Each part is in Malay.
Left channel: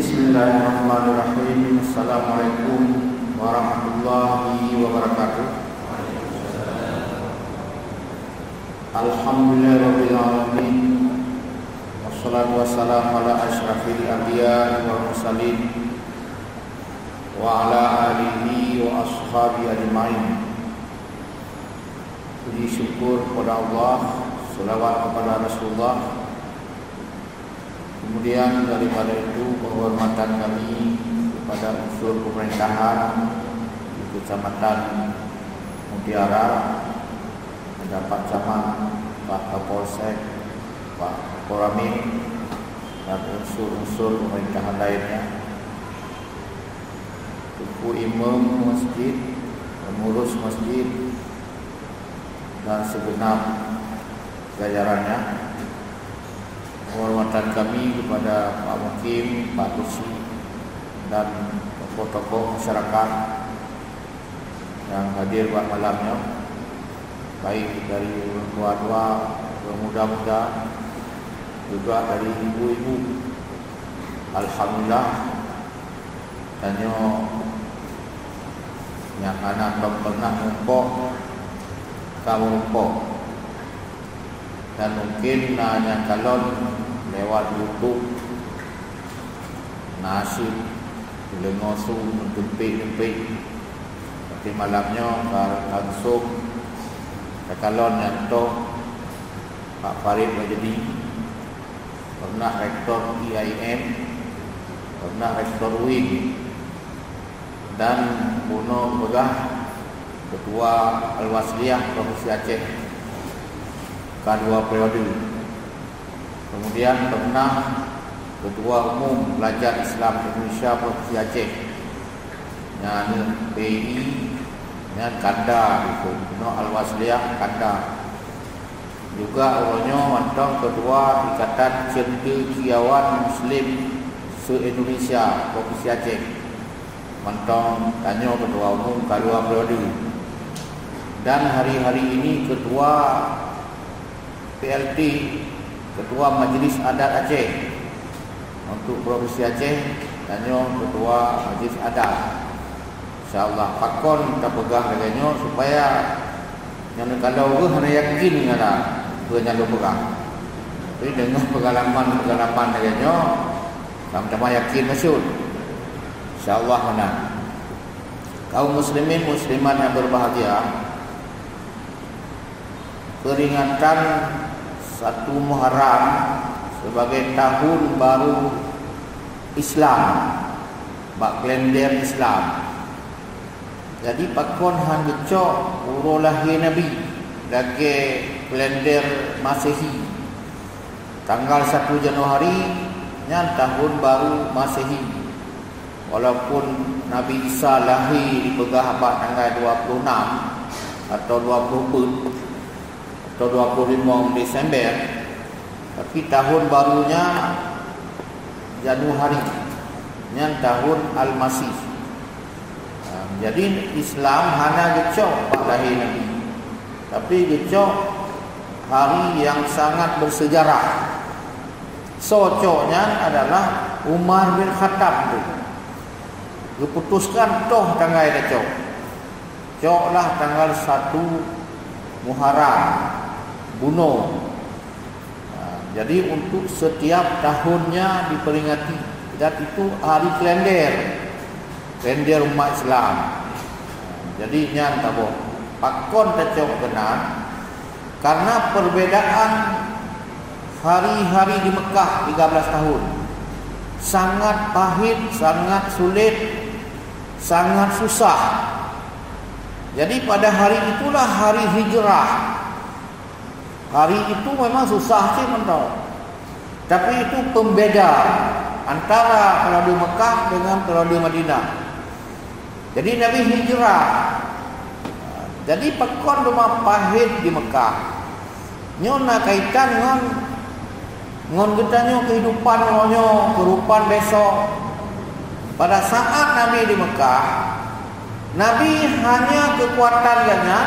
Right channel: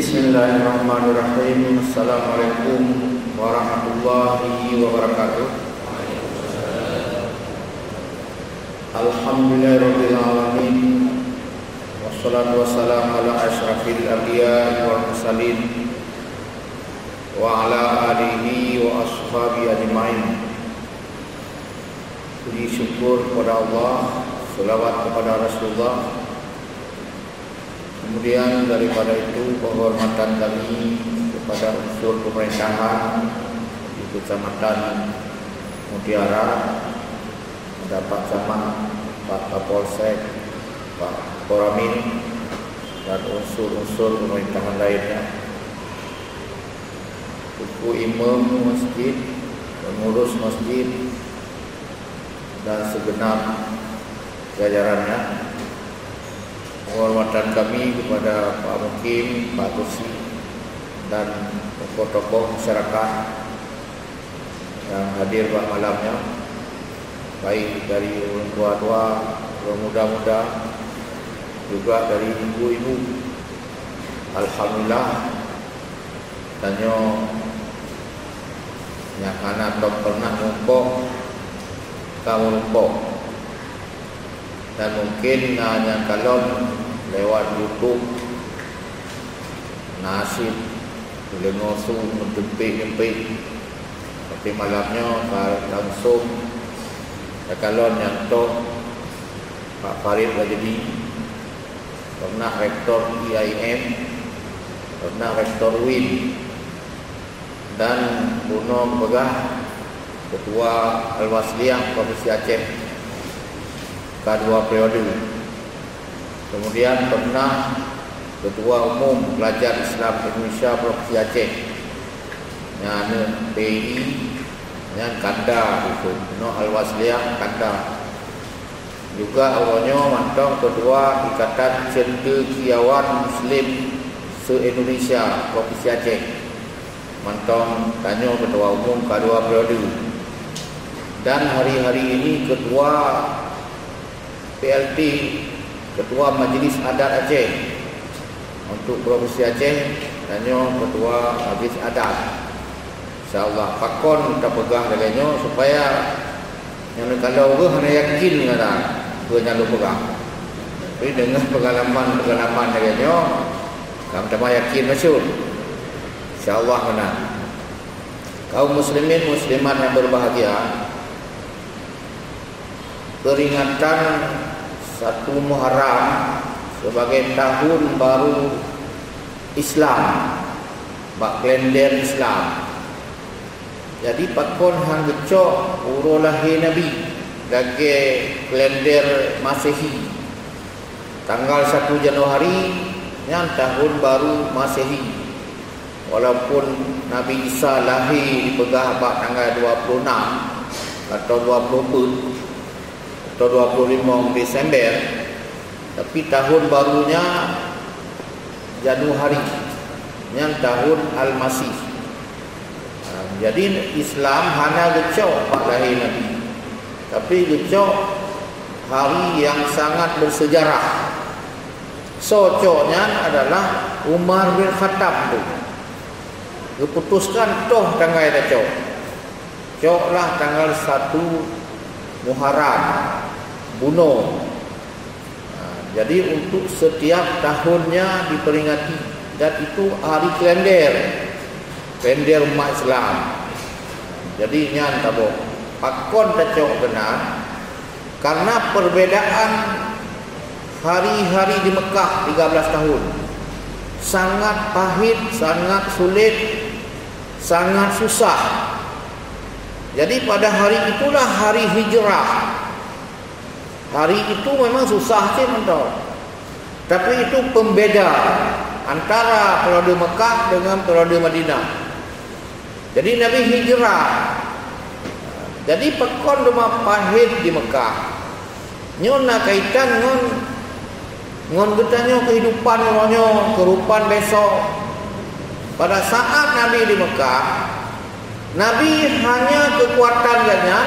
Bismillahirrahmanirrahim. Assalamualaikum warahmatullahi wabarakatuh. Alhamdulillahirabbil alamin. Wassalatu wassalamu ala asyrafil anbiya'i wal mursalin wa ala alihi wa ashabihi ajma'in. Puji syukur kepada Allah, selawat kepada Rasulullah. Kemudian daripada itu penghormatan kami kepada unsur pemerintahan di Kecamatan Mutiara, mendapat sama Pak Kapolsek, Pak Koramil, dan unsur-unsur pemerintahan lainnya, suku imam masjid, pengurus masjid, dan segenap jajarannya. Penghormatan kami kepada Pak Mukim, Pak Kursi, dan tokoh-tokoh masyarakat yang hadir pada malamnya, baik dari orang tua-tua, orang muda-muda, juga dari ibu-ibu. Alhamdulillah, tanya yang anak belum pernah nyumpok, kamu nyumpok. Dan mungkin hanya calon lewat YouTube, nasib, boleh ngosong, menjempik-jempik. Tapi malamnya langsung calon yang toh Pak Farid Rajadi, pernah rektor IAIN, pernah rektor UIN, dan Bruno Begah, Ketua Al-Wasliyah Provinsi Aceh kedua periode. Kemudian pernah Ketua Umum Pelajar Islam Indonesia Provinsi Aceh, yang PI, yang Kanda itu, Al-Wasliyah Kanda. Juga orangnya mantong Ketua Ikatan Cendekiawan Muslim se-Indonesia Provinsi Aceh, mantong tanya Ketua Umum kedua periode. Dan hari-hari ini Ketua PLT, Ketua Majlis Adat Aceh untuk Provinsi Aceh, tanya Ketua Majlis Adat. InsyaAllah pakon kita pegang katanya supaya yang kalau ke hanya yakin ada ke nyalo pegang. Tapi dengan pengalaman katanya kamu tak yakin masyur, InsyaAllah menang. Kaum muslimin muslimat yang berbahagia, peringatan 1 Muharram sebagai tahun baru Islam, bak kalender Islam. Jadi pakon hang gecok urus lahir Nabi gage kalender Masehi. Tanggal 1 Januari yang tahun baru Masehi. Walaupun Nabi Isa lahir dipegah bak tanggal 26 atau 24 atau 25 Desember, tapi tahun barunya Januari, yang tahun Al-Masih. Jadi Islam hanya gecok pak lahir Nabi, tapi gecok hari yang sangat bersejarah. Socoknya adalah Umar bin Khattab tu diputuskan toh tanggal gecok. Coklah tanggal 1 Muharram bunuh. Jadi untuk setiap tahunnya diperingati, dan itu hari kalender umat Islam. Jadi nyan tabo pakon tacok benar, karena perbedaan hari-hari di Mekah 13 tahun sangat pahit, sangat sulit, sangat susah. Jadi pada hari itulah hari hijrah. Hari itu memang susah sih mentau, tapi itu pembeda antara periode Mekah dengan periode Madinah. Jadi Nabi hijrah. Jadi pekon rumah pahit di Mekah. Nyona kaitan ngon gutanya kehidupan orangnya, kehidupan besok. Pada saat Nabi di Mekah, Nabi hanya kekuatannya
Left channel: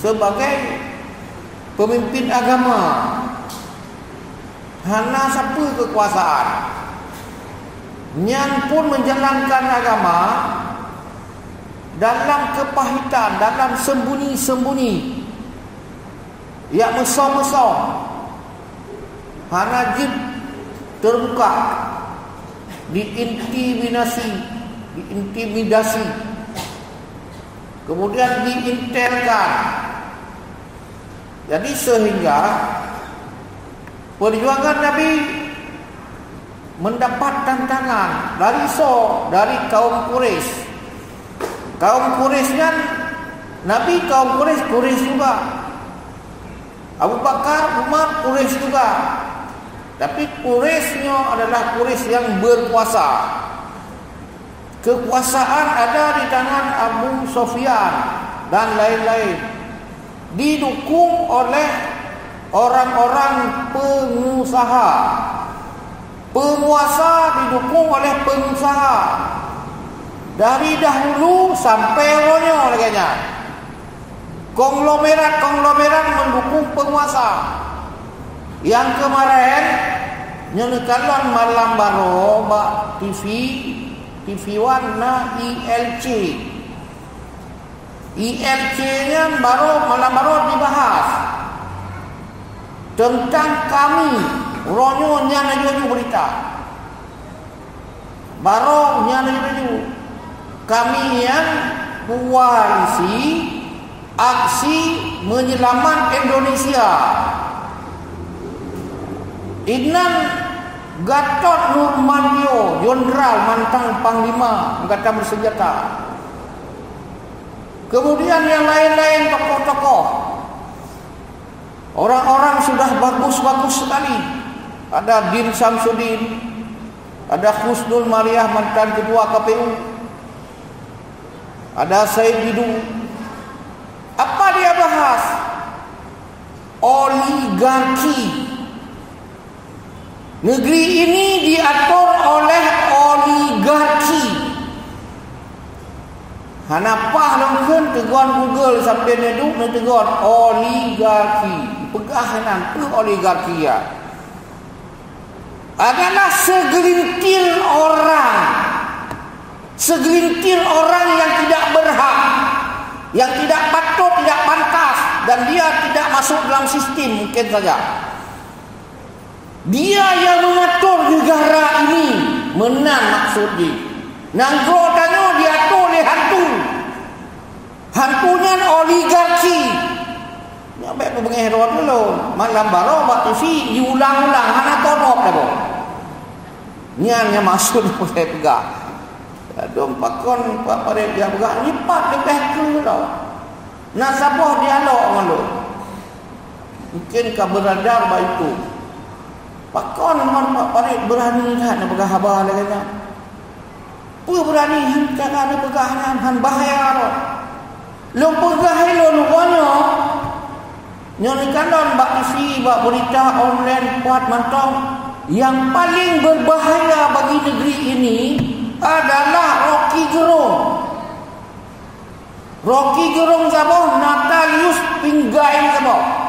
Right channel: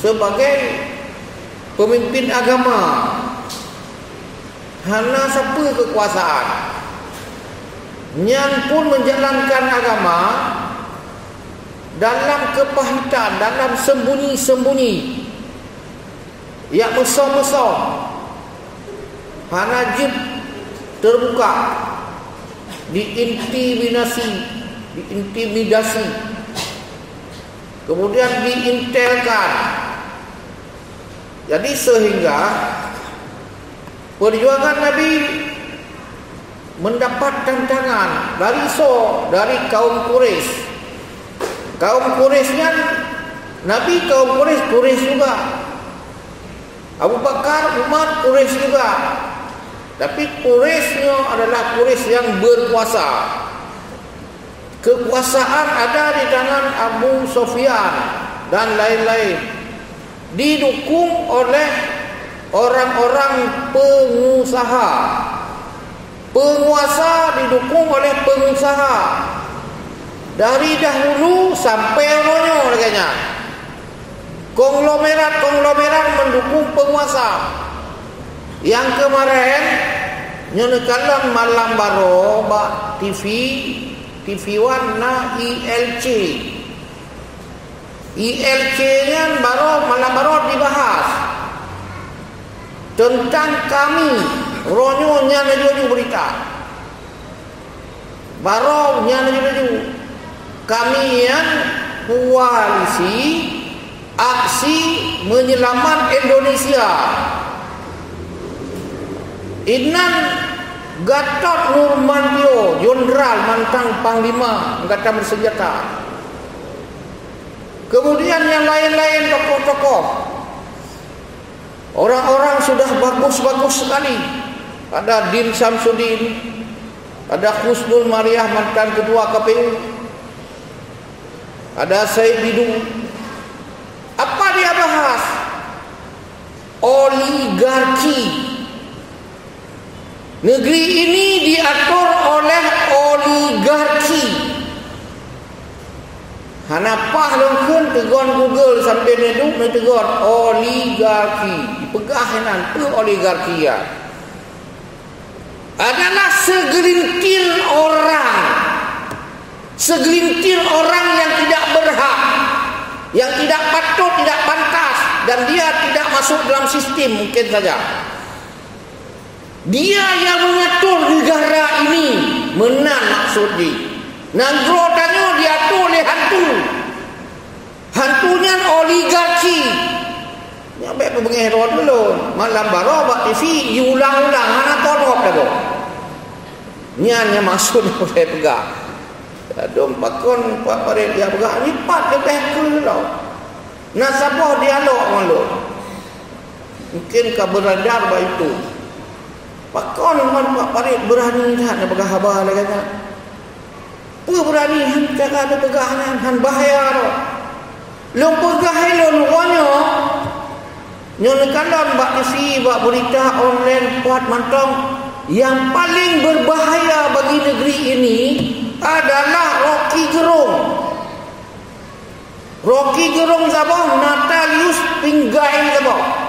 sebagai pemimpin agama, hanya satu kekuasaan. Nyan pun menjalankan agama dalam kepahitan, dalam sembunyi-sembunyi, yang mesum-mesum. Hanajib terbuka, diintimidasi, kemudian diintelkan. Jadi sehingga perjuangan Nabi mendapat tantangan dari kaum Quraisy. Kaum Quraisy kan, Nabi kaum Quraisy juga. Abu Bakar, Umar Quraisy juga. Tapi Quraisynya adalah Quraisy yang berkuasa. Kekuasaan ada di tangan Abu Sufyan dan lain-lain, didukung oleh orang-orang pengusaha. Penguasa didukung oleh pengusaha dari dahulu sampai ronyo laganya. Konglomerat mendukung penguasa. Yang kemarin nyenekalan malam baro ba TV warna ILC nya malam baro dibahas tentang kami ronyo nya naju berita baro nya naju kami yang koalisi aksi menyelamat Indonesia. Inan Gatot Nurmantio, Jenderal mantan Panglima Angkatan Bersenjata. Kemudian yang lain-lain tokoh-tokoh, orang-orang sudah bagus-bagus sekali. Ada Din Samsudin, ada Husnul Mariah mantan Ketua KPU, ada Said Didu. Apa dia bahas? Oligarki. Negeri ini diatur oleh oligarki. Hanapah lengkun teguan Google sampai neduk teguan oligarki. Pegahanan tu oligarki ya. Adalah segelintir orang yang tidak berhak, yang tidak patut, tidak pantas, dan dia tidak masuk dalam sistem mungkin saja. Dia yang mengatur negara ini menan maksudnya. Nanggro tanya diatur oleh hantunya oligarki. Nyampe pengehron dulu malam baro bak TV diulang-ulang mana torop dah boh. Nyanya maksud boleh pegang. Dom pakon pak pare dia pegang ni pak dia betul tau. Nasabah dialog malu. Mungkin keberadaan bah itu. Pakon Pak Farid berani tak nak pegang habar lagi kan? Berani tak ada pegangan han bahaya tu. Lu pegang lu luanyo. Nyon kanan bak isi bak berita online kuat mantong yang paling berbahaya bagi negeri ini adalah Rocky Gerung. Rocky Gerung siapa? Natalius Pinggai siapa?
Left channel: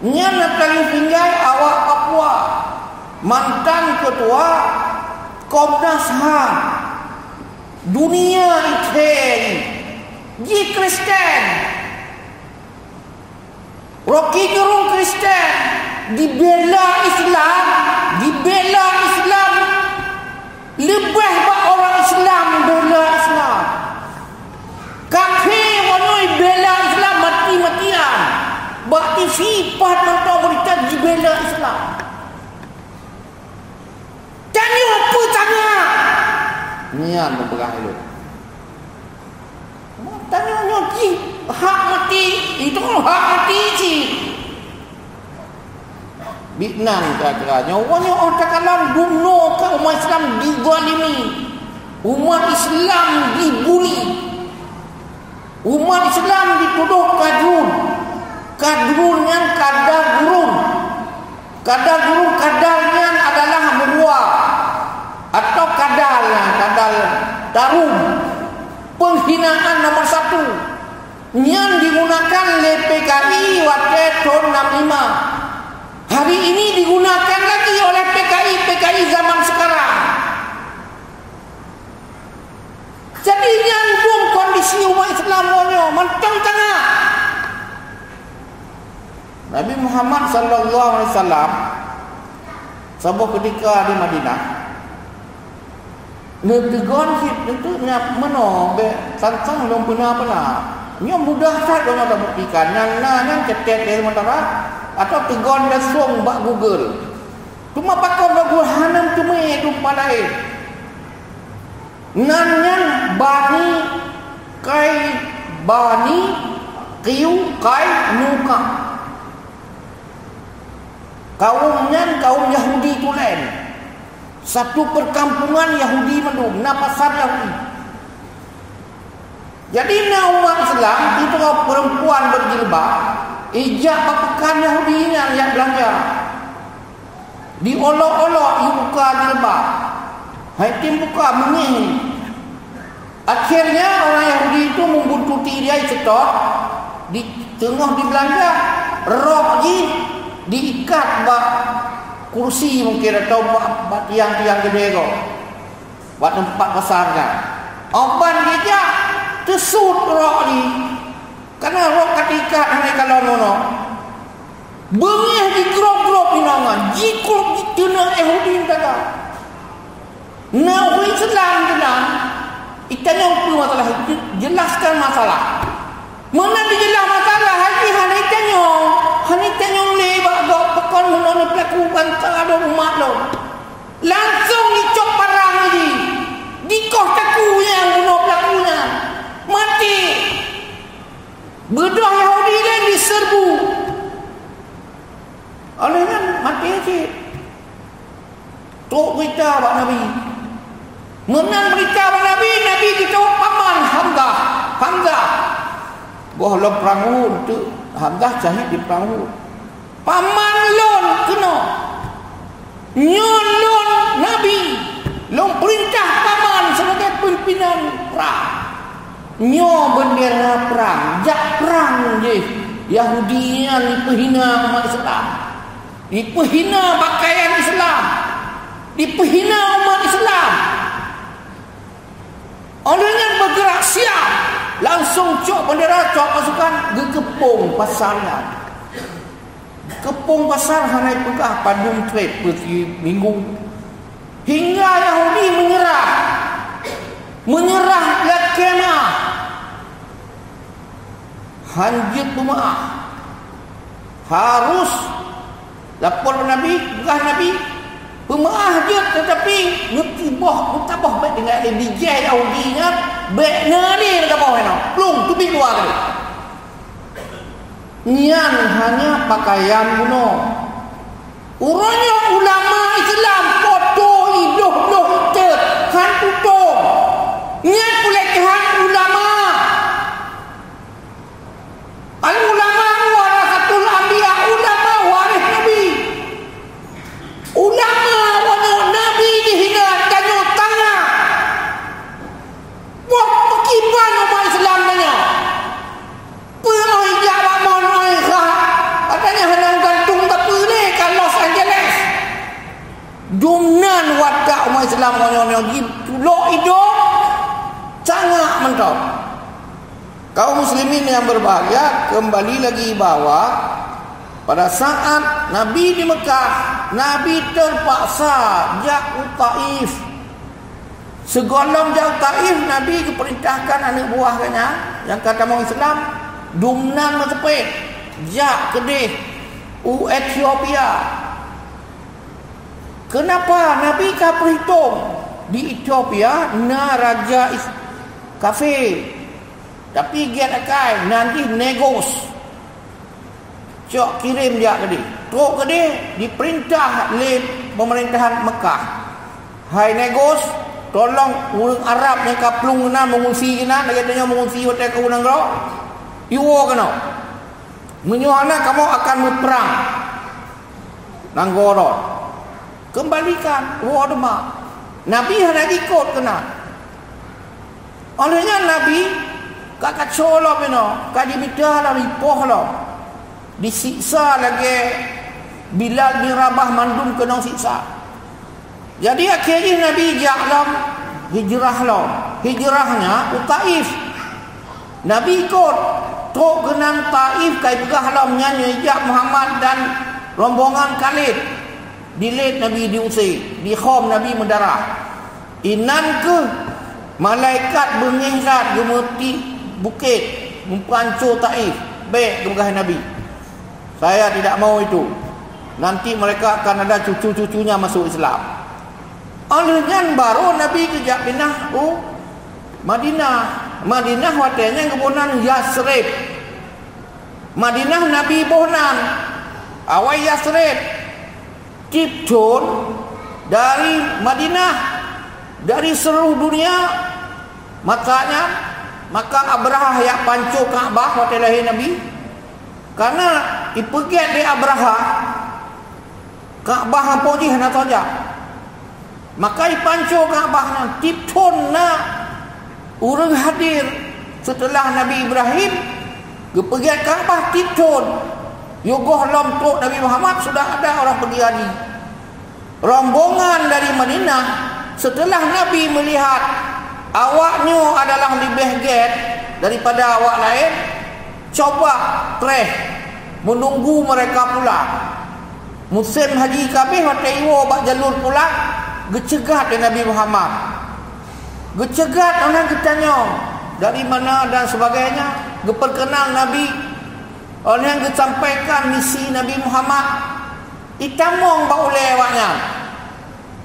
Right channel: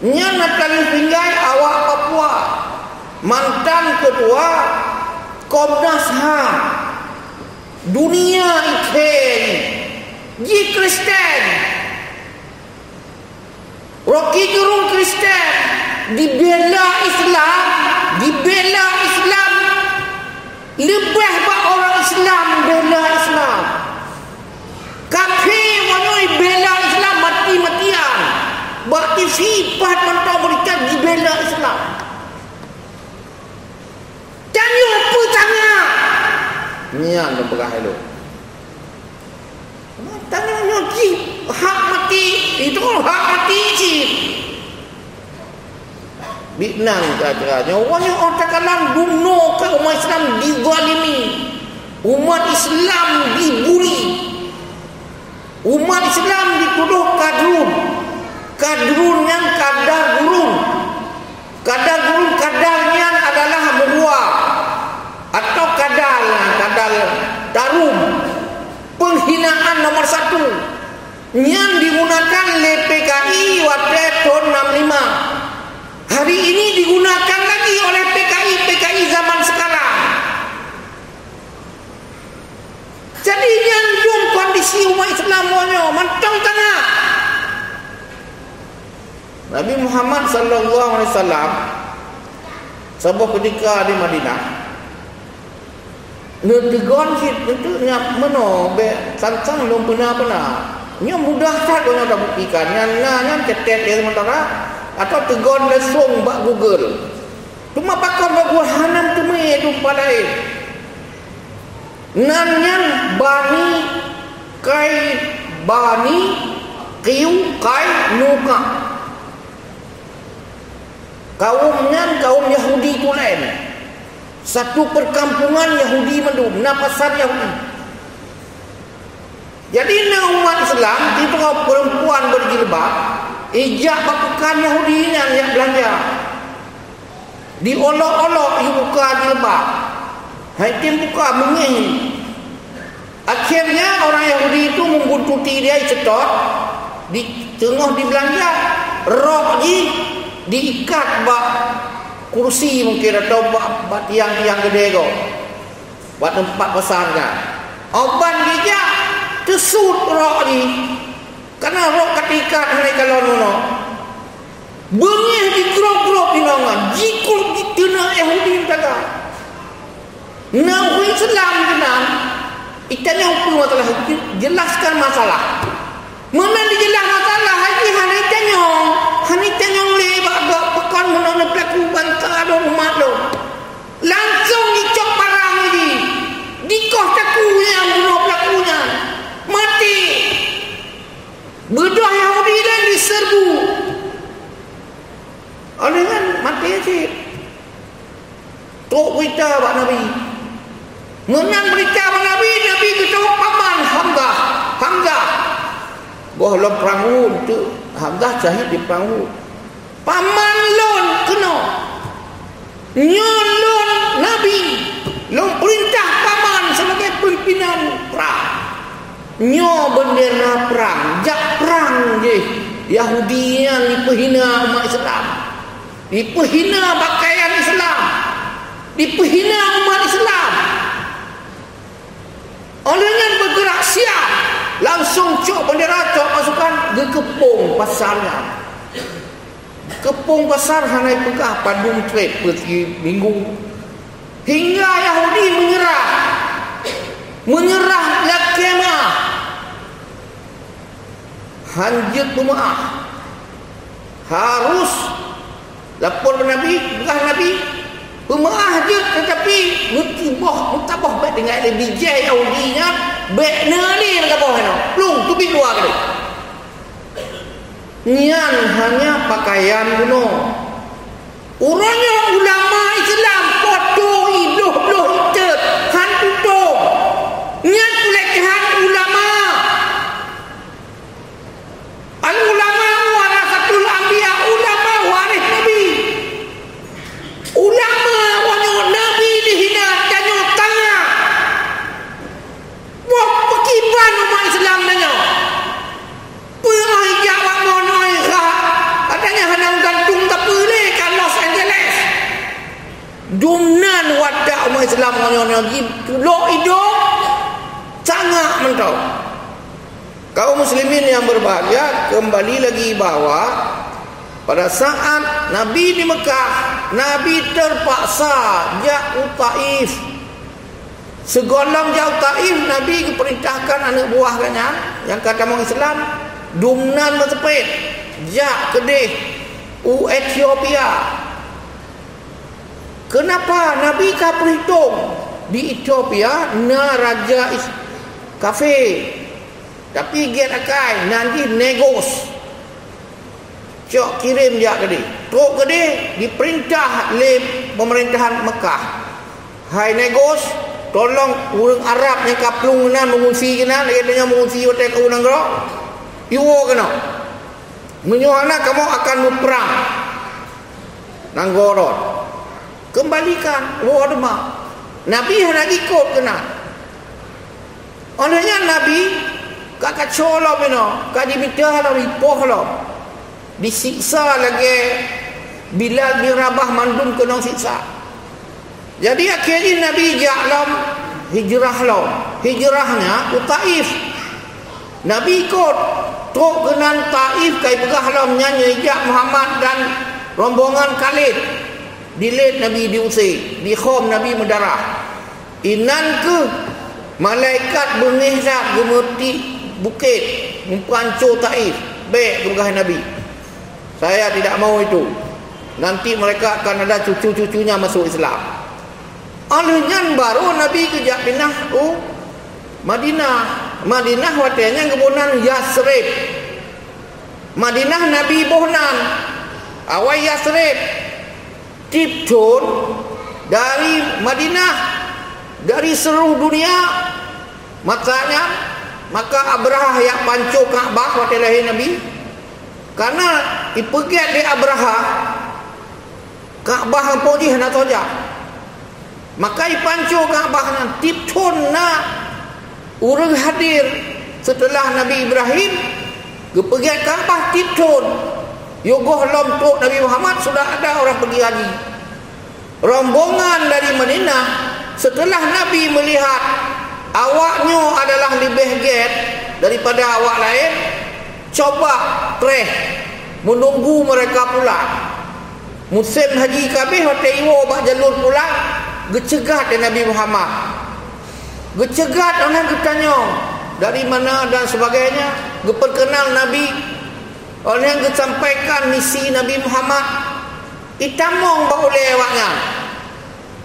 Nya Natalius Pinggai awak Papua, mantan ketua Komnas HAM dunia ikhwan Ji Kristen. Rocky Gerung Kristen dibela Islam lebih pak orang Islam bela Islam. Kafir wanoi bela Islam mati-matian. Bakti sifat mentau berita dibela Islam. Tanya apa tanya? Nian berperah elok. Tanya lagi hak mati itu hak mati sih. Binang kira-kiranya orangnya orang kalam bunuh ke umat Islam dizalimi, umat Islam dibuli, umat Islam dituduh kadrun yang kadar gurun kadarnya adalah meruah atau kadal tarum, penghinaan nomor 1 yang digunakan oleh PKI waktu tahun 65. Hari ini digunakan lagi oleh PKI zaman Muhammad sallallahu alaihi wasallam sebuah ketika di Madinah ngetegon itu nya meno be sansang belum pernah nya mudah tak kalau ada buktikan yang ketet di sementara atau tegon lesung bak Google cuma pakon bak Google hanam cuma itu palai nanyan bani kiu kai nuka kaum Yahudi itu lain. Satu perkampungan Yahudi mendung, pasar Yahudi. Jadi umat Islam itu perempuan berjilbab, ijak pakukan Yahudi yang belanja. Diolok-olok buka jilbab. Haitim buka menging. Akhirnya orang Yahudi itu membuntuti dia cetot di tengah di belanja, rok diikat bak kursi mungkin atau buat tiang-tiang gede kau buat tempat pasar kan oban dia kesut rok ni karena rok ketika hanya kalau nono bengih di grok-grok di nangan jikul di tena Yahudi kata nawi Islam tenang itanya hukum masalah jelaskan masalah mana dijelas masalah haji hanitanya lebak pekan menona pelaku bangsa ada umat lo langsung dicop parang lagi dikoh cakunya bunuh pelakunya mati berdua Yahudi dan diserbu oleh kan mati aja tok berita Pak Nabi menang berita Pak Nabi kita paman Hamzah bohong perang tu Hamzah syahid di perang paman lon kena nyon lon Nabi lon perintah paman sebagai pimpinan perang nyo bendera perang jak perang je Yahudi yang dipehina umat Islam dipehina pakaian Islam dipehina umat Islam olehnya bergerak siap langsung cok bendera cok pasukan ke kepung pasarnya kepung pasar hanai pekah padung trade peti minggu hingga Yahudi menyerah lakemah hanjit pemaah harus lapor Nabi bukan Nabi pemaah je tetapi mutabah baik dengan bijai Yahudinya baik ni dekat bawah ni belum tu bidua kali nian hanya pakaian kuno urangnya ulama Islam foto idoh itu han tutup niat pelecehan ulama al-ulama warasatul anbiya ulama waris Nabi ulama wanyo Nabi dihina danyo tangah buat pekiban umat Islam danyo punya jawab monoi katanya henang gantung tak boleh kan Los Angeles dumnan wadak umat Islam wanyo lo hidup sangat mentau kaum muslimin yang berbahagia kembali lagi bahwa pada saat Nabi di Mekah, Nabi terpaksa jauh Taif. Segolong jauh Taif, Nabi diperintahkan anak buahnya yang kata orang Islam, dumnan matepek, jak kedih, Ethiopia. Kenapa Nabi tak perhitung di Ethiopia na raja kafe, tapi giat akai nanti negos. Cok kirim dia tadi. Tok gede diperintah oleh pemerintahan Mekah. Hai negos, tolong orang Arab yang kaplung nan mengungsi kena, katanya mengungsi hotel kau nang gerak. Iwo kena. Menyohana kamu akan berperang. Nanggorot. Kembalikan wordma. Nabi hendak ikut kena. Olehnya Nabi kakak colok beno, kadi mitah lah ripoh lah. Disiksa lagi Bilal bin Rabah mandum kena siksa. Jadi akhirnya Nabi ja'lam hijrahnya ke Taif. Nabi ikut tok kenan Taif kai pegah lam nyanyi jak Muhammad dan rombongan Khalid. Dilet Nabi diusir, di khom Nabi mendarah. Inan ke malaikat bengihzat gemerti bukit mempancur Taif baik kepegahan Nabi. Saya tidak mau itu. Nanti mereka akan ada cucu-cucunya masuk Islam. Alihnya baru Nabi kejap pindah Madinah. Madinah watanya kebunan Yasrib. Madinah Nabi bohnan. Awal Yasrib. Tipton dari Madinah, dari seluruh dunia. Maka Abrahah yang pancur Kaabah waktu lahir Nabi. Karena ipegat di Abrahah Kaabah hampir dia nak saja. Maka ipancur Kaabah nan tipton na urang hadir setelah Nabi Ibrahim kepegiat Kaabah tipton. Yogoh lam tok Nabi Muhammad sudah ada orang pergi haji. Rombongan dari Madinah setelah Nabi melihat awaknya adalah lebih get daripada awak lain, coba menunggu mereka pulang. Musim haji kabeh hotel iwo bak jalur pulang, gecegat dengan Nabi Muhammad. Gecegat orang ketanya dari mana dan sebagainya, geperkenal Nabi. Orang yang disampaikan misi Nabi Muhammad itamong bak oleh awaknya.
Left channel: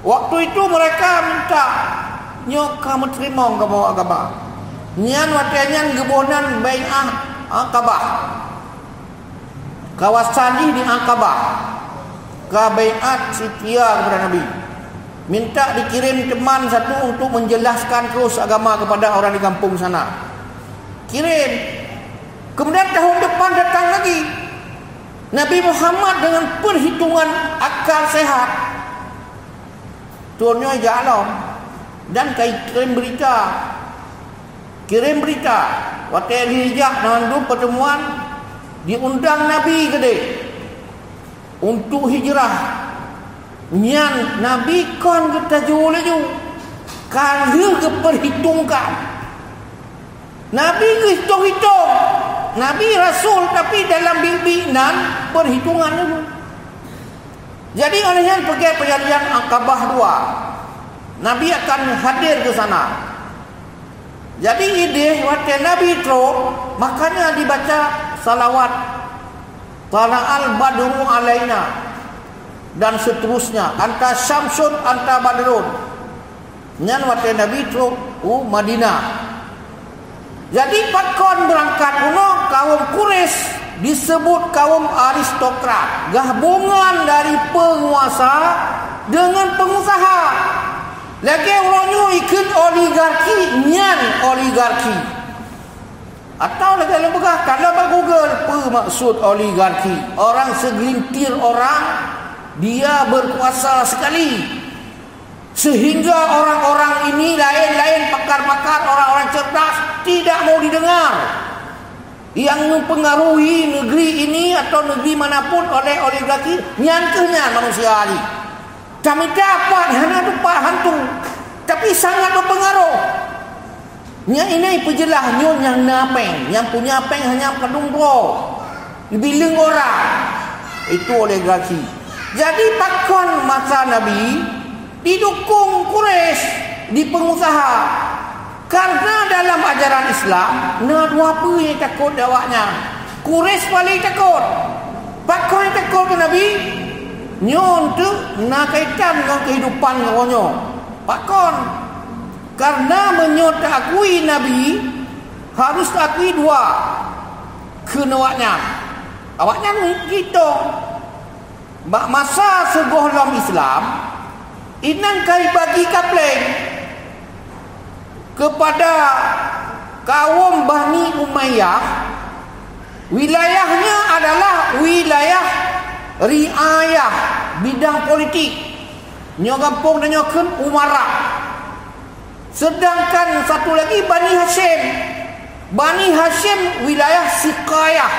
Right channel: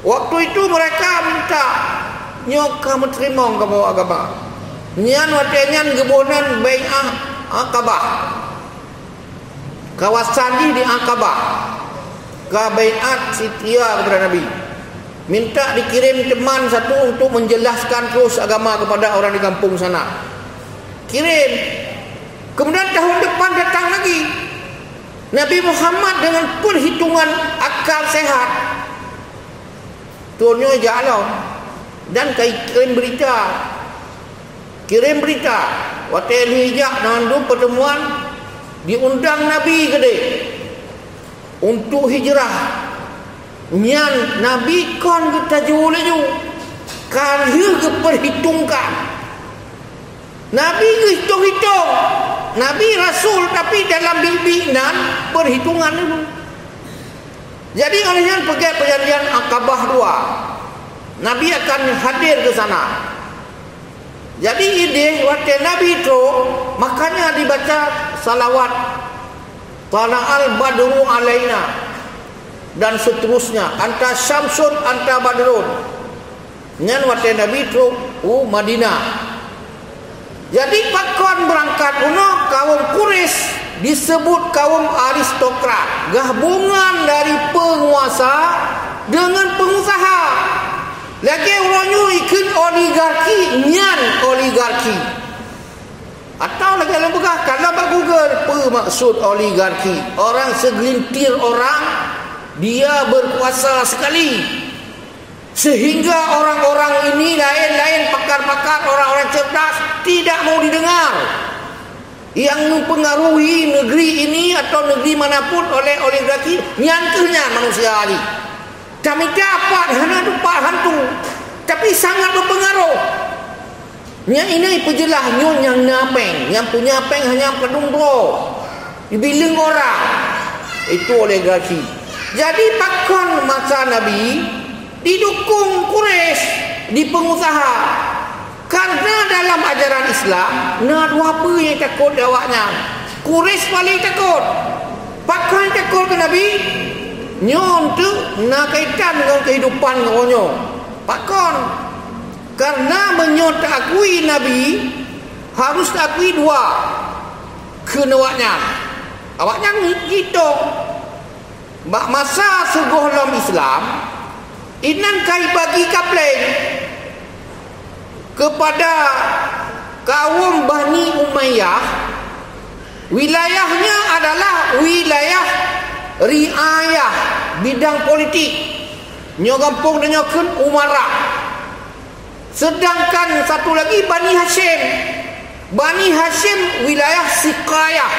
Waktu itu mereka minta nyok kamu terima ke bawah agama. Nyan watenya gebonan bai'ah Aqabah. Kawasan di Aqabah. Ka bai'at setia kepada Nabi. Minta dikirim teman satu untuk menjelaskan terus agama kepada orang di kampung sana. Kirim. Kemudian tahun depan datang lagi Nabi Muhammad dengan perhitungan akal sehat. Tuannya jalan dan kirim berita. Waktu hijab nandu pertemuan diundang Nabi gede untuk hijrah. Nyan Nabi kon kita jual kan dia perhitungkan. Nabi hitung-hitung. Nabi Rasul tapi dalam bimbingan perhitungan dulu. Jadi olehnya pergi perjanjian Aqabah 2. Nabi akan hadir ke sana. Jadi ide waktu Nabi itu makanya dibaca salawat Tala'al badru alaina dan seterusnya, anta syamsun anta badrun. Nyan waktu Nabi itu Madinah. Jadi pakon berangkat kaum Quraisy disebut kaum aristokrat, gabungan dari penguasa dengan pengusaha. Lagi orangnya ikut oligarki, nyan oligarki. Atau lagi lembaga kalau Google apa maksud oligarki? Orang segelintir orang dia berkuasa sekali. Sehingga orang-orang ini lain-lain pakar-pakar, orang-orang cerdas tidak mau didengar. Yang mempengaruhi negeri ini atau negeri manapun oleh oligarki, nyantuhnya manusia ini. Kami dapat hanya lupa hantu, tapi sangat berpengaruh. Yang ini pejelah yang napeng, yang punya peng hanya kedung bro, dibiling orang. Itu oligarki. Jadi pakon masa Nabi didukung Quraisy di pengusaha. Karena dalam ajaran Islam, nak apa yang takut awaknya? Quraisy paling takut. Pakon takut ke Nabi? Nyon tu nak kaitan dengan kehidupan orangnya. Pakon. Karena menyot akui Nabi harus akui dua kenawaknya. Awaknya gitu. Masa sebuah dalam Islam inan kai bagi kapleng kepada kaum Bani Umayyah. Wilayahnya adalah wilayah riayah, bidang politik. Nyogampung dan nyokun Umarah. Sedangkan satu lagi Bani Hashim. Bani Hashim wilayah Siqayah.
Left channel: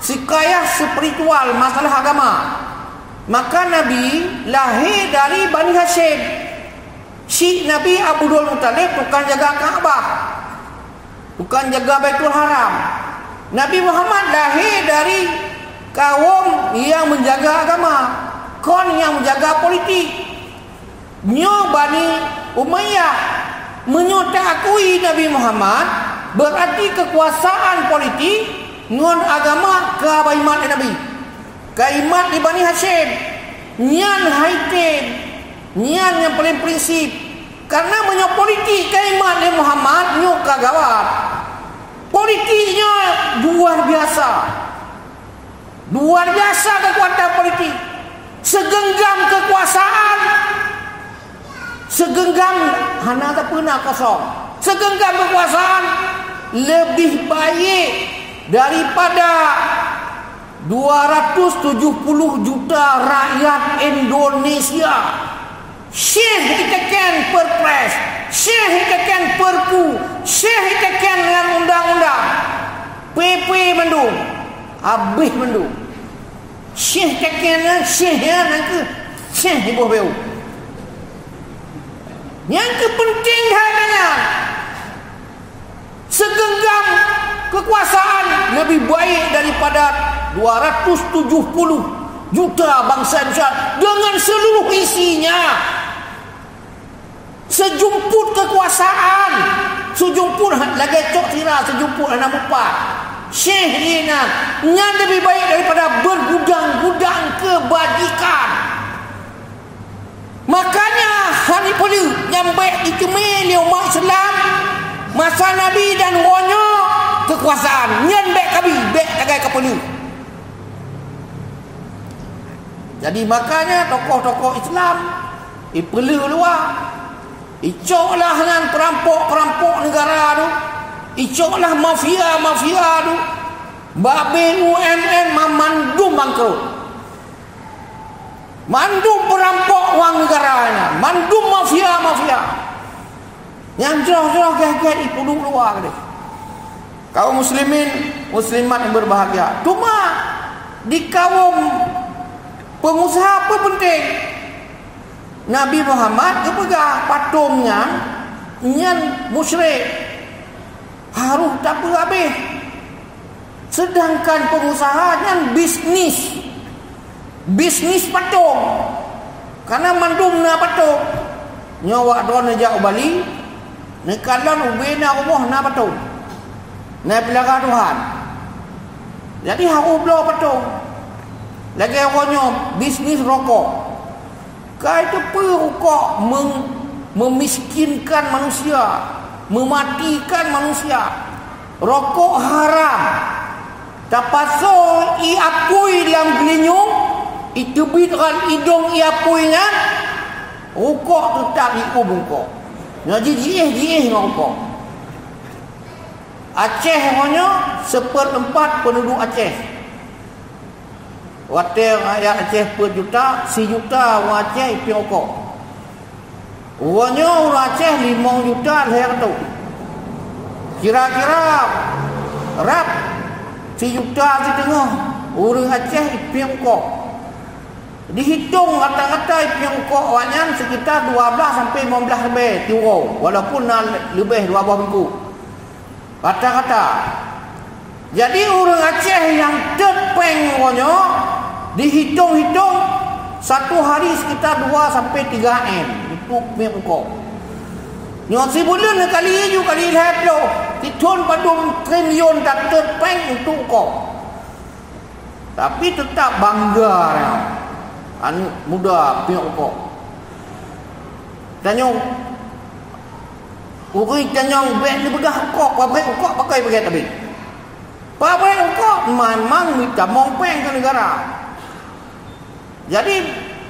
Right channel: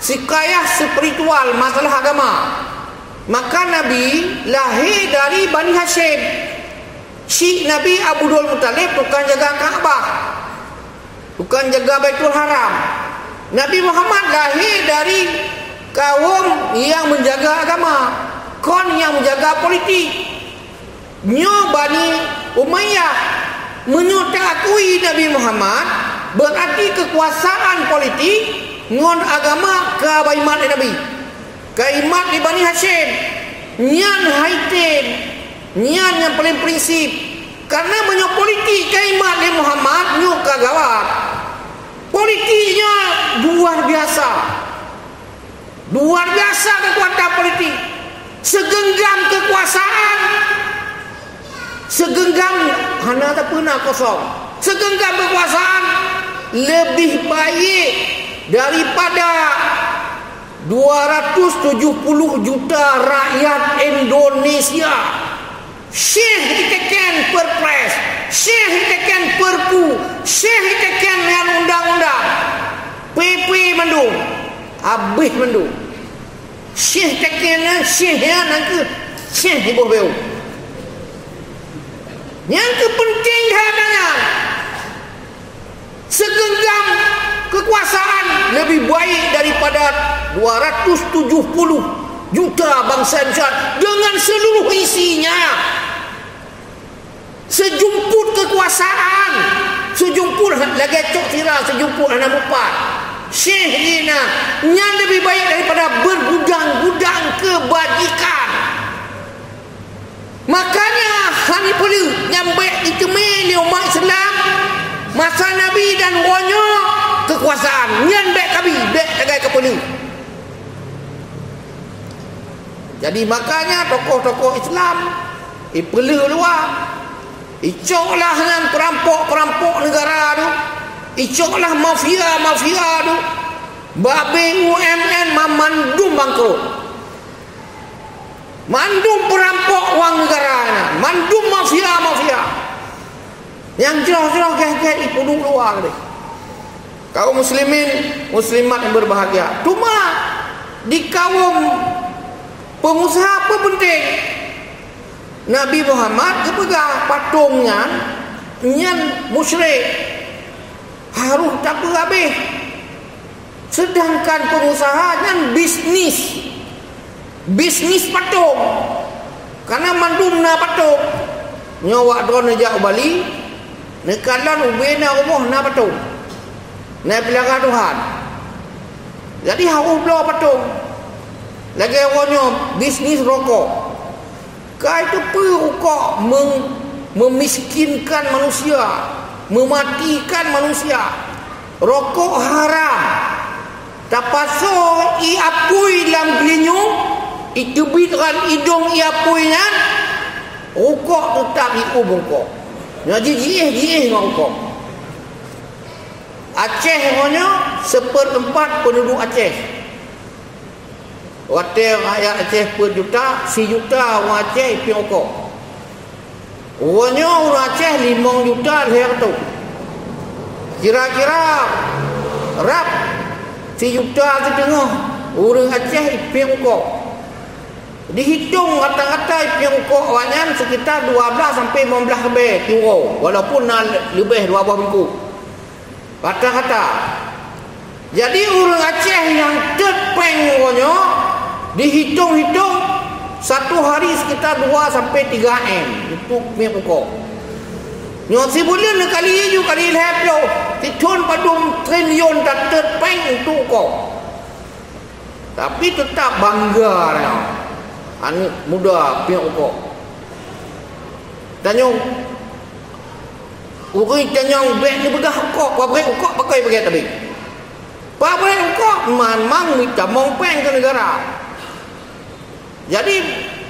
Siqayah spiritual, masalah agama. Maka Nabi lahir dari Bani Hashim. Syekh Nabi Abdul Muttalib tukang jaga Kaabah, tukang jaga Baitul Haram. Nabi Muhammad lahir dari kaum yang menjaga agama, kon yang menjaga politik. Nyo Bani Umayyah menyutakui Nabi Muhammad, berarti kekuasaan politik ngon agama ke Baimat Nabi, kaimat di Bani Hashim, nyan haitin, nyan yang paling prinsip. Karena menyo politik kaimat di Muhammad nyo kagawat. Politiknya luar biasa. Luar biasa kekuatan politik. Segenggam kekuasaan, segenggam hana tak pernah kosong. Segenggam kekuasaan lebih baik daripada 270 juta rakyat Indonesia. Syekh ditekan perpres, Syekh ditekan perpu, Syekh ditekan dengan undang-undang, PP mendung, habis mendung. Syekh tekan, Syekh nanti Syekh di bawah beu. Yang kepenting katanya segenggam kekuasaan lebih baik daripada 270 juta bangsa Indonesia dengan seluruh isinya. Sejumput kekuasaan, sejumput lagi cok tira, sejumput anak mupat. Syekh Ina yang lebih baik daripada bergudang-gudang kebajikan. Makanya hari perlu yang baik dikemil umat Islam masa Nabi dan wanya kekuasaan yang baik kami baik tagai kepelu. Jadi makanya tokoh-tokoh Islam perlu luar. Icoklah dengan perampok-perampok negara tu. Icoklah mafia-mafia tu. Babe UMN memandum bangkrut. Mandum perampok wang negaranya. Mandum mafia-mafia. Yang jauh-jauh gaya-gaya dipuduk luar deh. Kaum muslimin, muslimat yang berbahagia. Cuma di kaum pengusaha apa penting? Nabi Muhammad kepegang patungnya nyan musyrik harus tak habis. Sedangkan pengusaha kan bisnis patung. Karena mandum na patung. Nyawa don aja Bali, nekalan ubena umum na patung. Na pelaka Tuhan. Jadi harus bela patung. Lagi awalnya bisnis rokok. Kau itu perukok memiskinkan manusia, mematikan manusia. Rokok haram. Tapaso iapui dalam belinyung, itubitkan hidung iapuinya, rokok tetap ikut bengkok. Jadi jih rokok. Aceh hanya 1/4 penduduk Aceh. Waktu rakyat Aceh per juta, si juta orang Aceh piang rokok. Orangnya orang Aceh 5 juta leher tu. Kira-kira rap si juta tu tengah orang Aceh piang rokok. Dihitung rata-rata piang rokok orangnya sekitar 12 sampai 15 lebih euro. Walaupun lebih 12 minggu. Rata-rata. Jadi orang Aceh yang terpeng orangnya dihitung-hitung satu hari sekitar 2 sampai 3 M untuk minyak rokok. Yang sebulan kali you kali lepas titun padum triliun tak terpeng untuk rokok. Tapi tetap bangga anak muda minyak rokok. Tanyong orang tanyong brand ni bedah rokok, pabrik rokok pakai tadi. Pabrik rokok memang minta mongpeng ke negara. Jadi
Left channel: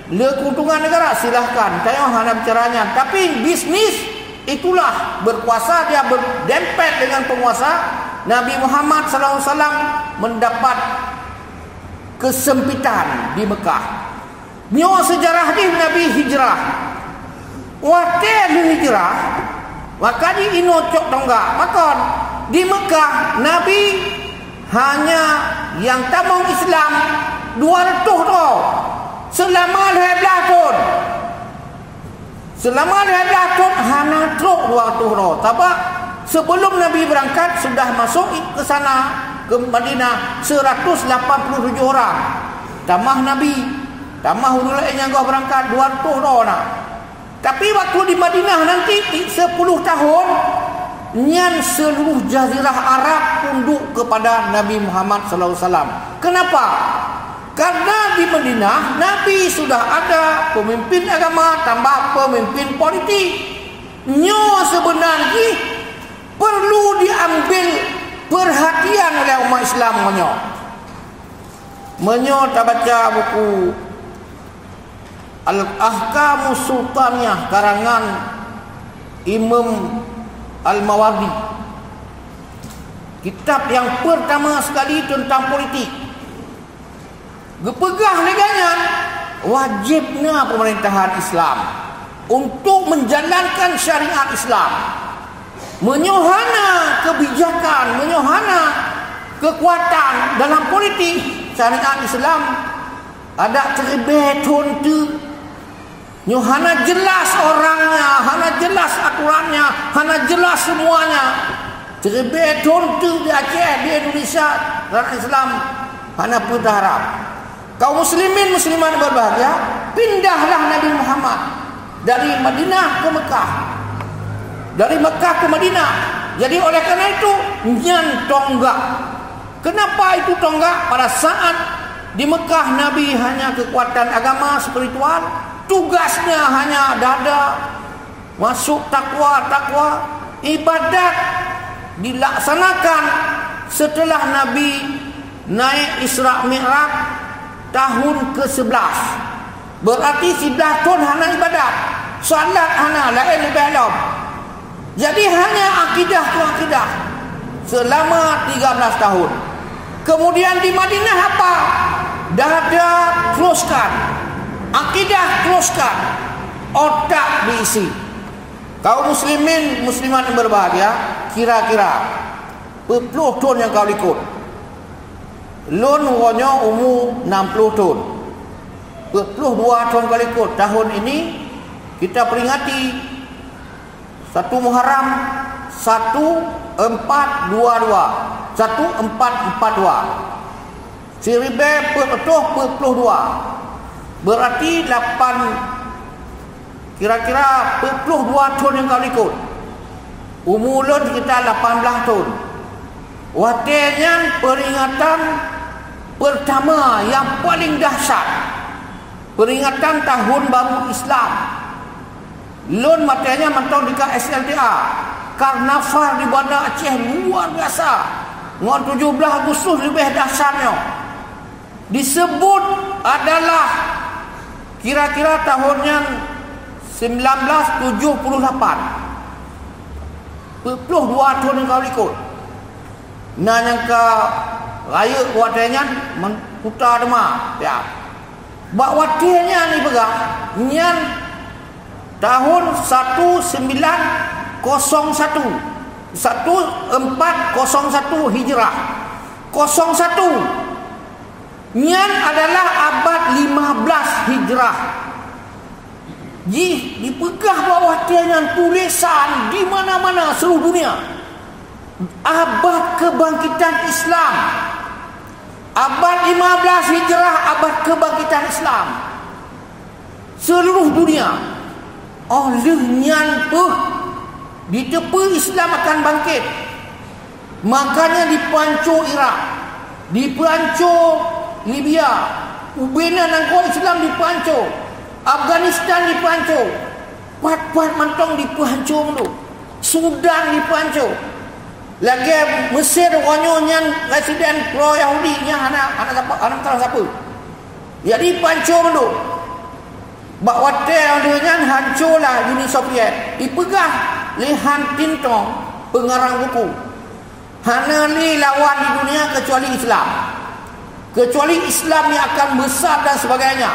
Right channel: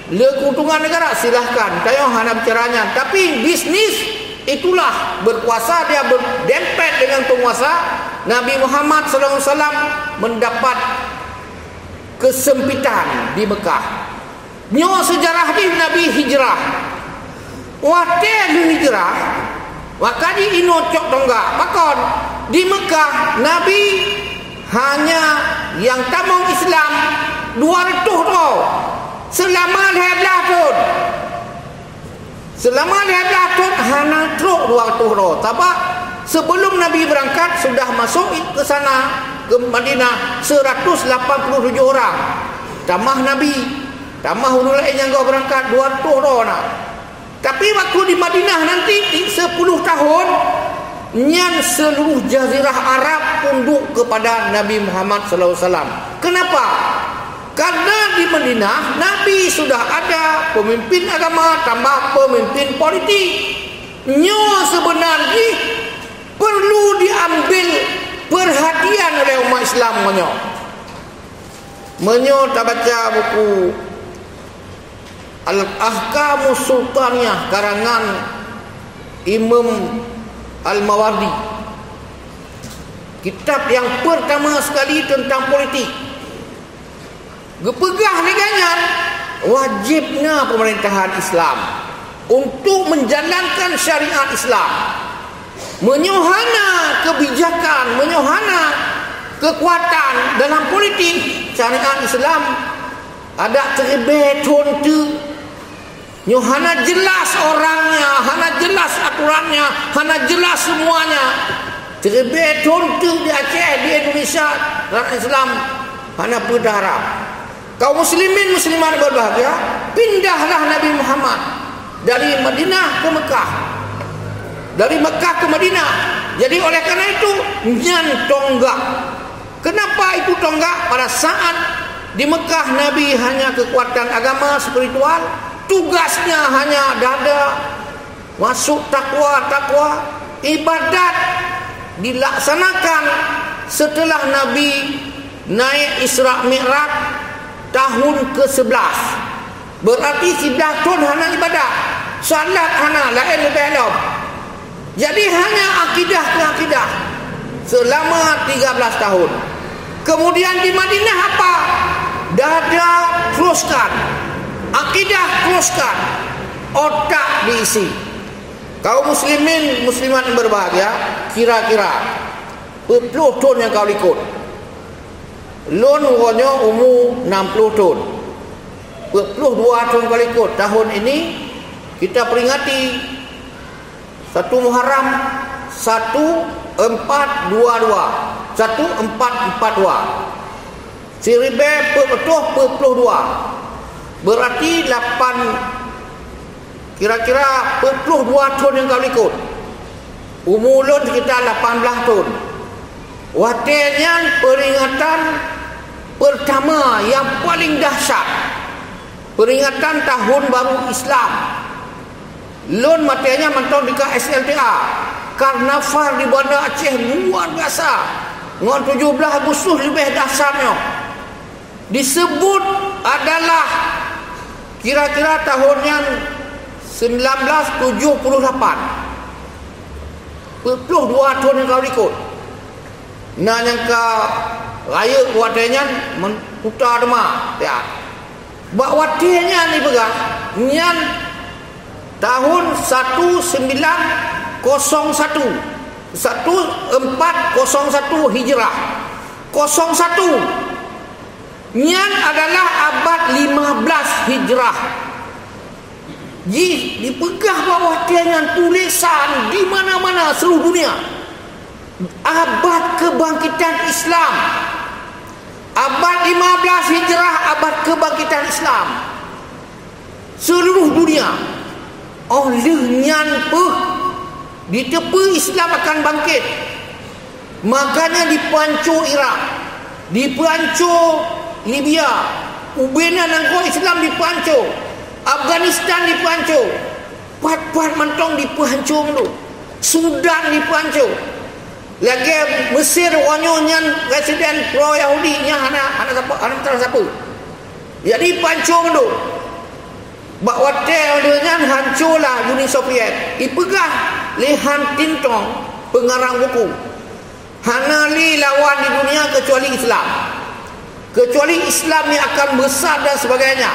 keuntungan negara silahkan tayang hadap caranya. Tapi bisnis itulah berkuasa, dia berdempet dengan penguasa. Nabi Muhammad SAW mendapat kesempitan di Mekah. Nyo sejarah di Nabi hijrah. Waktu di hijrah, waktu di inocok tonggak. Makon di Mekah Nabi hanya yang tamong Islam 200 tau. Selama 12 tahun. Selama 12 tahun hanya truk 200 roh. Tapi sebelum Nabi berangkat sudah masuk ke sana ke Madinah 187 orang. Tambah Nabi, tambah orang lain yang kau berangkat 200 orang. Tapi waktu di Madinah nanti 10 tahun, nyan seluruh jazirah Arab tunduk kepada Nabi Muhammad sallallahu alaihi wasallam. Kenapa? Karena di Madinah Nabi sudah ada pemimpin agama tambah pemimpin politik. Nyo sebenarnya perlu diambil perhatian oleh umat Islam menyo. Menyo tak baca buku Al-Ahkamus Sultaniyah karangan Imam Al-Mawardi. Kitab yang pertama sekali tentang politik. Gepegah neganya wajibnya pemerintahan Islam untuk menjalankan syariat Islam, menyohana kebijakan, menyohana kekuatan dalam politik syariat Islam. Ada terlebih contoh nyohana jelas orangnya, hana jelas aturannya, hana jelas semuanya. Terlebih contoh di Aceh, di Indonesia dalam Islam hana berdarah. Kaum muslimin muslimat berbahagia, pindahlah Nabi Muhammad dari Madinah ke Mekah, dari Mekah ke Madinah. Jadi oleh karena itu nyan tonggak. Kenapa itu tonggak? Pada saat di Mekah Nabi hanya kekuatan agama spiritual, tugasnya hanya dada, masuk takwa, ibadat dilaksanakan setelah Nabi naik Isra Mi'raj tahun ke-11. Berarti 11 tahun hanya ibadat, salat hanya lain dalam. Jadi hanya akidah selama 13 tahun. Kemudian di Madinah apa? Dada teruskan, akidah teruskan, otak diisi. Kaum muslimin muslimat yang berbahagia, kira-kira 10 tahun yang kau ikut. Lon umurnya umur 60 tahun. 42 tahun kau ikut. Tahun ini kita peringati 1 Muharram 1422. 1442. Seribe petuh 42. Berarti 8 kira-kira 42 tahun yang kau ikut. Umur lon sekitar 18 tahun. Watiannya peringatan pertama yang paling dahsyat, peringatan tahun baru Islam. Lon matanya mantau di SLTA. Karnaval di Bandar Aceh luar biasa. Ngon 17 Agustus lebih dahsyatnya. Disebut adalah kira-kira tahunnya 1978. 22 tahun yang kau ikut. Nah yang ke raya kuatnya mentutar demam ya. Bak watenya ni pegang nyan tahun 1901 1401 Hijrah 01 nyan adalah abad 15 Hijrah. Dipegah bawah dengan tulisan di mana-mana seluruh dunia. Abad kebangkitan Islam, abad 15 Hijrah, abad kebangkitan Islam seluruh dunia. Olehnya di tepi Islam akan bangkit. Makanya dipancur Iraq, dipancur Libya, ubena nangko Islam dipancur, Afghanistan dipancur, pat-pat mantong dipancur dulu, Sudan dipancur. Lagi Mesir wanyonya residen pro Yahudi nya anak siapa. Jadi pancur dulu. Bak watel dengan hancurlah Uni Soviet. Ipegah lihan tintong pengarang buku. Hana li lawan di dunia kecuali Islam. Kecuali Islam yang akan besar dan sebagainya.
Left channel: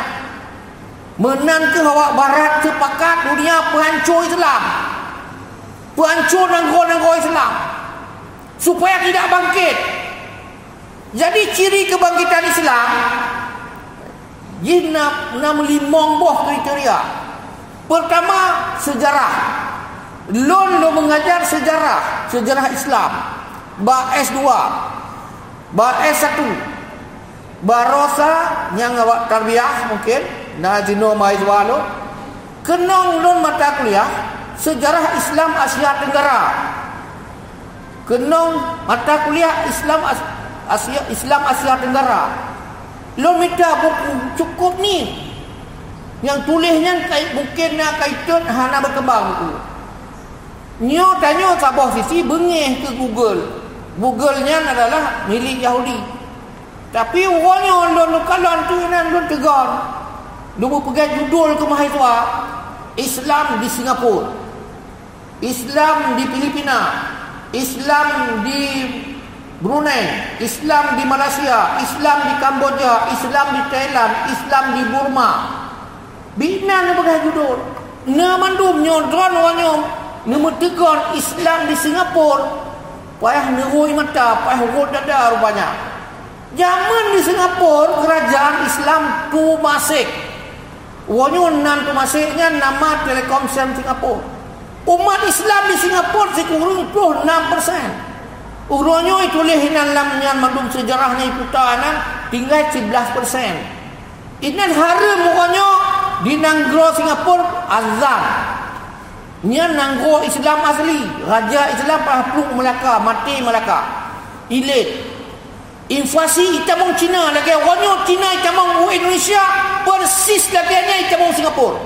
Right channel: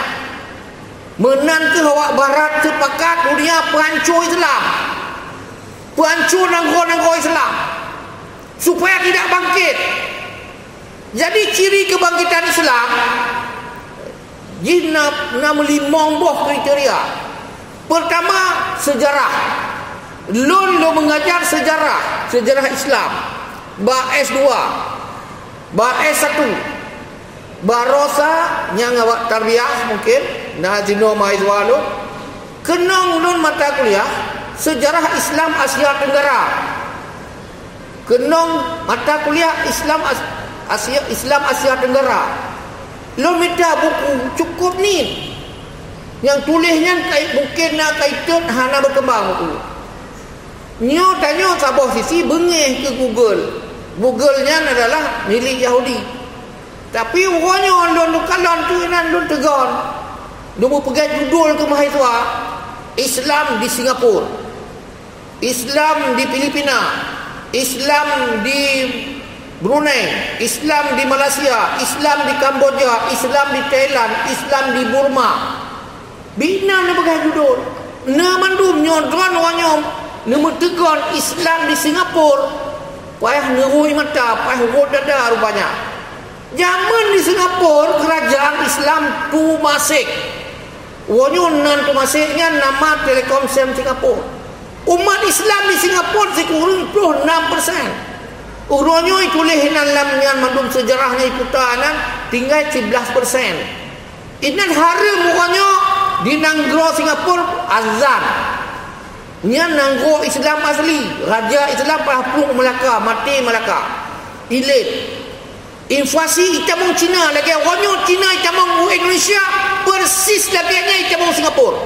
Menang ke awak barat sepakat dunia penghancur Islam. Penghancur nangko Islam. Supaya tidak bangkit. Jadi ciri kebangkitan Islam Jinab 65 kriteria. Pertama, sejarah. Lo mengajar sejarah Islam. Ba S2. S1 barosa yang awak tarbiyah mungkin na jenuh mahasiswa lu kenang non mata kuliah sejarah Islam Asia Tenggara, kenang mata kuliah Islam Asia Tenggara. Lo minta buku cukup ni yang tulisnya mungkin nak kaitan hana berkembang tu. Nyo tanya sabah sisi bengih ke Google-nya adalah milik Yahudi. Tapi orangnya lon kalon tu nan lon tegon. Lu pegang judul ke mahasiswa Islam di Singapura, Islam di Filipina, Islam di Brunei, Islam di Malaysia, Islam di Kamboja, Islam di Thailand, Islam di Burma. Bina na pegang judul. Na mandum nyodron orangnya nama tegon Islam di Singapura. Payah ngerui mata, payah urut dada rupanya. Zaman di Singapura kerajaan Islam Tumasik. Wonyo nan Tumasiknya nama Telekomsel Singapura. Umat Islam di Singapura sekurang 26%. Uronyo itu lehinan lamnya mandum sejarahnya ikutanan tinggal 11%. Inan haram wonyo di nanggro Singapura azan. Nya nanggro Islam asli, raja Islam pelapung Melaka, mati Melaka. Ilit. Inflasi itamong Cina lagi wonyo Cina itamong Indonesia persis laginya itamong Singapura.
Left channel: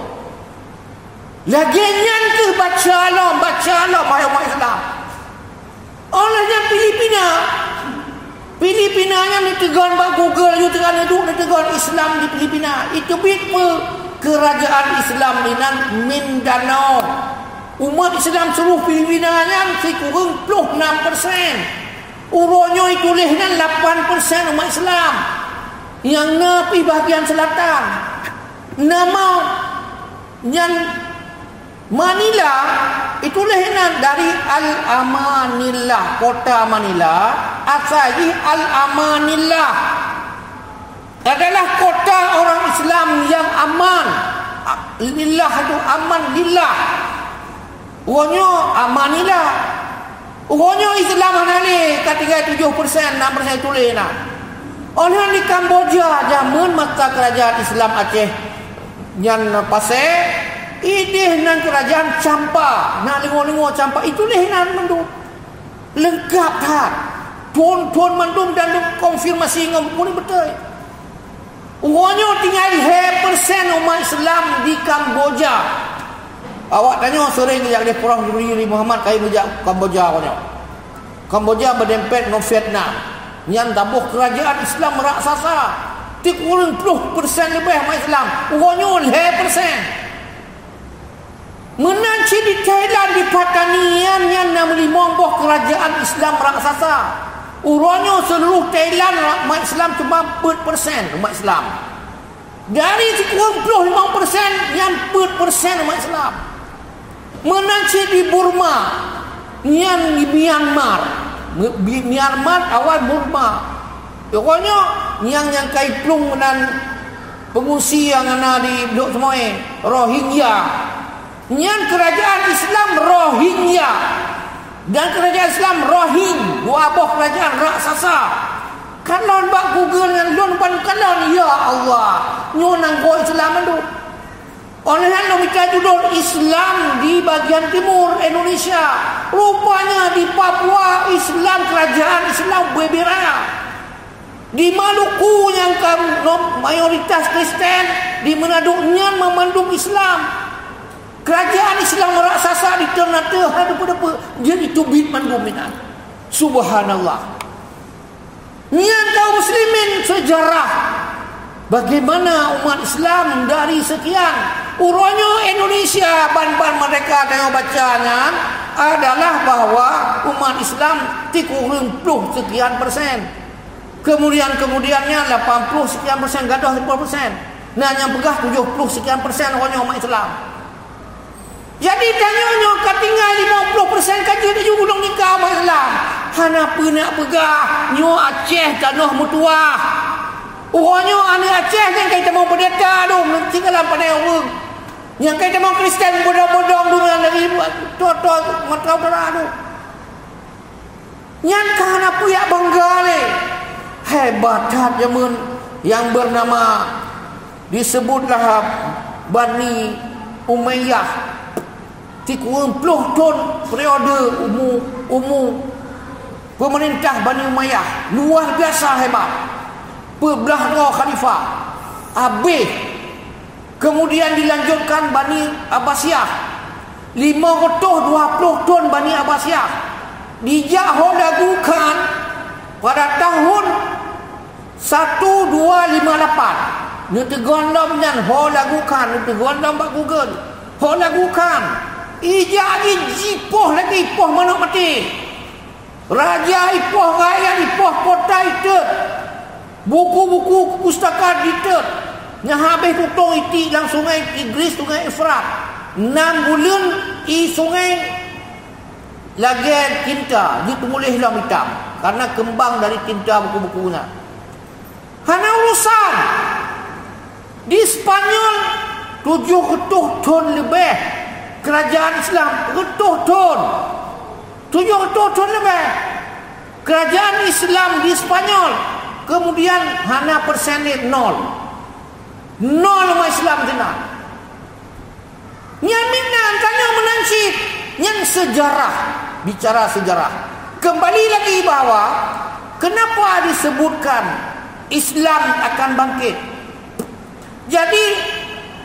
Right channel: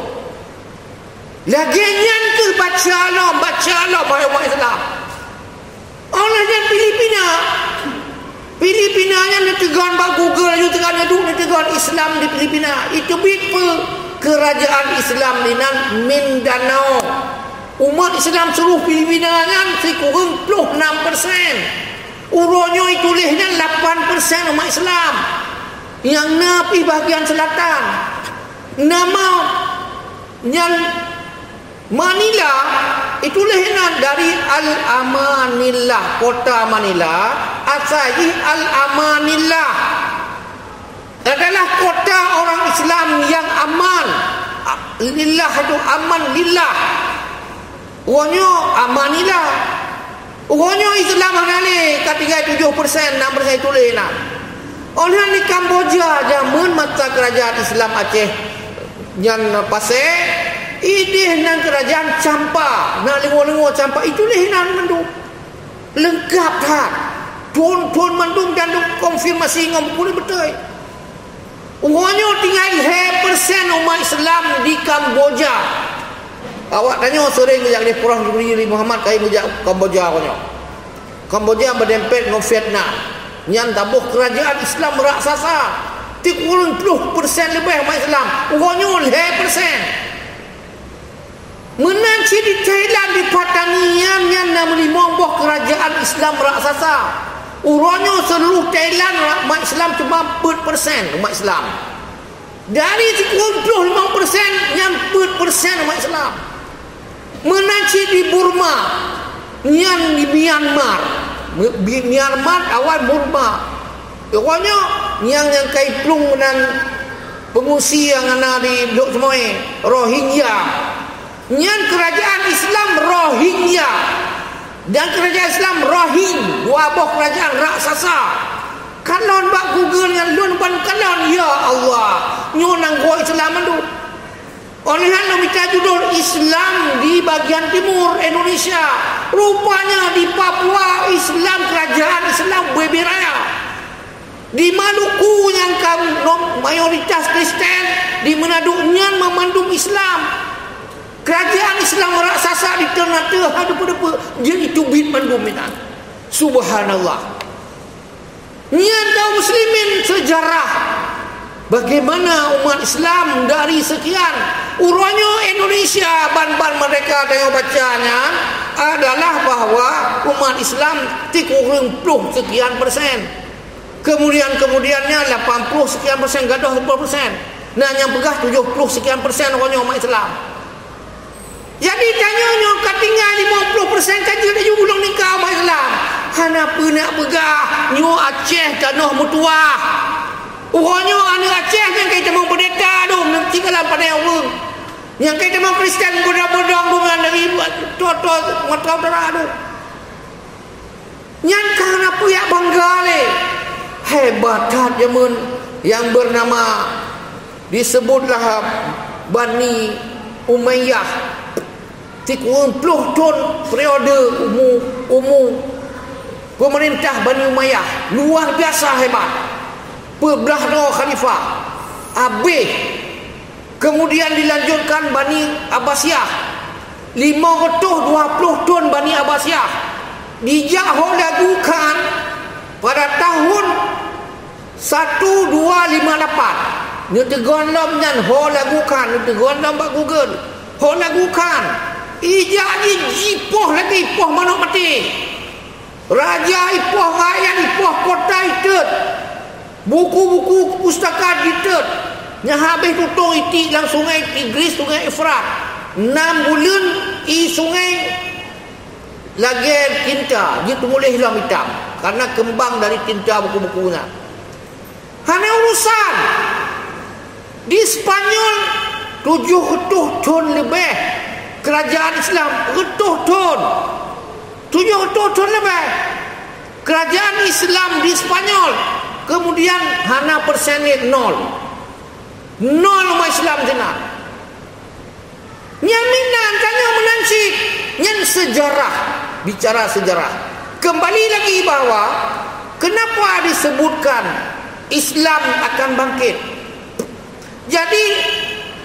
Laginya ke baca Allah bahaya Islam. Olehnya Filipina nya ditegan ba Google aja tegan itu ditegan Islam di Filipina. Itu bitpe kerajaan Islam di Mindanao. Umat Islam seluruh Filipina nya sekurang 26%. Uronyo itu lehnya 8% umat Islam yang napi bahagian selatan. Nama yang Manila itu lehnya dari Al-Amanillah, kota Manila, asali Al-Amanillah adalah kota orang Islam yang aman. Lillah itu aman lillah. Uronyo Amanillah. Uronyo Islam ni ketiga 7%, 6% tulis nak. Oleh di Kamboja zaman mata kerajaan Islam Aceh yang pasal ideh nan kerajaan Champa, nak lingo-lingo Champa itu leh nan mandum. Lengkap dah. Tuan mandum dan konfirmasi ngom boleh betul. Uronyo tinggal 1% umat Islam di Kamboja. Awak tanya sore ngejak dia kurang diberi Muhammad kai ngejak Kamboja punya. Kamboja berdempet dengan Vietnam. Yang tabuh kerajaan Islam raksasa. 30% lebih umat Islam. Urangnya 1%. Menanci di Thailand di pertanian yang 65 kerajaan Islam raksasa. Urangnya seluruh Thailand umat Islam cuma 4% umat Islam. Dari 35% yang 4% umat Islam. Menanci di Burma, yang di Myanmar awal Burma. Pokoknya yang kaitlung dengan pengungsi yang ada di Blok Semoy, Rohingya. Yang kerajaan Islam Rohingya dan kerajaan Islam Rohing, dua buah kerajaan raksasa. Kalau bak Google yang lon ban kalon ya Allah, nyonang gua Islam tu. Oleh kerana minta judul Islam di bagian timur Indonesia. Rupanya di Papua Islam, kerajaan Islam berbiraya. Di Maluku yang mayoritas Kristen, di Manado yang memandung Islam. Kerajaan Islam raksasa di Ternate ada jadi tubit mandum minan. Subhanallah. Niat kaum muslimin sejarah bagaimana umat Islam dari sekian urangnya Indonesia ban-ban mereka tengok bacanya adalah bahwa umat Islam 30 sekian persen. Kemudiannya 80 sekian persen gadah 10%. Nah yang pegah 70 sekian persen orangnya umat Islam. Jadi tanyanya ketinggal 50% kaji dia juga belum nikah umat Islam. Kenapa nak pegah nyo Aceh tanah mutuah. Orangnya anak Aceh yang kita mau berdeta tu nanti kalam pada orang. Yang kita mau Kristen bodong-bodong tu dari tua-tua mata utara tu. Yang kenapa ya bangga le. hebat zaman yang bernama disebutlah Bani Umayyah 30 tahun periode umur pemerintah Bani Umayyah, luar biasa hebat, berbelah dua khalifah. Habis kemudian dilanjutkan Bani Abbasiyah, 520 tahun Bani Abbasiyah dijauh lagukan pada tahun 1258. Dia tergondom nyan ho lagukan, dia tergondom bak Google. Ho lagukan. Ijak ni jipoh lagi, ipoh manuk mati. Raja ipoh rakyat, ipoh kota itet. Buku-buku pustaka ditet. Yang habis tutung itik dalam sungai Tigris, sungai Efrat. 6 bulan i sungai lagi tinta. Dia tulis dalam hitam. Karena kembang dari tinta buku-bukunya. Hanya urusan. Di Spanyol 700 tahun lebih kerajaan Islam, 700 tahun lebih kerajaan Islam di Spanyol. Kemudian hana persenit 0 umat Islam sana. Nyan minan tanya menansib nyan sejarah, bicara sejarah. Kembali lagi bahwa kenapa disebutkan Islam akan bangkit. Jadi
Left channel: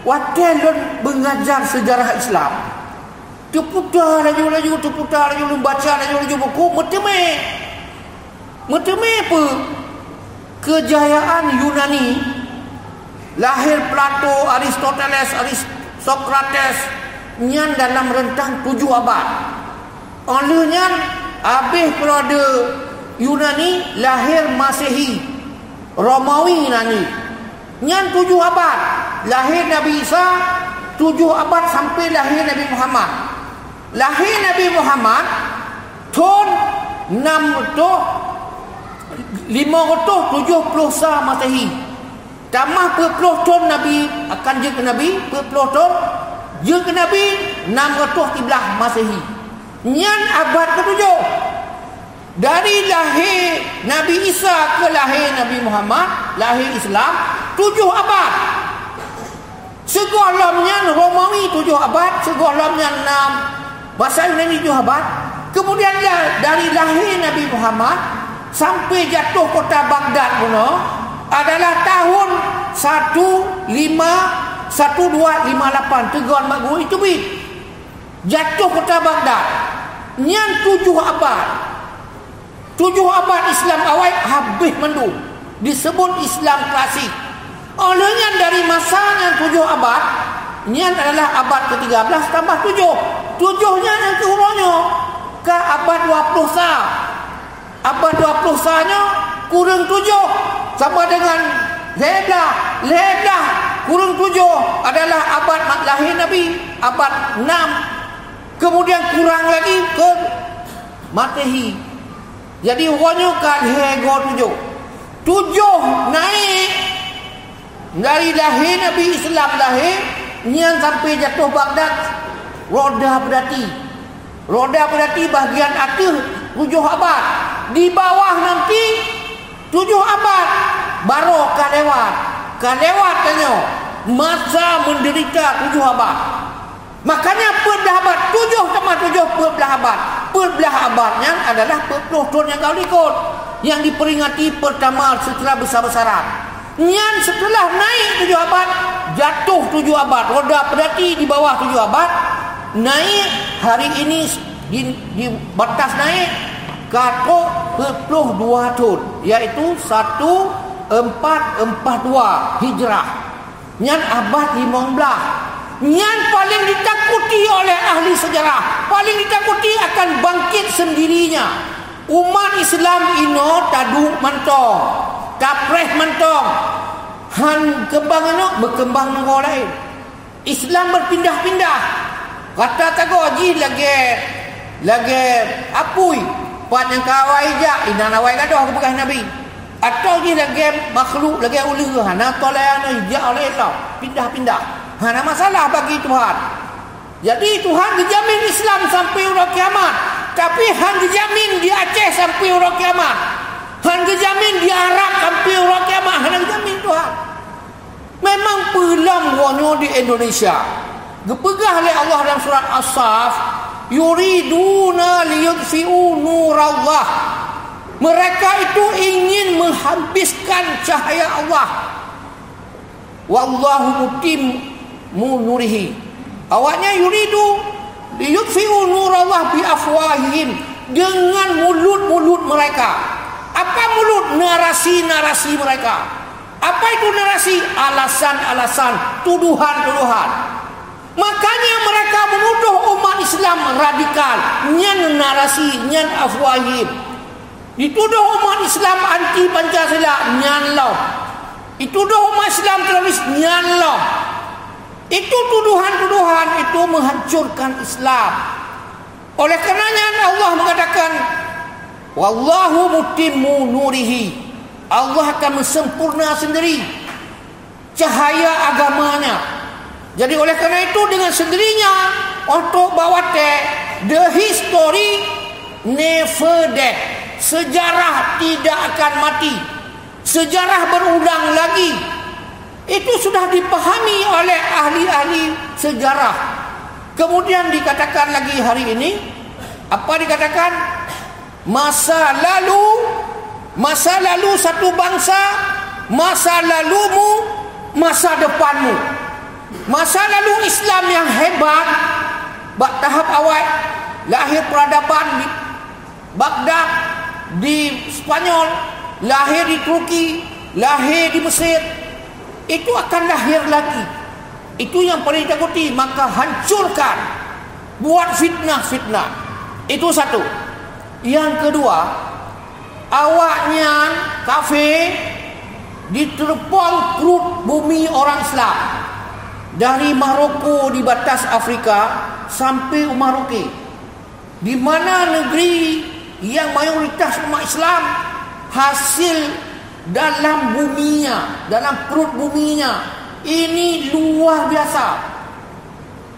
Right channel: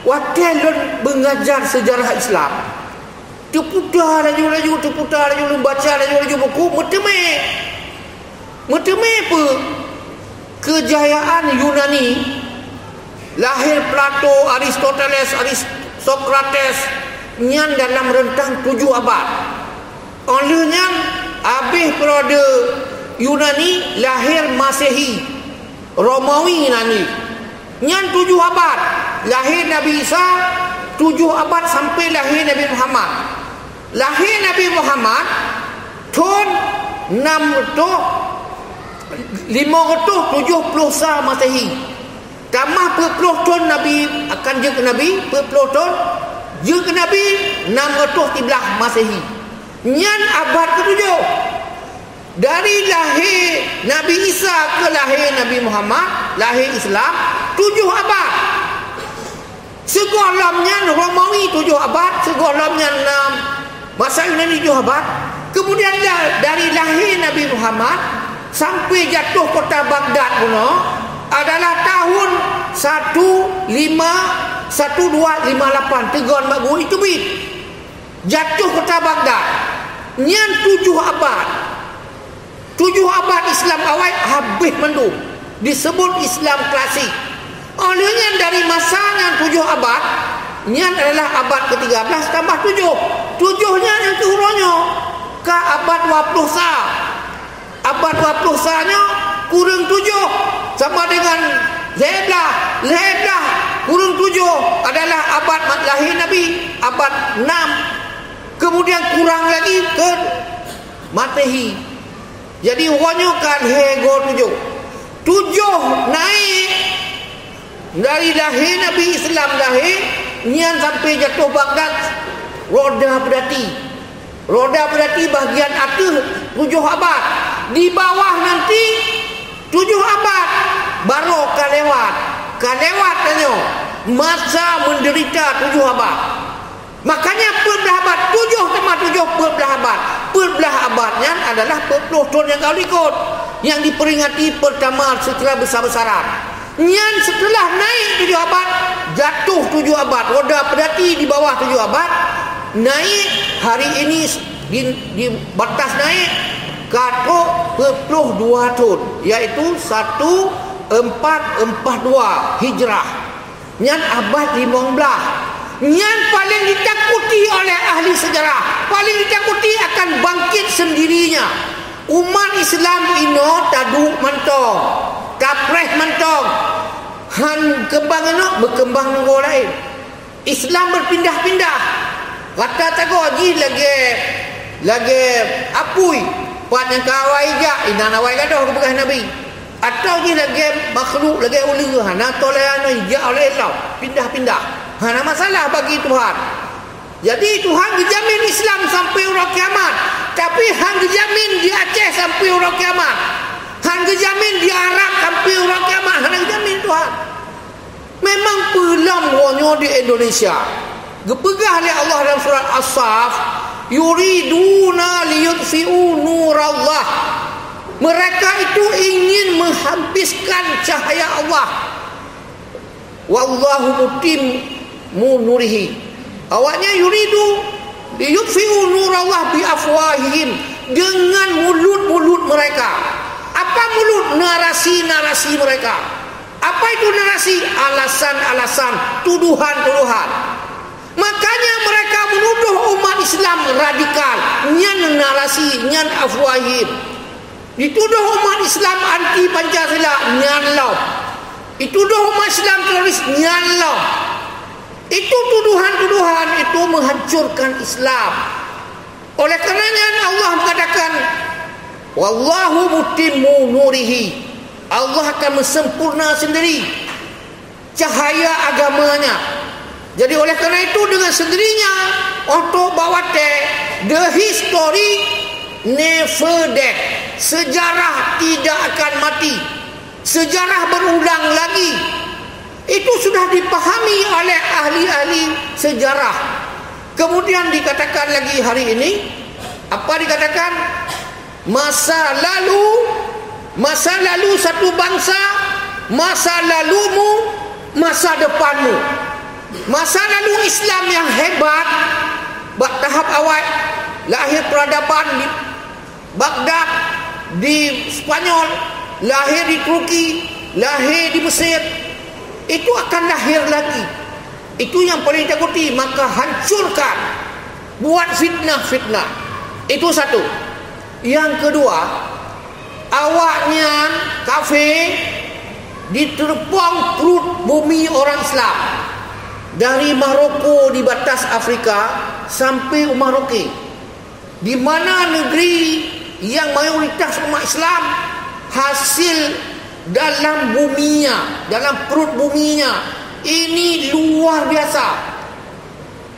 waktu mengajar sejarah Islam, terputar laju-laju, baca laju-laju buku, meteme apa? Kejayaan Yunani, lahir Plato, Aristoteles, Socrates, nyan dalam rentang 7 abad. Olehnya habis periode Yunani, lahir Masehi, Romawi nani. Nyan 7 abad lahir Nabi Isa, 7 abad sampai lahir Nabi Muhammad. Lahir Nabi Muhammad tahun 570 Masehi. Tambah 40 tahun Nabi akan je ke Nabi, 40 tahun je ke Nabi 613 Masehi. Nyan abad ke-7. Dari lahir Nabi Isa ke lahir Nabi Muhammad, lahir Islam 7 abad. Segolongnya Romawi 7 abad, segolongnya 6 masa Yunani 7 abad. Kemudian dari lahir Nabi Muhammad sampai jatuh kota Baghdad pun adalah tahun 1258 Tegon Magu itu bit. Jatuh kota Baghdad. Nyan 7 abad. 7 abad Islam awal habis mendung. Disebut Islam klasik. Olehnya dari masa yang 7 abad, nyan adalah abad ke-13 tambah 7. 7-nya yang kehurannya ke abad 20 sah. Abad 20 sahnya kurang 7 sama dengan Leblah kurang 7 adalah abad lahir Nabi, abad 6. Kemudian kurang lagi ke Masehi. Jadi hurufnya kan hego 7 naik dari lahir Nabi Islam lahir nyan sampai jatuh Baghdad. Roda berarti bahagian atas 7 abad. Di bawah nanti 7 abad baru kan lewat tanya masa menderita 7 abad. Makanya perbelah abad 7 tambah 7 perbelah abad. Perbelah abadnya adalah 40 tahun yang kau ikut, yang diperingati pertama setelah besar-besaran. Nyan setelah naik 7 abad, jatuh 7 abad. Roda berarti di bawah 7 abad, naik hari ini di batas naik ke 42 tahun, iaitu 1442 Hijrah. Nyan abad 15. Yang paling ditakuti oleh ahli sejarah, paling ditakuti akan bangkit sendirinya. Umat Islam ino taduk mentong, kapreh mentong, han kembang ino berkembang negara lain. Islam berpindah-pindah. Kata tago haji lagi apui puan yang kawai jak ina nawai gadoh bekas Nabi. Atau lagi makhluk lagi ulu hana toleran hijak oleh Allah, pindah-pindah. Hana masalah bagi Tuhan. Jadi Tuhan dijamin Islam sampai urang kiamat. Tapi Han dijamin di Aceh sampai urang kiamat. Han kejamin di Arab sampai orang kiamat. Han kejamin Tuhan. Memang pelam wonyo di Indonesia. Gepegah oleh Allah dalam surat As-Saff, yuriduna liyutfi'u nurallah. Mereka itu ingin menghabiskan cahaya Allah. Wallahu mutimmu nurihi. Awaknya yuridu liyutfi'u nurallah bi afwahihim, dengan mulut-mulut mereka. Apa mulut? Narasi-narasi mereka. Apa itu narasi? Alasan-alasan, tuduhan-tuduhan. Makanya mereka menuduh umat Islam radikal. Nyan narasi, nyan afwahim. Dituduh umat Islam anti Pancasila, nyan law. Dituduh umat Islam teroris, nyan law. Itu tuduhan-tuduhan itu menghancurkan Islam. Oleh karenanya Allah mengatakan, wallahu mutimmu nurihi. Allah akan sempurna sendiri cahaya agamanya. Jadi oleh kerana itu dengan sendirinya untuk bawate the history never dead. Sejarah tidak akan mati. Sejarah berulang lagi. Itu sudah dipahami oleh ahli-ahli sejarah. Kemudian dikatakan lagi hari ini, apa dikatakan? Masa lalu satu bangsa, masa lalumu, masa depanmu. Masa lalu Islam yang hebat, tahap awal, lahir peradaban di Baghdad, di Spanyol, lahir di Turki, lahir di Mesir. Itu akan lahir lagi. Itu yang paling takuti. Maka hancurkan, buat fitnah-fitnah. Itu satu. Yang kedua, awaknya kafir diterpang perut bumi orang Islam. Dari Maroko di batas Afrika sampai Maroke, di mana negeri yang mayoritas umat Islam, hasil dalam buminya, dalam perut buminya ini luar biasa.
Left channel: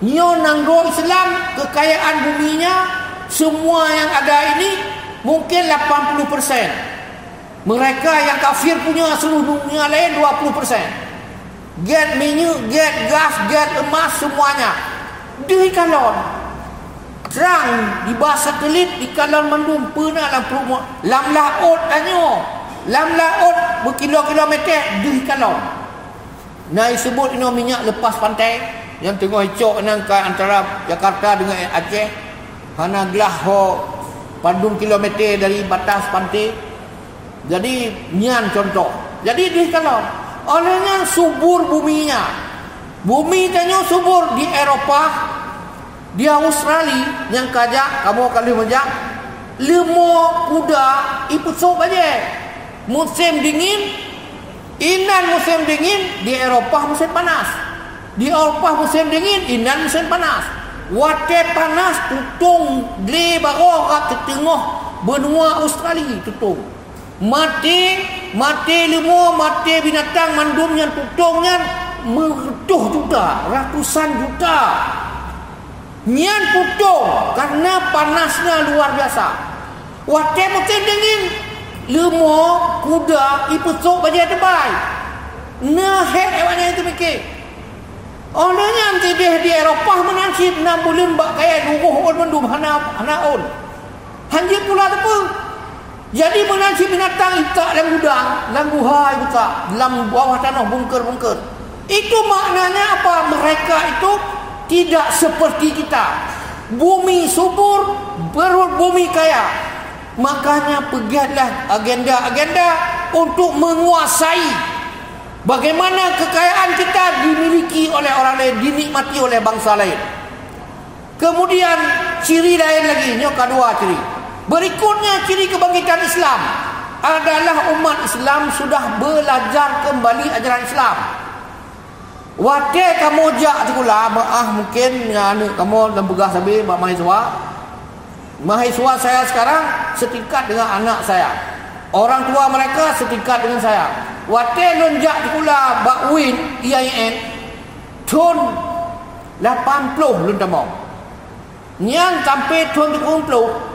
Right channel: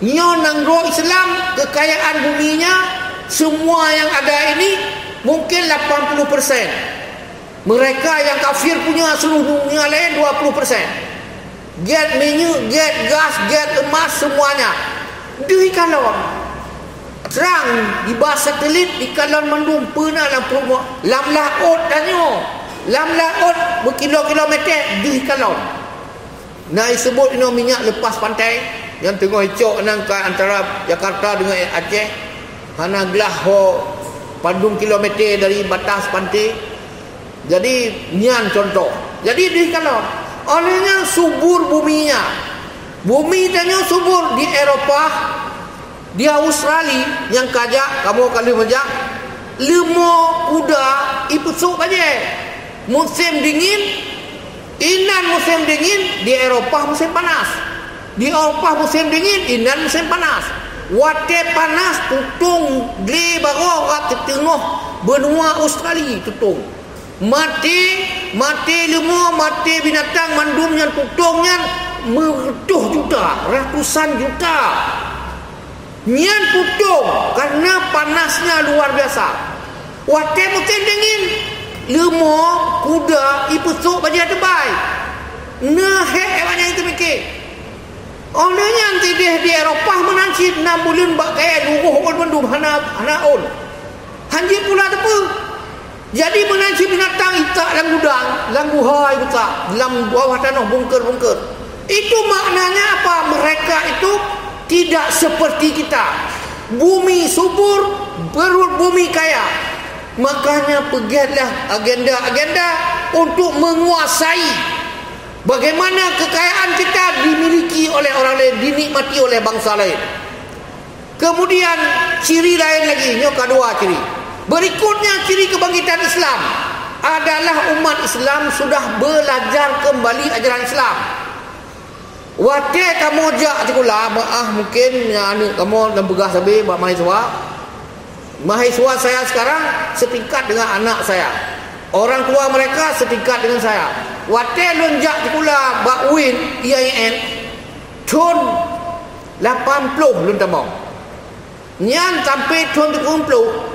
Nyo nangro Islam, kekayaan buminya semua yang ada ini mungkin 80%. Mereka yang kafir punya seluruh dunia lain 20%. Get minyak, get gas, get emas, semuanya di kalon. Terang di bawah satelit di kalon mandum pernah lam laut tanya. Lam laut berkilo-kilometer di kalon. Nah disebut ini minyak lepas pantai yang tengah hicau antara Jakarta dengan Aceh. Hana gelah pandung kilometer dari batas pantai. Jadi nian contoh. Jadi di kalon. Olehnya subur buminya. Bumi tanya subur di Eropah, di Australia yang kajak, kamu kali majak, lemo kuda ipusuk aja. Musim dingin, inan musim dingin, di Eropah musim panas. Di Eropah musim dingin, inan musim panas. Wate panas tutung gle bago kat tengah benua Australia tutung. Mati lemo, mati binatang mandum yang tutungnya mertuh juta, ratusan juta. Nyan putung karena panasnya luar biasa. Wate musim dingin, lemo kuda ipusuk baja tebai. Nah hewannya itu mikir. Olehnya nanti di Eropah menansi 6 bulan bak kaya dubuh on mendum hana on. Hanjir pula depu. Jadi menanci binatang itak dalam gudang, dalam buhai buka, dalam bawah tanah bungker-bungker. Itu maknanya apa? Mereka itu tidak seperti kita. Bumi subur, perut bumi kaya. Makanya pegiatlah agenda-agenda untuk menguasai. Bagaimana kekayaan kita dimiliki oleh orang lain, dinikmati oleh bangsa lain. Kemudian ciri lain lagi, ini kedua ciri. Berikutnya ciri kebangkitan Islam adalah umat Islam sudah belajar kembali ajaran Islam. Wate kamu jak sekolah, mungkin kamu dan begah sabi mahasiswa saya sekarang setingkat dengan anak saya. Orang tua mereka setingkat dengan saya. Wate lonjak sekolah bakwin IAIN tahun 80 lun tamau. Nyan sampai tahun 30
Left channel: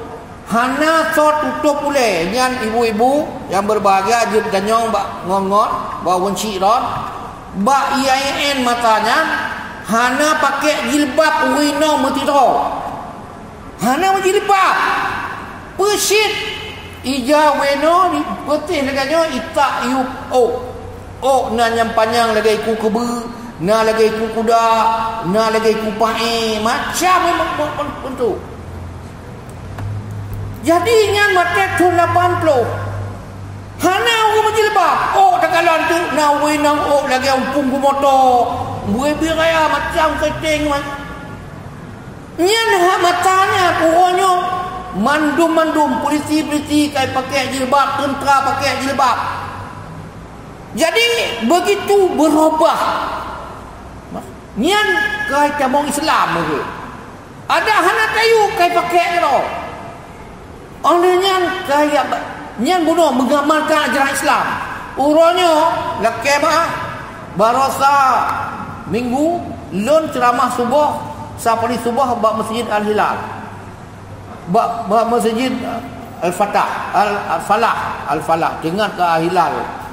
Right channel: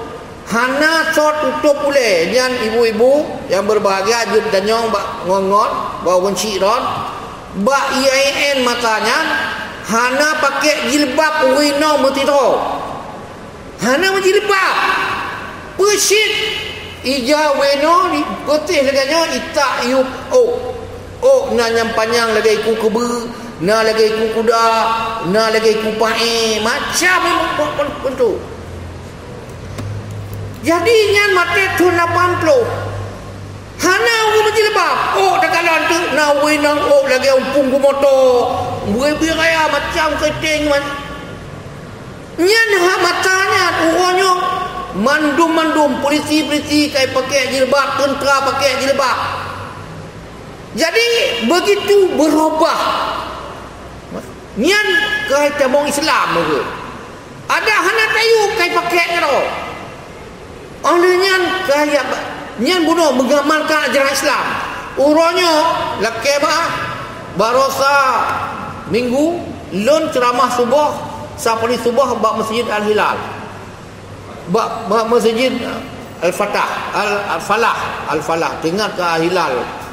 hana so tutup boleh. Nyan ibu-ibu yang berbahagia jum tanyong bak ngongot ba wenci ron ba IAIN matanya hana pakai jilbab wino metiro hana jilbab pesit ija wino di putih leganya itak yup na yang panjang lagi ku kebu na lagi ku kuda na lagi ku pae macam bentuk. Jadi nyan mate tu 80 hana aku menjilbab dekalan tu na we nang lagi umpung ku motor we biraya macam keting nyan ha matanya uonyo mandum polisi kai pakai jilbab tentera pakai jilbab. Jadi begitu berubah nyan kai camong Islam ke ada hana tayu kai pakai kau oleh nyan kaya nyan bunuh mengamalkan ajaran Islam uronyo laki barosa minggu lon ceramah subuh sapali subuh bak masjid Al-Hilal bak masjid Al-Falah dengar ke Al-Hilal.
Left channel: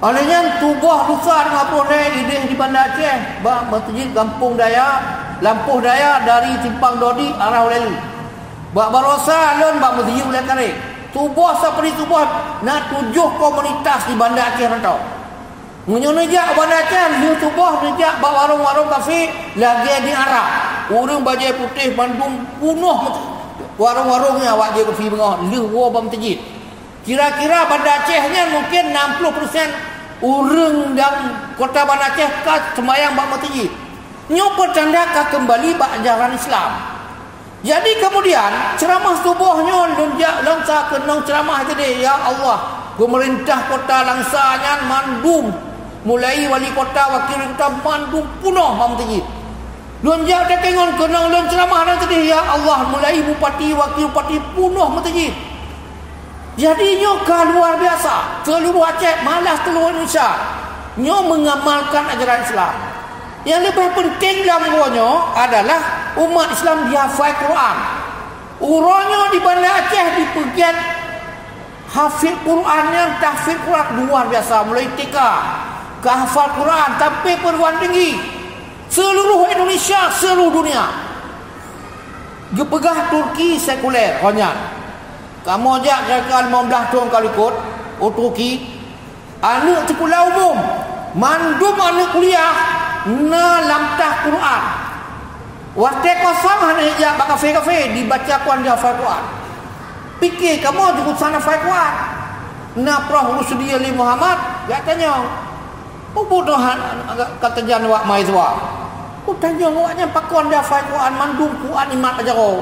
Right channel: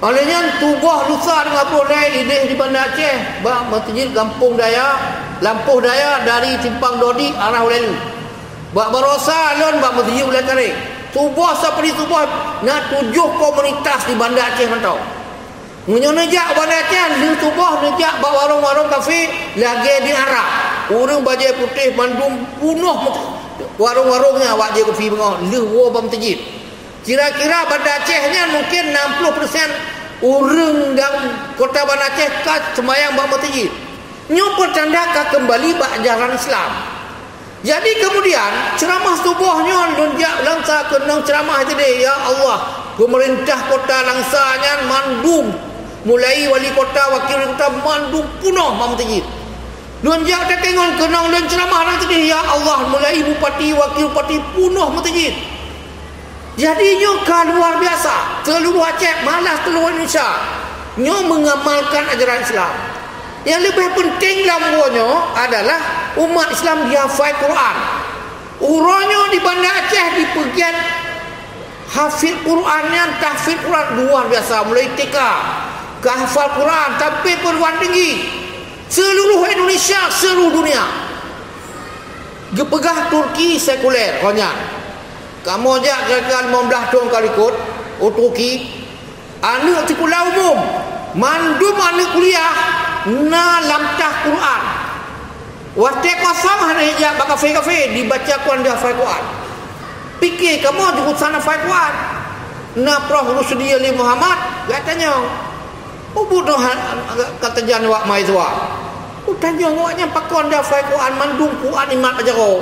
Olehnya tubuh lusa dengan proses ideh di Bandar Aceh bak masjid Kampung Daya Lampuh Daya dari Simpang Dodi arah Ulelu bak barosa alun bak masjid Ulai Tarik tubuh seperti tubuh nak 7 komunitas di Bandar Aceh mentau menyenejak Bandar Aceh di tubuh nejak bak warung-warung kafe lagi di arah urang bajai putih mandum punuh warung-warungnya wak dia kopi bengah lewah bak masjid. Kira-kira Bandar Acehnya mungkin 60% orang dan kota Bandar Aceh ka semayang bak masjid. Nyo pertanda kembali bak ajaran Islam. Jadi kemudian ceramah subuhnya lunjak langsa ke nong ceramah tadi ya Allah pemerintah kota langsanya mandum mulai wali kota wakil kota mandum punuh bak masjid. Lunjak dak tengok ke nong ceramah tadi ya Allah mulai bupati wakil bupati punuh masjid. Jadi nyo luar biasa seluruh Aceh malah seluruh Indonesia nyo mengamalkan ajaran Islam. Yang lebih penting dalam nyo adalah umat Islam dia hafal Quran. Uronyo di Bandar Aceh di bagian hafid Qurannya tahfidz Quran luar biasa mulai TK ke hafal Quran sampai perguruan tinggi seluruh Indonesia seluruh dunia. Gepegah Turki sekuler konyak kamu aja gagal 15 tahun kali ikut Turki anak sekolah umum mandum anak kuliah na lamtah Quran waktu kosong hanya hijab kafe-kafe dibaca Quran dia hafal Quran pikir kamu juga sana hafal Quran na Prof Rusdi Ali Muhammad katanya bodoh kata jan wak maizwa tanya waknya pakon dia hafal Quran mandum Quran imat aja kau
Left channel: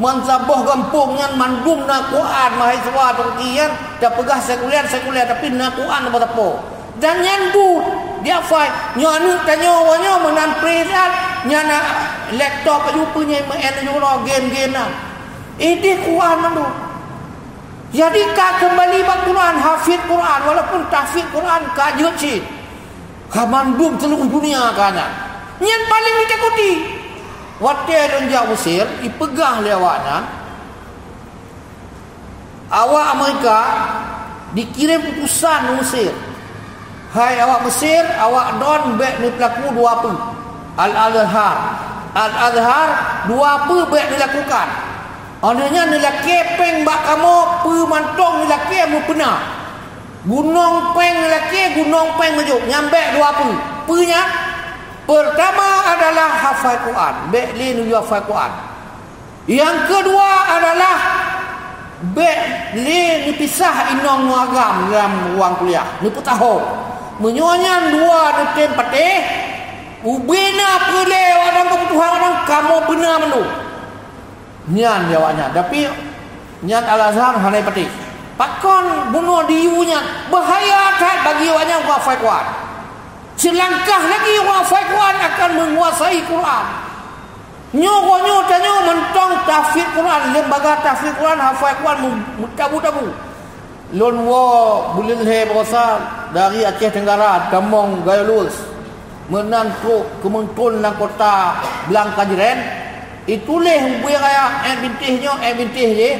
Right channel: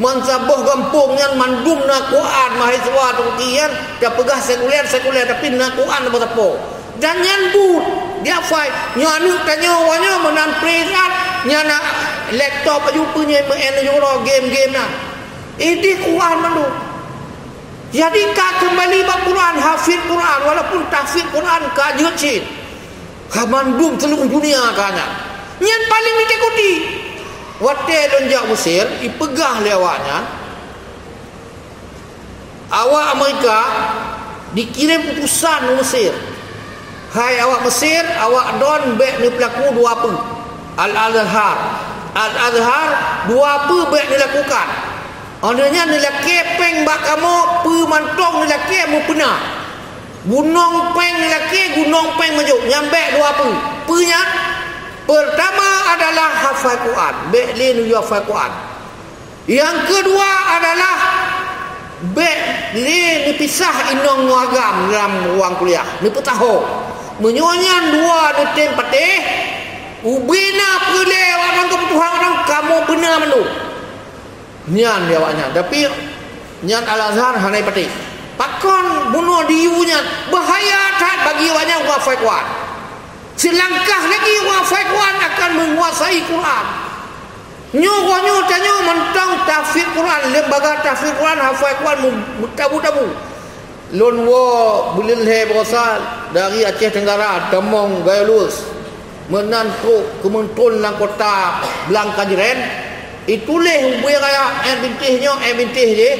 mansaboh kampungnya mandum na Quran mahasiswa Turkian dia pegah sekuler tapi na Quran apa tapo dan nyandut dia fai nyanu tanya wanya menan prirat nyana laptop aju punya mengenai game na ini Quran tu jadi ka kembali bab Quran hafid Quran walaupun tahfidz Quan kajut sih mandum seluruh dunia kana nyan paling ditakuti. Waktu ada orang Mesir, dipegah lewatnya. Awak Amerika dikirim utusan Mesir. Hai awak Mesir, awak don bek ni pelaku 2 apa? Al-Azhar 2 apa bek dilakukan. Adanya nilai kepeng bak kamu pemantong nilai ke mu pena. Gunung peng nilai gunung peng majuk nyambek 2 apa? Punya pertama adalah hafal Quran, beklin hafal Quran. Yang kedua adalah beklin dipisah inong agam dalam ruang kuliah. Ni putaho. Menyonyan 2 detem patih. Ubina pule orang kebutuhan orang kamu benar menu. Nyan dia awaknya. Tapi nyan Al-Azhar hanai patih. Pakon bunuh diunya bahaya tak bagi awaknya hafal Quran. Selangkah lagi hafal Quran akan menguasai Quran. Nyo tanya mentang tahfidz Quran, lembaga tahfidz Quran hafal Quran tabu-tabu. Lon wo bulil he berasal dari Aceh Tenggara, Damong Gayalus. Menantu kementun lang kota Belang Kajiren. Itulah hubungan raya bintih je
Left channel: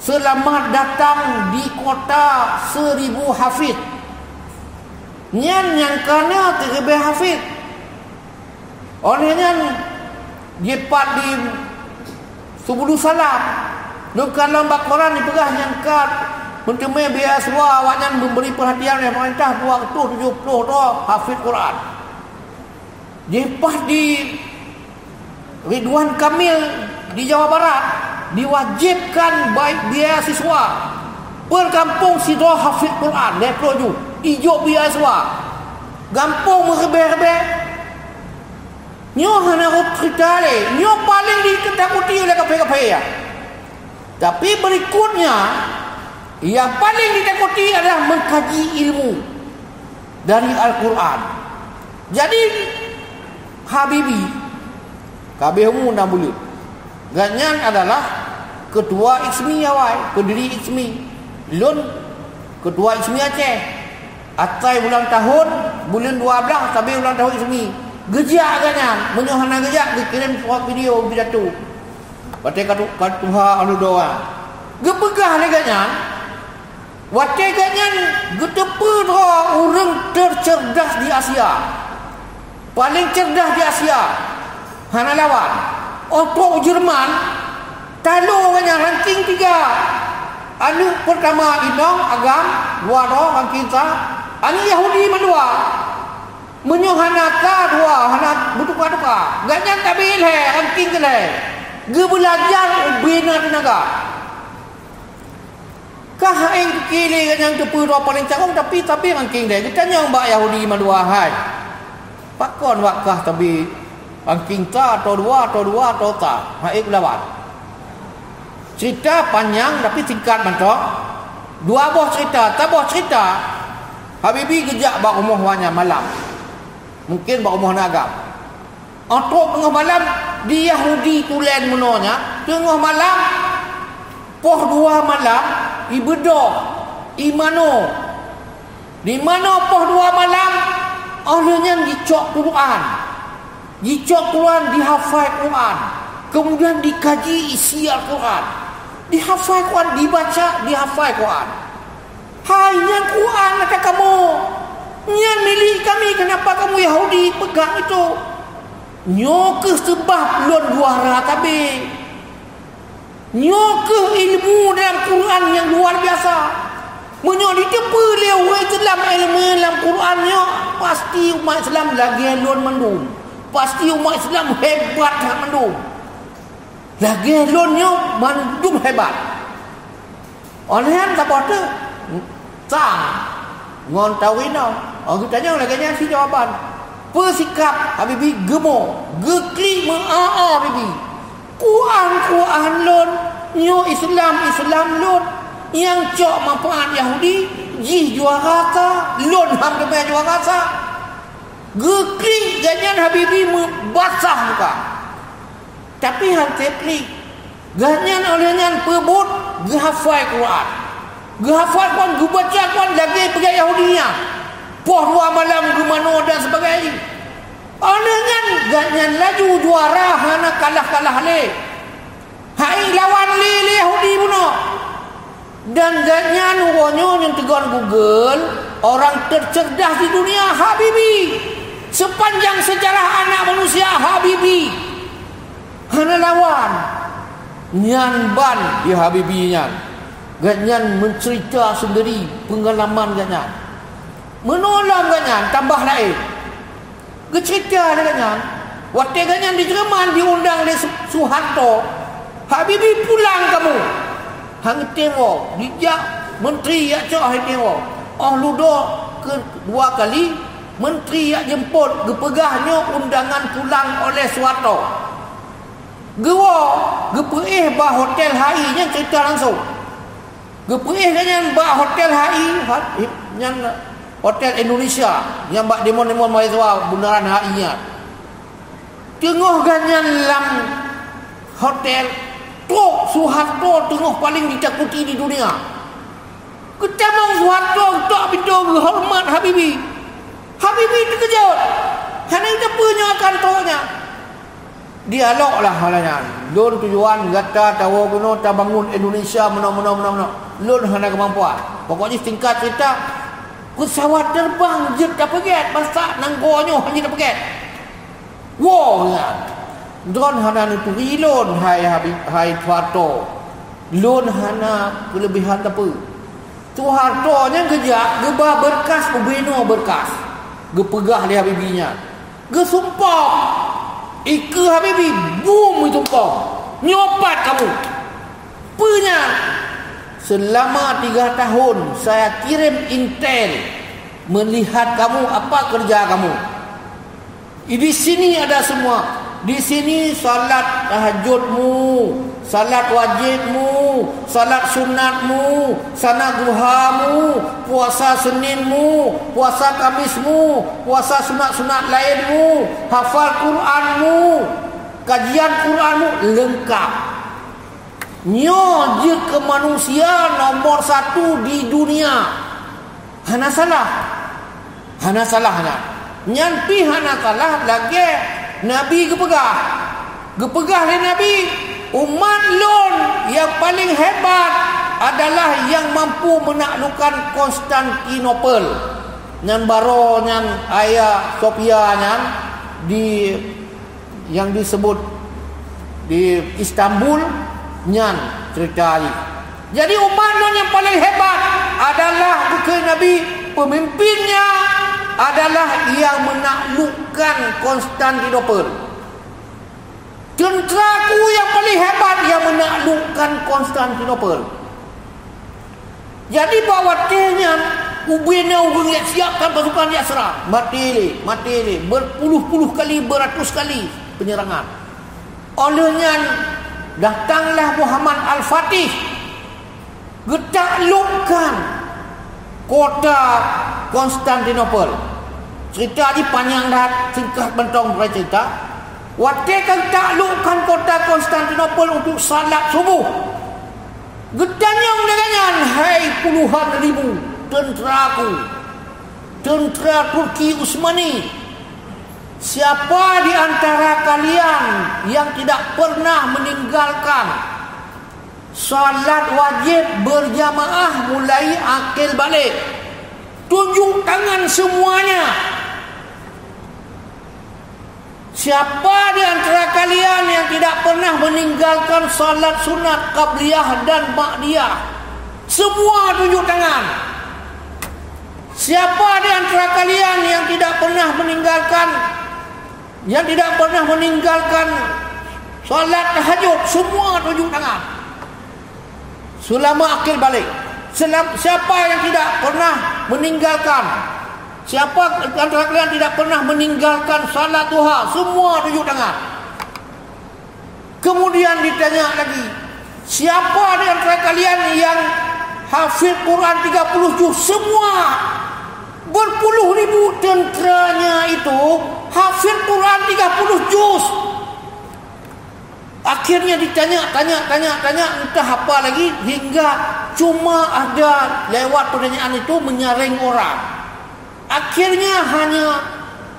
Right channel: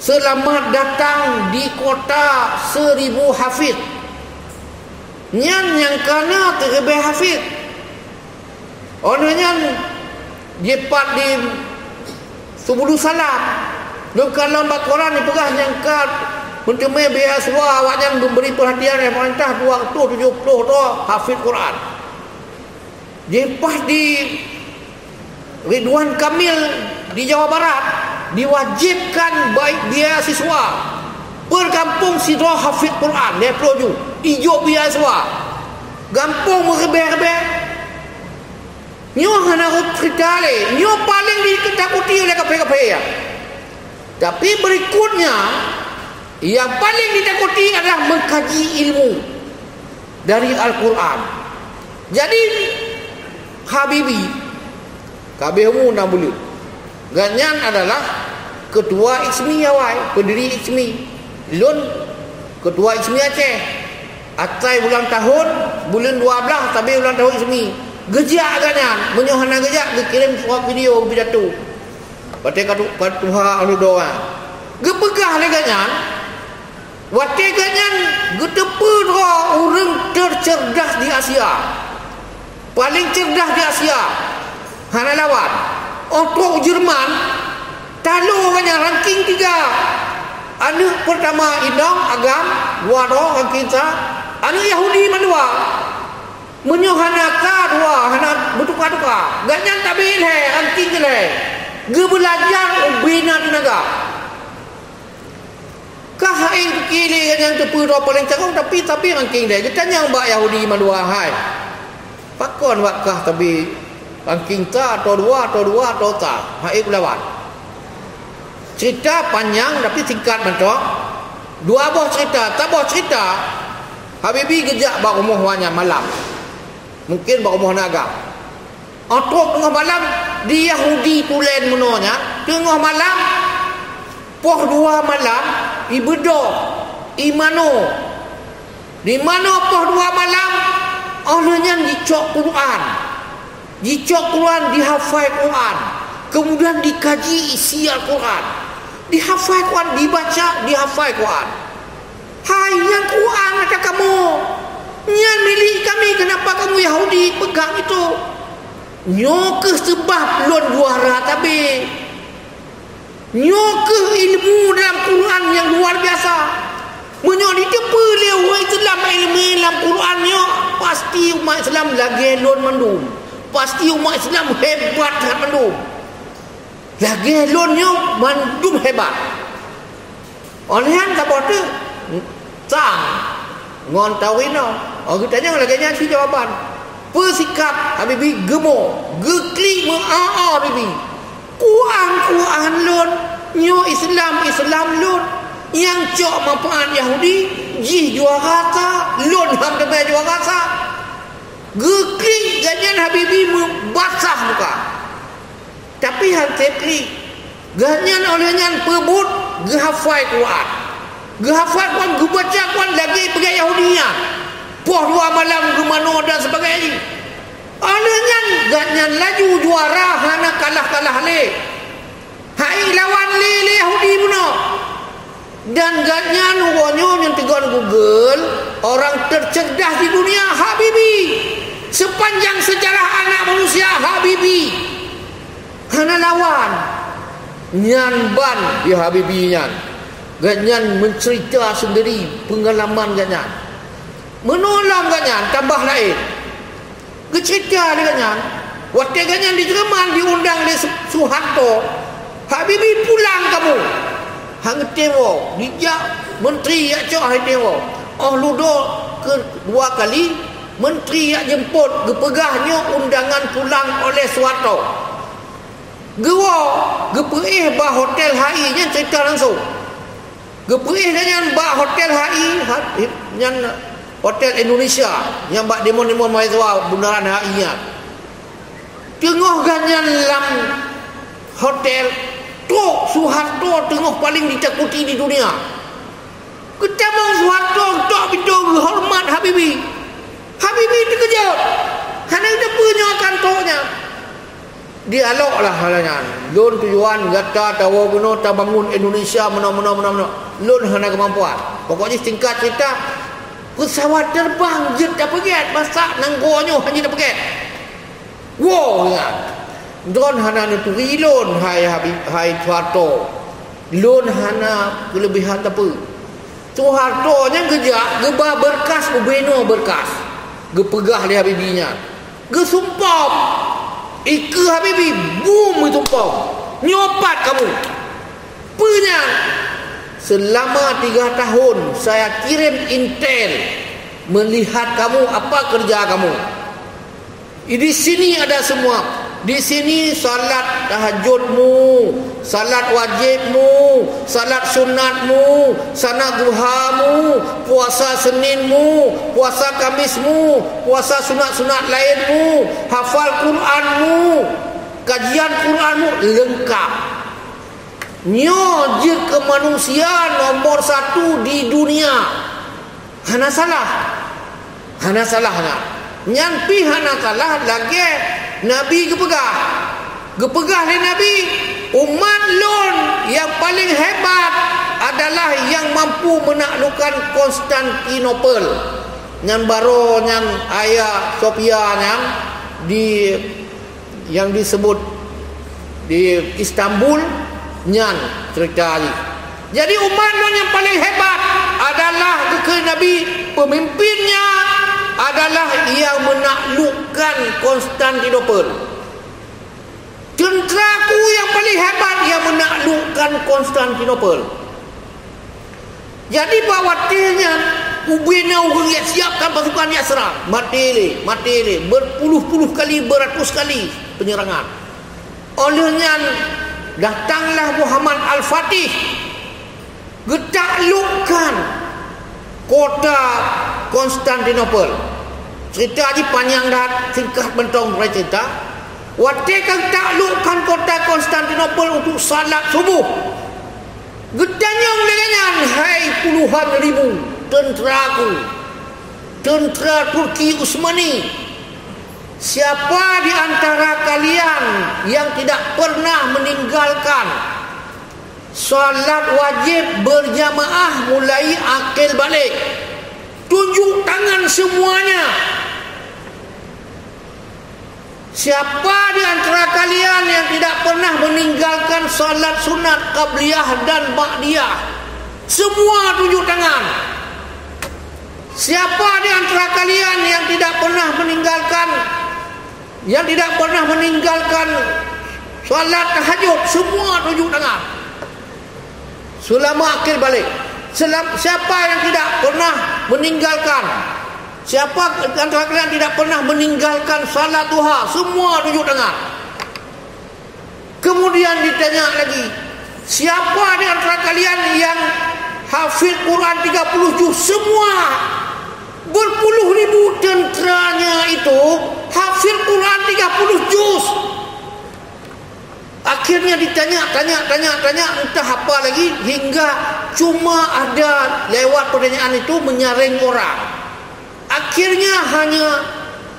Selamat datang di kota 1000 hafid. Nyan yang kana terlebih hafid. Orangnya jepat di subuh salam. Lu kalau Al-Quran dipegah yang kat mentemui biaswa awaknya memberi perhatian yang perintah 270 tu hafid Quran. Jepat di Ridwan Kamil di Jawa Barat diwajibkan baik beasiswa berkampung sidra hafid Quran dia peloju ijo beasiswa gampung merebe-rebe nyo hana cerita le nyo paling ditakuti oleh kafe-kafe ya. Tapi berikutnya yang paling ditakuti adalah mengkaji ilmu dari Al-Quran. Jadi Habibi kabehmu nak boleh ganyan adalah ketua ISMI awal, pendiri ISMI Lun, ketua ISMI Aceh. Atai bulan tahun bulan 12 tapi bulan tahun ISMI gejak ganyan menyohana gejak dikirim surat video pidato batai katuha anu doa gepegah le ganyan wate ganyan getepe doa orang tercerdas di Asia, paling cerdas di Asia hana lawan untuk Jerman talo ganyan ranking 3 anu pertama Indong Agam dua ranking anu Yahudi mandua menyohana ka dua hana butuka-tuka ganyan tabil he ranking le ge belajar ubina tenaga kah ing kili ganyan tepu do paling cakong tapi ranking dia getanya mbak Yahudi mandua hai pakon wakah tapi ranking ta atau dua ta hai lawan cerita panjang tapi singkat mentok dua buah cerita tak buah cerita Habibi gejak bak umuh wanya malam mungkin bak umuh naga atau tengah malam di Yahudi tulen menonya tengah malam poh 2 malam ibedo imano di mana poh 2 malam olehnya dicok Quran dihafal Quran kemudian dikaji isi Al-Quran dihafal Quran dibaca dihafal Quran. Hai yang Quran kata kamu yang milik kami kenapa kamu Yahudi pegang itu nyoke sebab lon juara tapi nyoke ilmu dalam Quran yang luar biasa menyok ditepu leu Islam ilmu dalam Qurannya pasti umat Islam lagi lon mendum pasti umat Islam hebat mendum lagi lonnya mendum hebat olehan tak apa tu sang ngon tawino aku tanya lagi si jawaban bersikap Habibi gemo gekli mengaa Habibi Quran lon nyo Islam lon yang cok manfaat Yahudi jih juara ta lon ham demi juara ta gekli ganyan Habibi membasah muka tapi hati kli ganyan olehnya pebut gehafal Quran gebaca Quran lagi pergi Yahudinya poh 2 malam gemano dan sebagainya olehnya ganyan laju juara hana kalah le hai lawan le Yahudi puno dan ganyan ugonyo yang tegon Google orang tercerdas di dunia Habibi sepanjang sejarah anak manusia Habibi hana lawan nyan ban di Habibi nyan ganyan mencerita sendiri pengalaman ganyan menolong ganyan tambah lain cerita ganyan waktu ganyan di Jerman diundang di Soeharto Habibi pulang kamu hang tengok dijak menteri yak cok hang tengok ludo kedua kali menteri yak jemput gepegahnya undangan pulang oleh Soeharto gepuih bah hotel HI nya cerita langsung gepuih dengan bah hotel HI yang hotel Indonesia yang bak demon-demon mahasiswa bundaran HI nya tengah ganyan lam hotel tok Soeharto tengah paling ditakuti di dunia ketemu Soeharto tok bidang hormat Habibi dikejut hanya kita punya kantornya dialog lah halanya. Lun tujuan gata tahu guna ta bangun Indonesia mana. Lun hana kemampuan. Pokoknya tingkat cerita pesawat terbang jet tak pergi masak nanggonya hanya tak pergi. Wow ya. Don hana itu rilon hai Tuharto. Lun hana kelebihan apa? Tuharto nya gejak gebah berkas ubeno berkas. Gepegah dia Habibinya. Gesumpah Ika Habibi boom itu pom. Nyopat kamu. Punya. Selama 3 tahun saya kirim intel melihat kamu apa kerja kamu. Di sini ada semua. Di sini salat tahajudmu, salat wajibmu, salat sunatmu, salat duhamu, puasa Seninmu, puasa Kamismu, puasa sunat-sunat lainmu, hafal Quranmu, kajian Quranmu lengkap. Nyo je ke manusia nomor 1 di dunia. Hana salah. Hana salahnya. Nyampi hana salah lagi Nabi gepegah. Gepegah oleh Nabi. Umat lon yang paling hebat adalah yang mampu menaklukkan Konstantinopel. Yang baru yang ayah Sofia yang disebut di Istanbul nyan cerita ini. Jadi umat yang paling hebat adalah ke Nabi, pemimpinnya adalah yang menaklukkan Konstantinopel. Tenteraku yang paling hebat yang menaklukkan Konstantinopel. Jadi bawatnya ubena ugengiat siapkan pasukan dia serang. Mati berpuluh-puluh kali, beratus kali penyerangan. Olehnya datanglah Muhammad Al-Fatih getaklukkan kota Konstantinopel. Cerita di panjang dah, singkat bentong bercerita. Waktu getaklukkan kota Konstantinopel untuk salat subuh. Gedanyang dengan hai puluhan ribu tenteraku, tentera Turki Utsmani. Siapa di antara kalian yang tidak pernah meninggalkan salat wajib berjamaah mulai akil balik? Tunjuk tangan semuanya. Siapa di antara kalian yang tidak pernah meninggalkan salat sunat qabliyah dan ba'diyah? Semua tunjuk tangan. Siapa di antara kalian yang tidak pernah meninggalkan salat tahajud? Semua tunjuk tangan. Selama akil balik. Siapa yang tidak pernah meninggalkan? Siapa antara kalian tidak pernah meninggalkan salat duha? Semua tunjuk tangan. Kemudian ditanya lagi, siapa di antara kalian yang hafid Quran 30 juz? Semua. Berpuluh ribu tenteranya itu hafid Quran 30 juz. Akhirnya ditanya, entah apa lagi, hingga cuma ada lewat pertanyaan itu menyaring orang. Akhirnya hanya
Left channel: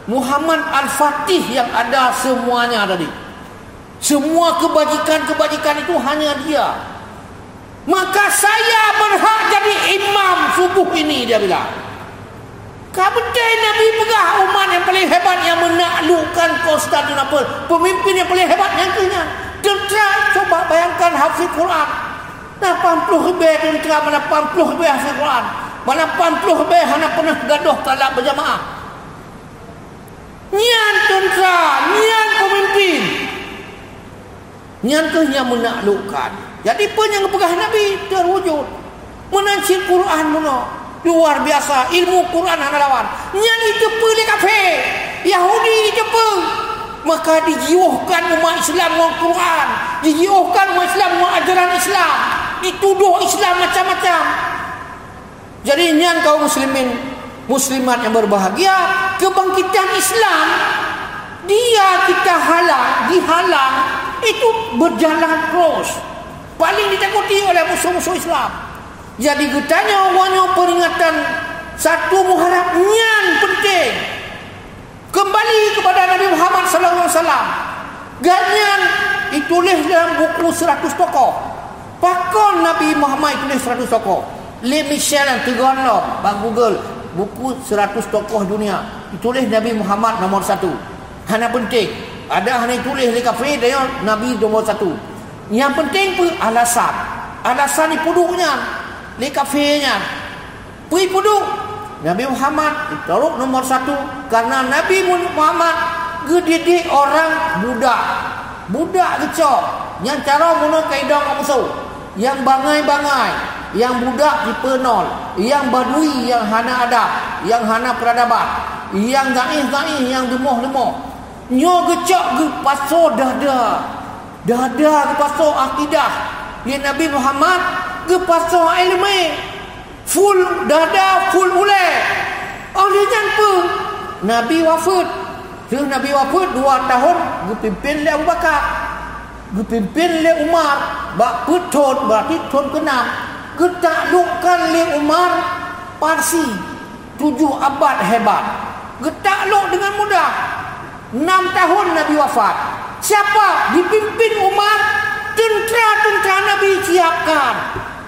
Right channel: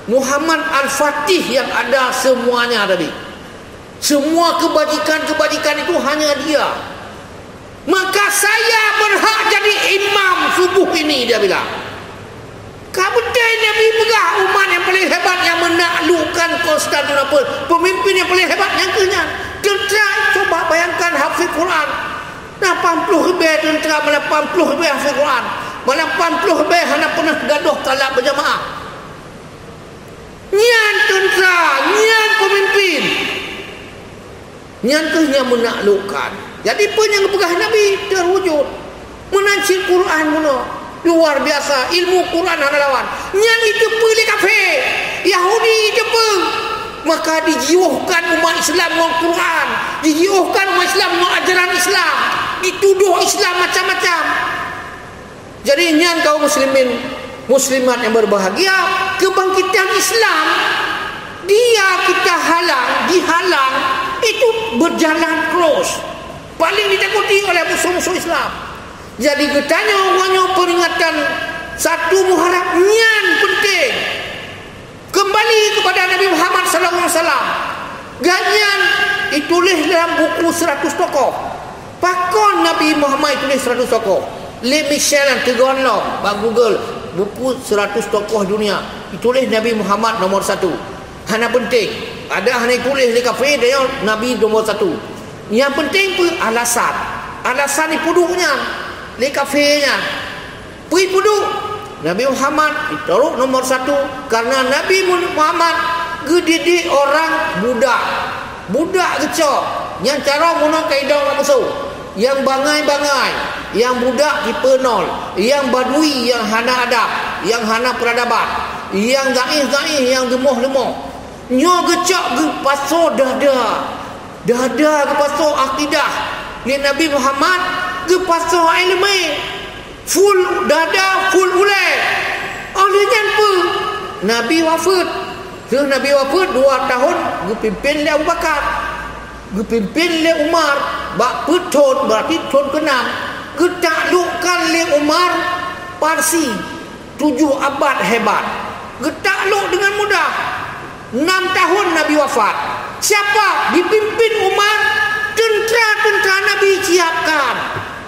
Muhammad Al-Fatih yang ada semuanya tadi. Semua kebajikan itu hanya dia. Maka saya berhak jadi imam subuh ini, dia bilang. Kabetai Nabi pegah umat yang paling hebat yang menaklukkan Konstantinopel. Pemimpin yang paling hebat yang kena. Tentera, coba bayangkan hafiz Quran. 80 lebih tentera, mana 80 lebih hafiz Quran. Mana 80 lebih hanya pernah gaduh salat berjamaah. Nyan tentera, nyan pemimpin. Nyan tu yang menaklukkan. Jadi pun yang pegah Nabi terwujud. Menancir Quran mula. Luar biasa. Ilmu Quran hana lawan. Nyan itu pilih kafir. Yahudi itu pun. Maka dijiuhkan umat Islam dengan Quran. Dijiuhkan umat Islam dengan ajaran Islam. Dituduh Islam macam-macam. Jadi nyan kaum muslimin, muslimat yang berbahagia, kebangkitan Islam dia kita dihalang itu berjalan terus. Paling ditakuti oleh musuh-musuh Islam. Jadi getanya wanyo peringatan 1 Muharram nyan penting. Kembali kepada Nabi Muhammad sallallahu alaihi wasallam. Ganyan ditulis dalam buku 100 tokoh. Pakon Nabi Muhammad tulis 100 tokoh. Le Michel dan Tegonlong, bang Google buku 100 tokoh dunia. Ditulis Nabi Muhammad nomor 1. Hana penting. Ada hanya tulis di kafe dia Nabi nomor 1. Yang penting pun alasan. Alasan ni puduknya di kafenya. Pui puduk Nabi Muhammad ditaruh nomor 1 karena Nabi Muhammad gedidik orang budak kecok yang cara muno kaedah orang musuh, yang bangai-bangai, yang budak dipenol, yang badui, yang hana adab, yang hana peradaban, yang gaih-gaih, yang gemoh-lemoh. Nyo gecok ge paso dada ke paso akidah. Ni Nabi Muhammad ge paso ilmu. Full dada, full ulai. Oleh jangan Nabi wafat. Nabi wafat 2 tahun ge pimpin le Abu Bakar. Ge pimpin le Umar. Bak petun berarti tahun ke-6. Ge taklukkan le Umar Parsi 7 abad hebat. Ge takluk dengan mudah. 6 tahun Nabi wafat. Siapa dipimpin Umar? Tentera-tentera Nabi siapkan.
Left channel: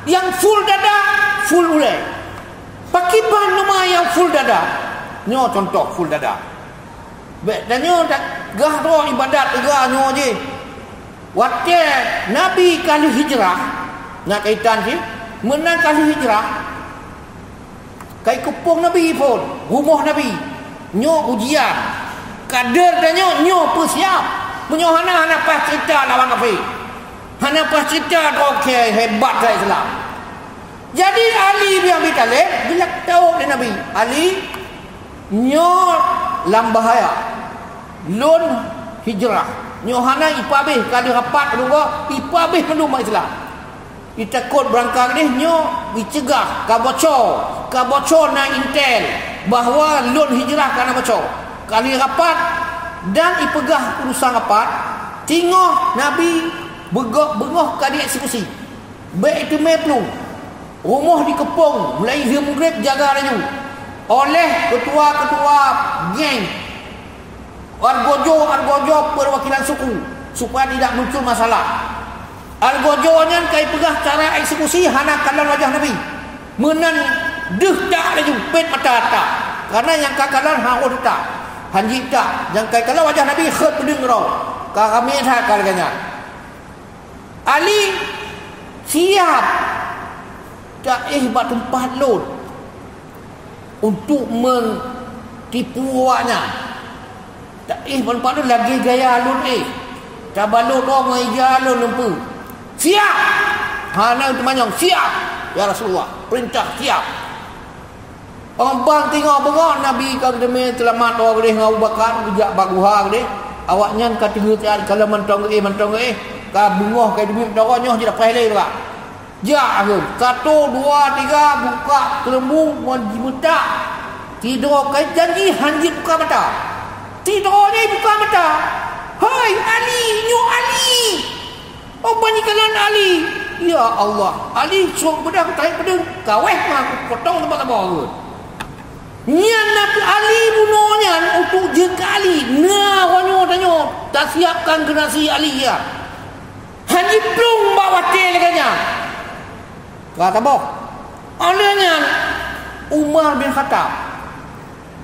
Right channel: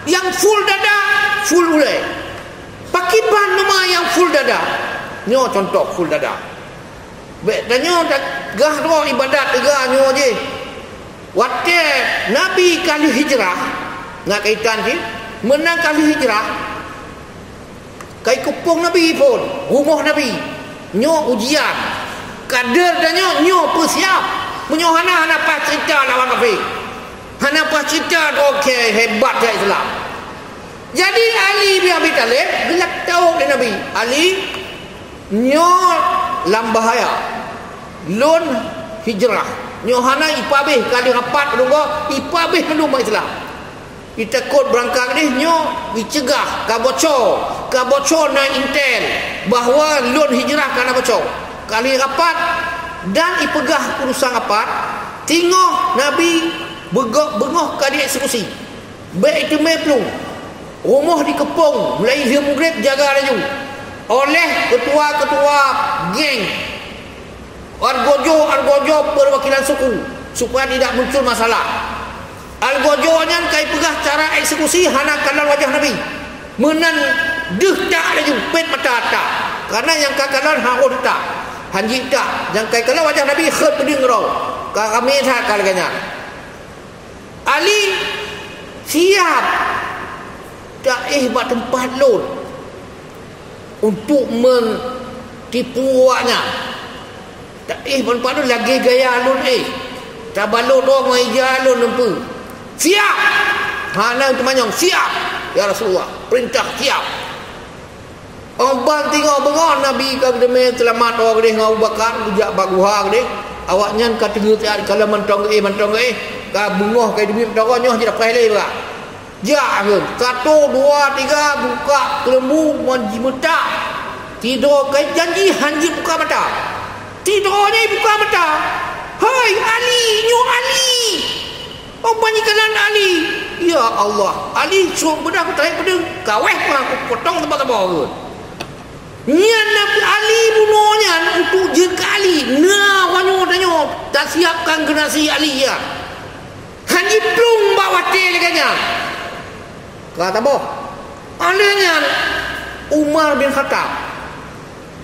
Yang full dada, full ulai. Pakiban nama yang full dada. Nyo contoh full dada. Dan nyo tak gah doa ibadat tegak nyo je. Waktu Nabi kali hijrah, nak kaitan je, menang kali hijrah. Kai kupung Nabi pun, rumah Nabi. Nyo ujian. Kader dan nyo persiap. Menyo hana pas cerita lawan kafir. Hana pas cerita okey hebat ke Islam. Jadi Ali bin Abi Talib gelak tahu dengan Nabi. Ali nyo lam bahaya. Lun hijrah. Nyo hana ipabih kali rapat dua ipabih rumah Islam. Ditakut berangkat ni nyo dicegah kabocor na intel bahawa lun hijrah kerana bocor. Kali rapat dan ipegah urusan rapat, tengok Nabi bengok kali eksekusi. Baik itu meplung. Rumah dikepung, mulai maghrib jaga laju. Oleh ketua-ketua geng Argojo perwakilan suku supaya tidak muncul masalah. Argojonya kai pegah cara eksekusi hana kalan wajah Nabi. Menan deh tak laju pet mata-mata. Karena yang kakalan harus tak. Hanji tak. Yang kai kalan wajah Nabi khut pedeng rau. Kami tak kalanya. Ali siap tak buat tempat lun untuk mentipu awaknya. Tak tempat lun lagi gaya lun tak balut orang ija lun nempu. Siap. Hana untuk manyong siap. Ya Rasulullah, perintah siap. Orang bang tengok bengok Nabi kau demi selamat orang dia ngau bakar bujak baguha dia. Awaknya kata kalau mentong ka bungoh kai demi mentong nyoh je dah pahlai juga. Ja ke 1 2 3 buka kelembu menjimetak. Tidur kai janji hanji buka mata. Tidurnya buka mata. Hai Ali, nyo Ali. Oh banyikalan Ali. Ya Allah, Ali suruh bedah tarik pedang. Kaweh aku potong tempat-tempat aku. Nian Nabi Ali bunuhnya untuk jengka Ali. Nah, wanyo danyo tak siapkan generasi Ali ya. Hanji plung bawa tel kanya. Kata boh. Alenya Umar bin Khattab.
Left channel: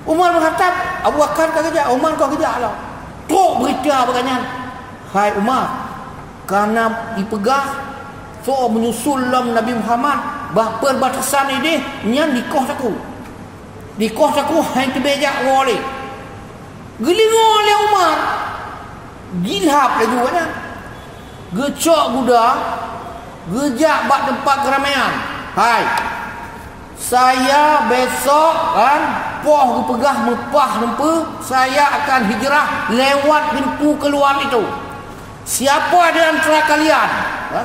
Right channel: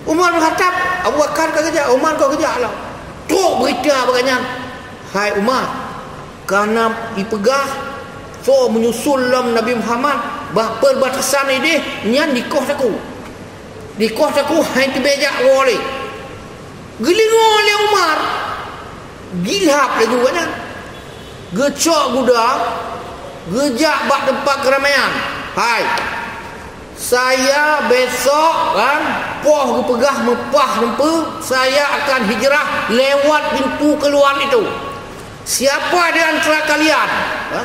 Abu Bakar kau kerja, Umar kau kerja lah. Tok berita baganya. Hai Umar, karena dipegah so menyusul Nabi Muhammad bah perbatasan ini nyan di kos aku hai tibejak role gelingo le Umar gilhap le gua gecok guda gejak bak tempat keramaian. Hai saya besok kan poh pegah mepah nempu saya akan hijrah lewat pintu keluar itu. Siapa di antara kalian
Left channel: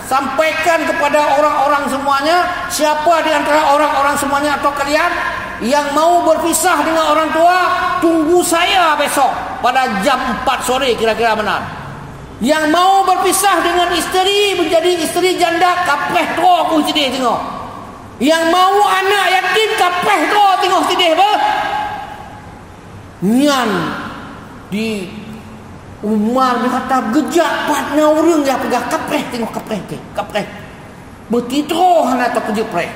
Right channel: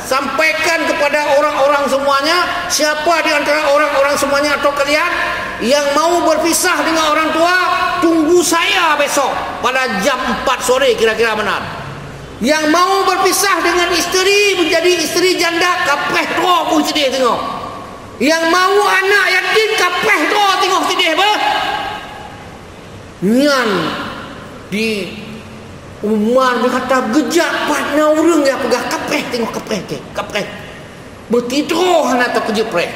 sampaikan kepada orang-orang semuanya, siapa di antara orang-orang semuanya atau kalian yang mau berpisah dengan orang tua, tunggu saya besok pada jam 4 sore kira-kira benar. Yang mau berpisah dengan isteri menjadi isteri janda, kapeh tu aku sedih tengok. Yang mau anak yatim, kapeh tu tengok sedih apa? Nian di Umar dia kata gejak patna urang dia pegah kapreh, tengok kapreh. Bertidroh hana tak kerja preh.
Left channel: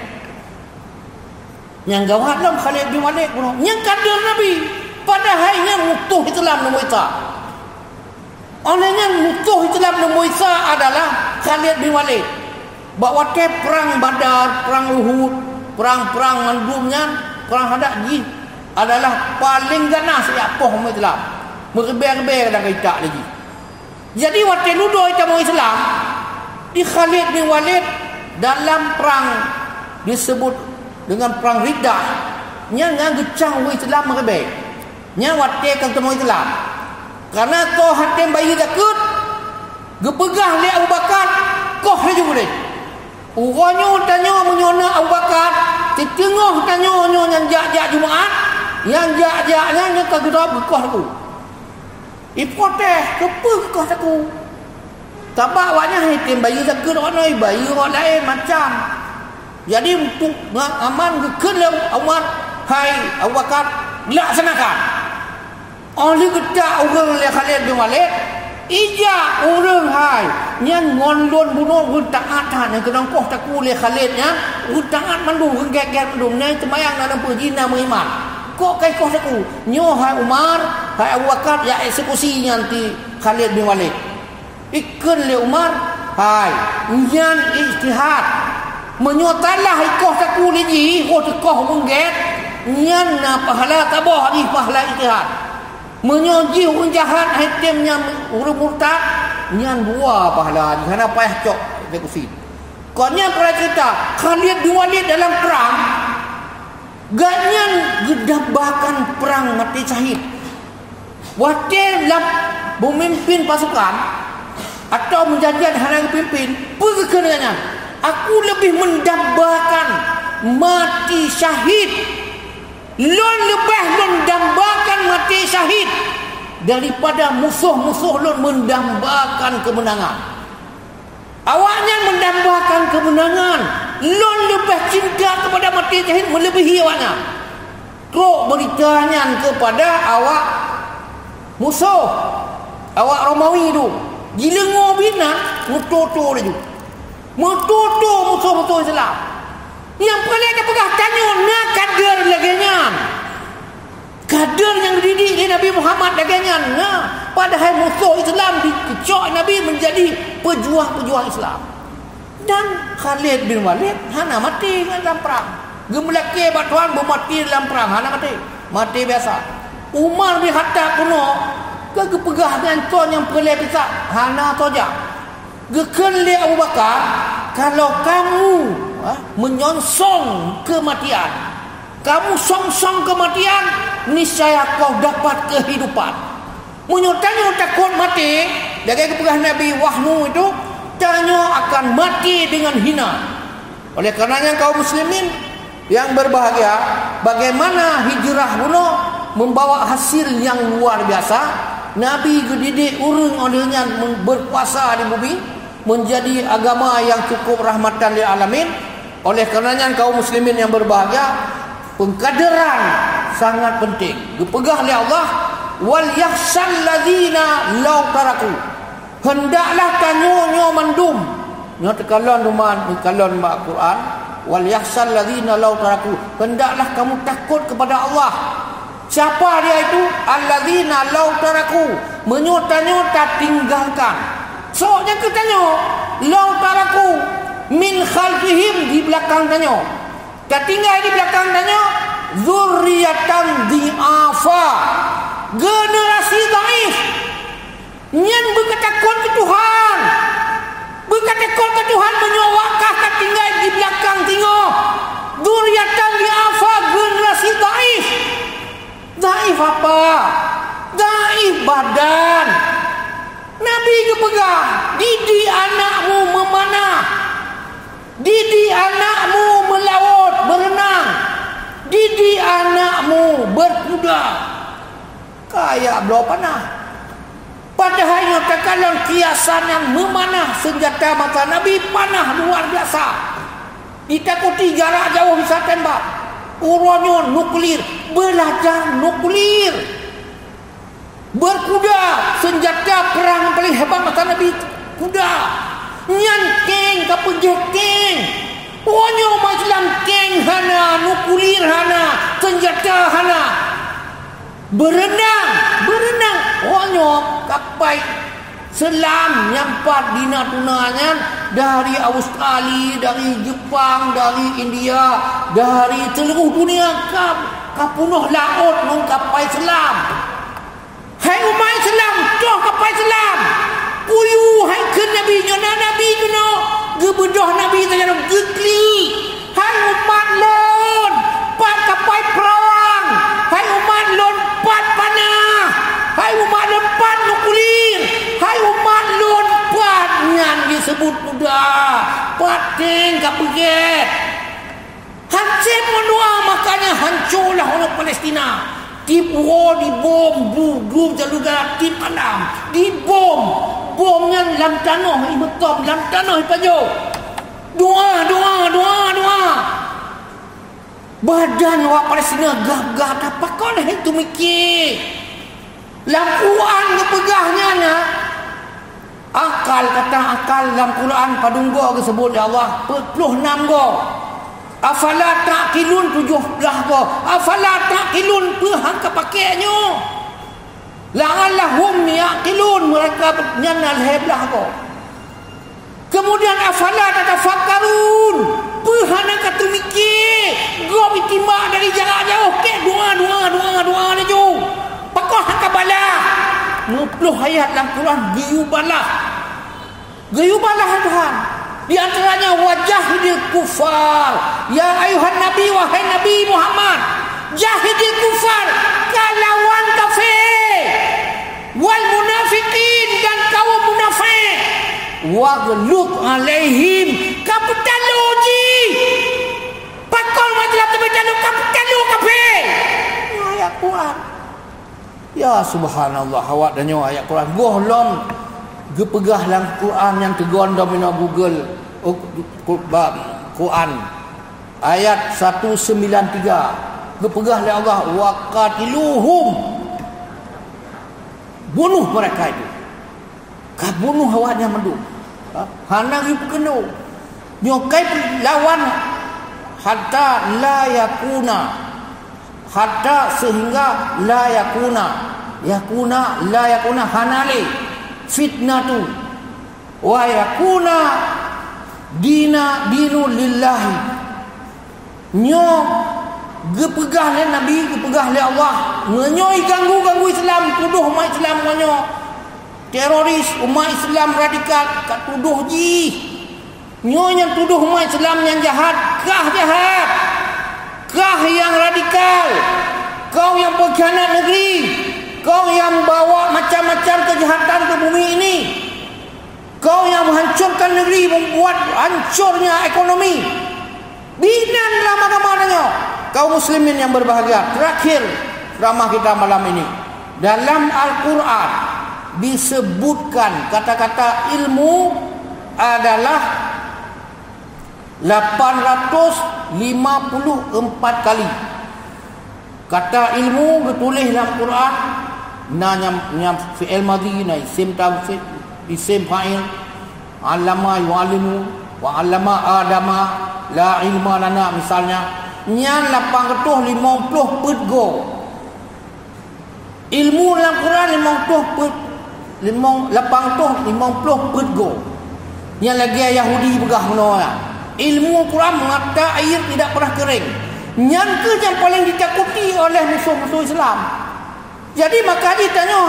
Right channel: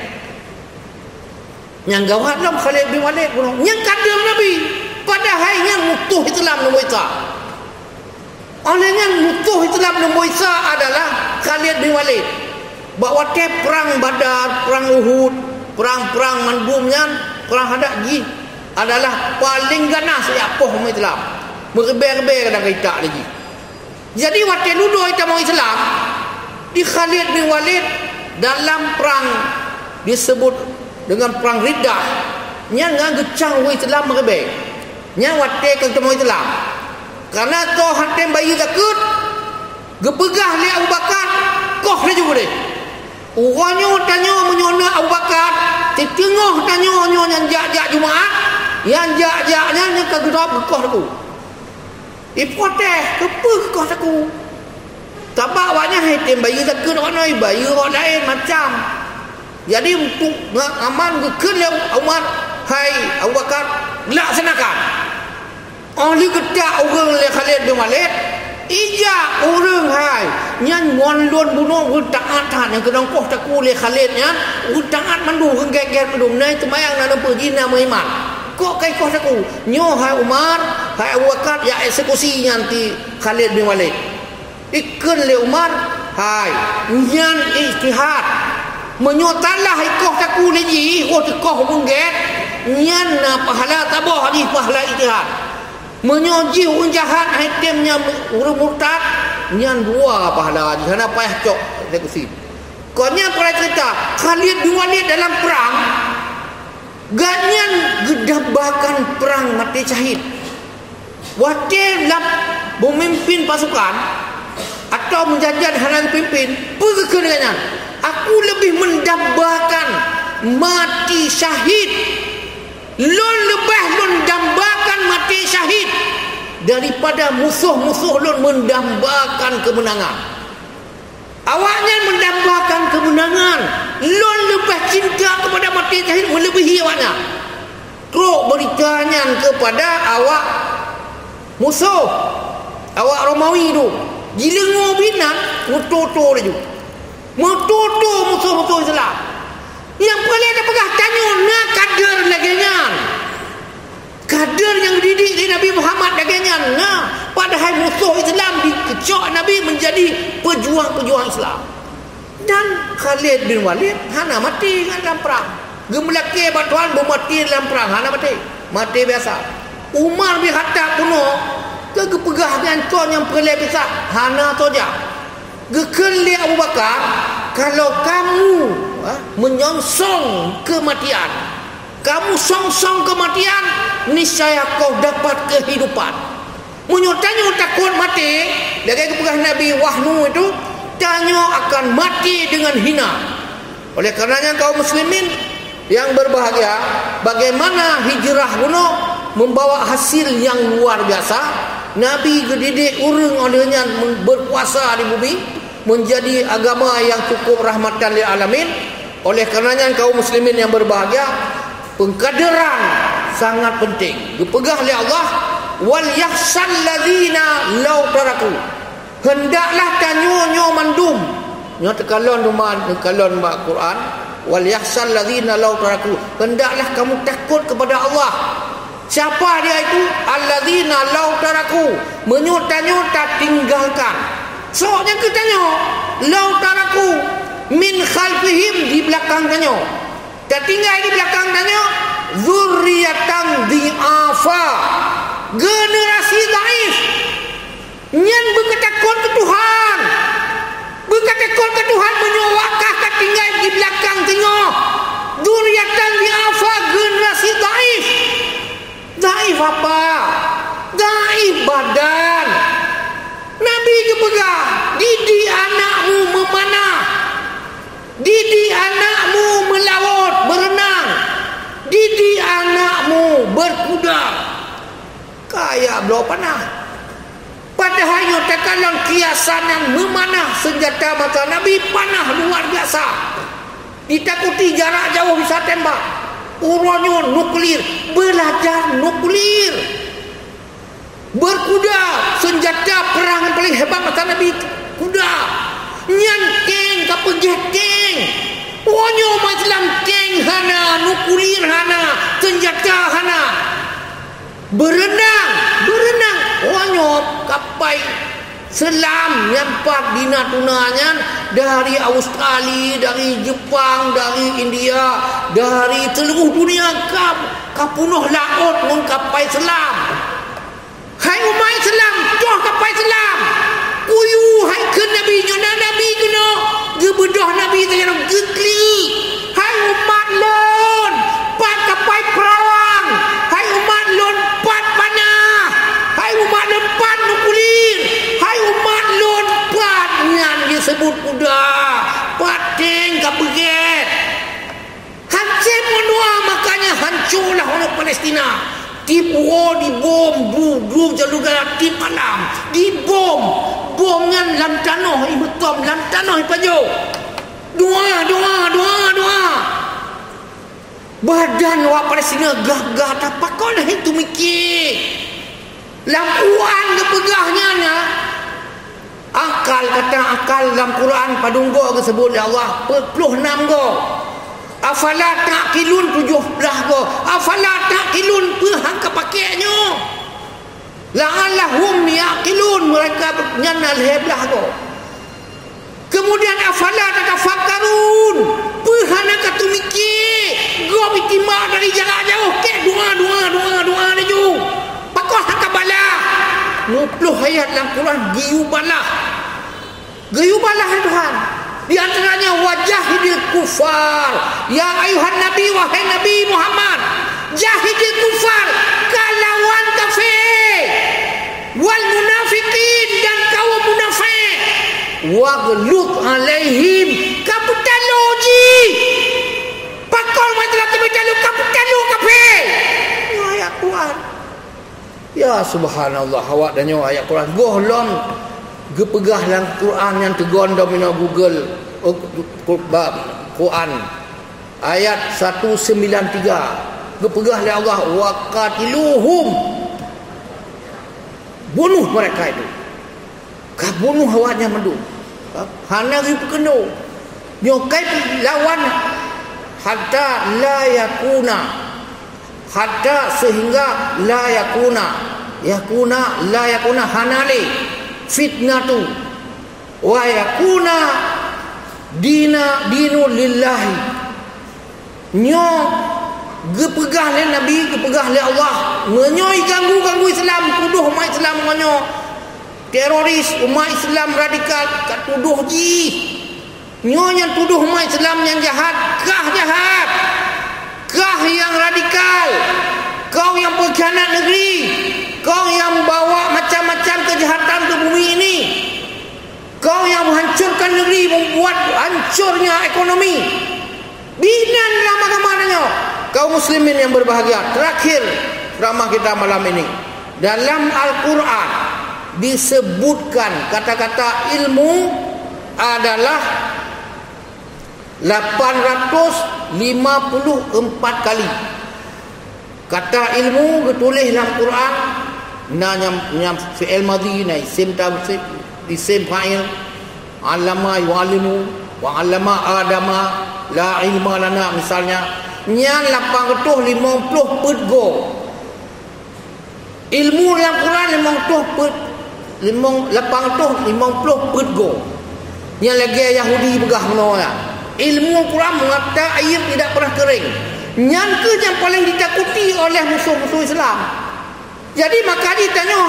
Yang gawat dalam Khalid bin Walid pun. Yang kader Nabi. Padahal yang mutuh Islam nombor Isa. Oleh yang mutuh Islam nombor Isa adalah Khalid bin Walid. Bawa perang Badar, perang Uhud, perang-perang mandumnya, perang Hadaqji adalah paling ganas ya poh umat Islam. Merebe-rebe kadang kita lagi. Jadi waktu nuduh kita mau Islam di Khalid bin Walid dalam perang disebut dengan perang Riddah. Nya ngagecang Islam merebe. Nya waktu kita mau Islam. Karena toh hatem bayi takut gepegah li Abu Bakar koh le juga deh. Urangnya tanya menyona Abu Bakar, tengok tanya yang jak-jak Jumaat, yang jak-jaknya ni kagedap koh aku. Ipoteh kepeh koh aku. Tabak awaknya hatem bayi takut orang bayi orang lain macam. Jadi untuk aman gekeun le Umar, hai Abu Bakar, laksanakan. Oleh kita orang le Khalid bin Walid ija orang hai nyan ngondon bunuh taat yang kedang koh taku le Khalid nya taat mandu geger mandu nai temayang na pergi na mengimat kok kai koh taku nyo hai Umar hai Abu Bakar ya eksekusi nanti Khalid bin Walid ikun le Umar hai nyan ijtihad menyotalah koh taku le ji koh mungget nyan na pahala tabah di pahala ijtihad menyoji unjahat hatimnya urang murtad nyan dua pahala jana payah cok eksekusi. Konya pula cerita Khalid bin Walid dalam perang ganyan gedabakan perang mati syahid. Wakil memimpin pasukan atau menjajah harang pimpin pergi ke dengannya. Aku lebih mendambakan mati syahid lon lebih mendambakan mati syahid daripada musuh-musuh lon mendambakan kemenangan. Awaknya mendambakan kemenangan, lon lebih cinta kepada mati syahid melebihi awaknya. Teruk beritanya kepada awak musuh, awak Romawi tu gila ngobina mutu-tu dia juga mutu-tu musuh-musuh Islam. Yang paling ada pegah tanya nak kader laganya. Kader yang dididik oleh Nabi Muhammad laganya. Nah, padahal musuh Islam dikecok Nabi menjadi pejuang-pejuang Islam. Dan Khalid bin Walid hana mati dalam perang. Gemelaki batuan bermati dalam perang hana mati. Mati biasa. Umar bin Khattab kuno kegepegah dengan tuan yang perleh pisah hana toja. Gekeli Abu Bakar, kalau kamu menyongsong kematian, kamu songsong kematian, niscaya kau dapat kehidupan. Menyutanya takut mati, dari kepegah Nabi Wahnu itu, tanya akan mati dengan hina. Oleh karenanya kaum muslimin yang berbahagia, bagaimana hijrah kuno membawa hasil yang luar biasa. Nabi gedidik urang olehnya berpuasa di bumi menjadi agama yang cukup rahmatan lil alamin. Oleh karenanya kaum muslimin yang berbahagia, pengkaderan sangat penting. Dipegah oleh Allah, wal yahsal ladzina law taraku. Hendaklah tanyo mandum. Nya tekalon rumah tekalon mak Quran, wal yahsal ladzina law taraku. Hendaklah kamu takut kepada Allah. Siapa dia itu? Alladzina law taraku, menyuta-nyuta tinggalkan. Soalnya kita tanya, law taraku min khalfihim, di belakang tanya. Tak tinggal di belakang tanya, zurriyatan dhi'afa, generasi dhaif. Nyan berketakut ke Tuhan. Berketakut ke Tuhan menyuakah tak tinggal di belakang tengok. Zurriyatan dhi'afa, generasi dhaif. Dhaif apa? Dhaif badan. Nabi kepegah, didik anakmu memanah, didik anakmu melaut, berenang, didik anakmu berkuda. Kayak belau panah. Padahal kalau kiasan yang memanah senjata maka Nabi panah luar biasa. Ditakuti jarak jauh bisa tembak. Uronyo nuklir, belajar nuklir. Berkuda, senjata hebat mata Nabi kuda. Nyan keng kapegeh keng. Wonyo umat Islam keng hana, nukulir hana, senjata hana. Berenang. Wonyo kapai selam nyampat di Natuna-nya dari Australia, dari Jepang, dari India, dari seluruh dunia kapunuh laut mengkapai selam. Hai umat Islam, toh kapai selam. Kuyu hai ke Nabi nyona Nabi kena gebedah Nabi tanya gekli. Hai umat lon, pat kapai perang. Hai umat lon pat panah. Hai umat lon pat nukulir. Hai umat lon pat nyan disebut kuda. Pating kabeget. Hancur menua, makanya hancurlah orang Palestina. Dibom, bom jaluga di malam, dibom, bomnya dalam tanah, imetom dalam tanah ipajo. Doa. Badan orang Palestina gagah tak kau dah itu mikir. Quran kepegahnya na. Akal dalam Quran padunggo disebut ya Allah 26 go. Afala ta'qilun 17 go. Afala ta'qilun hangka pakainya. La'allahum yaqilun, mereka nyana leblah go. Kemudian afala tatafakkarun, hana katu mikir. Go bitima dari jarak jauh ke doa ni jo. Pakah hangka bala. 20 ayat dalam Quran gayubalah Tuhan. Di antaranya wajahidil kufar. Ya ayuhan Nabi, wahai Nabi Muhammad, jahidil kufar, kalawan kafir, wal munafiqin, dan kaum munafik, waghlud alaihim, kapitaloji, pakol majalah terbejalo kapitalo kafir. Ayat Quran. Ya subhanallah, awak dan nyawa ayat Quran gohlong gepegah dalam Quran yang tegon dah punya Google Quran ayat 193 gepegah oleh Allah waqatiluhum, bunuh mereka itu. Bunuh awaknya mendu hana ri keno nyokai lawan hatta sehingga la yakuna hanali fitnatu wa yakuna dinu lillahi. Nyo gepegah le Nabi, gepegah le Allah, menyoi ganggu Islam, tuduh umat Islam menyo teroris, umat Islam radikal kat tuduh ji. Nyo yang tuduh umat Islam yang jahat, kah yang radikal, kau yang pengkhianat negeri, kau yang bawa macam-macam kejahatan ke bumi ini, kau yang menghancurkan negeri, membuat hancurnya ekonomi. Dinan dalam agama-Nya. Kaum muslimin yang berbahagia, terakhir ceramah kita malam ini, dalam Al-Quran disebutkan kata-kata ilmu adalah 854 kali. Kata ilmu ditulis dalam Quran yang fi'il madhi na isim tawsif, isim fa'il, allama yu'allimu wa allama adama la ilma lana, misalnya yang 850 go. Ilmu dalam Quran 850 go. Yang lagi Yahudi begah menolak. Ilmu Quran mengatakan air tidak pernah kering. Yang paling ditakuti oleh musuh-musuh Islam. Jadi maka ditanya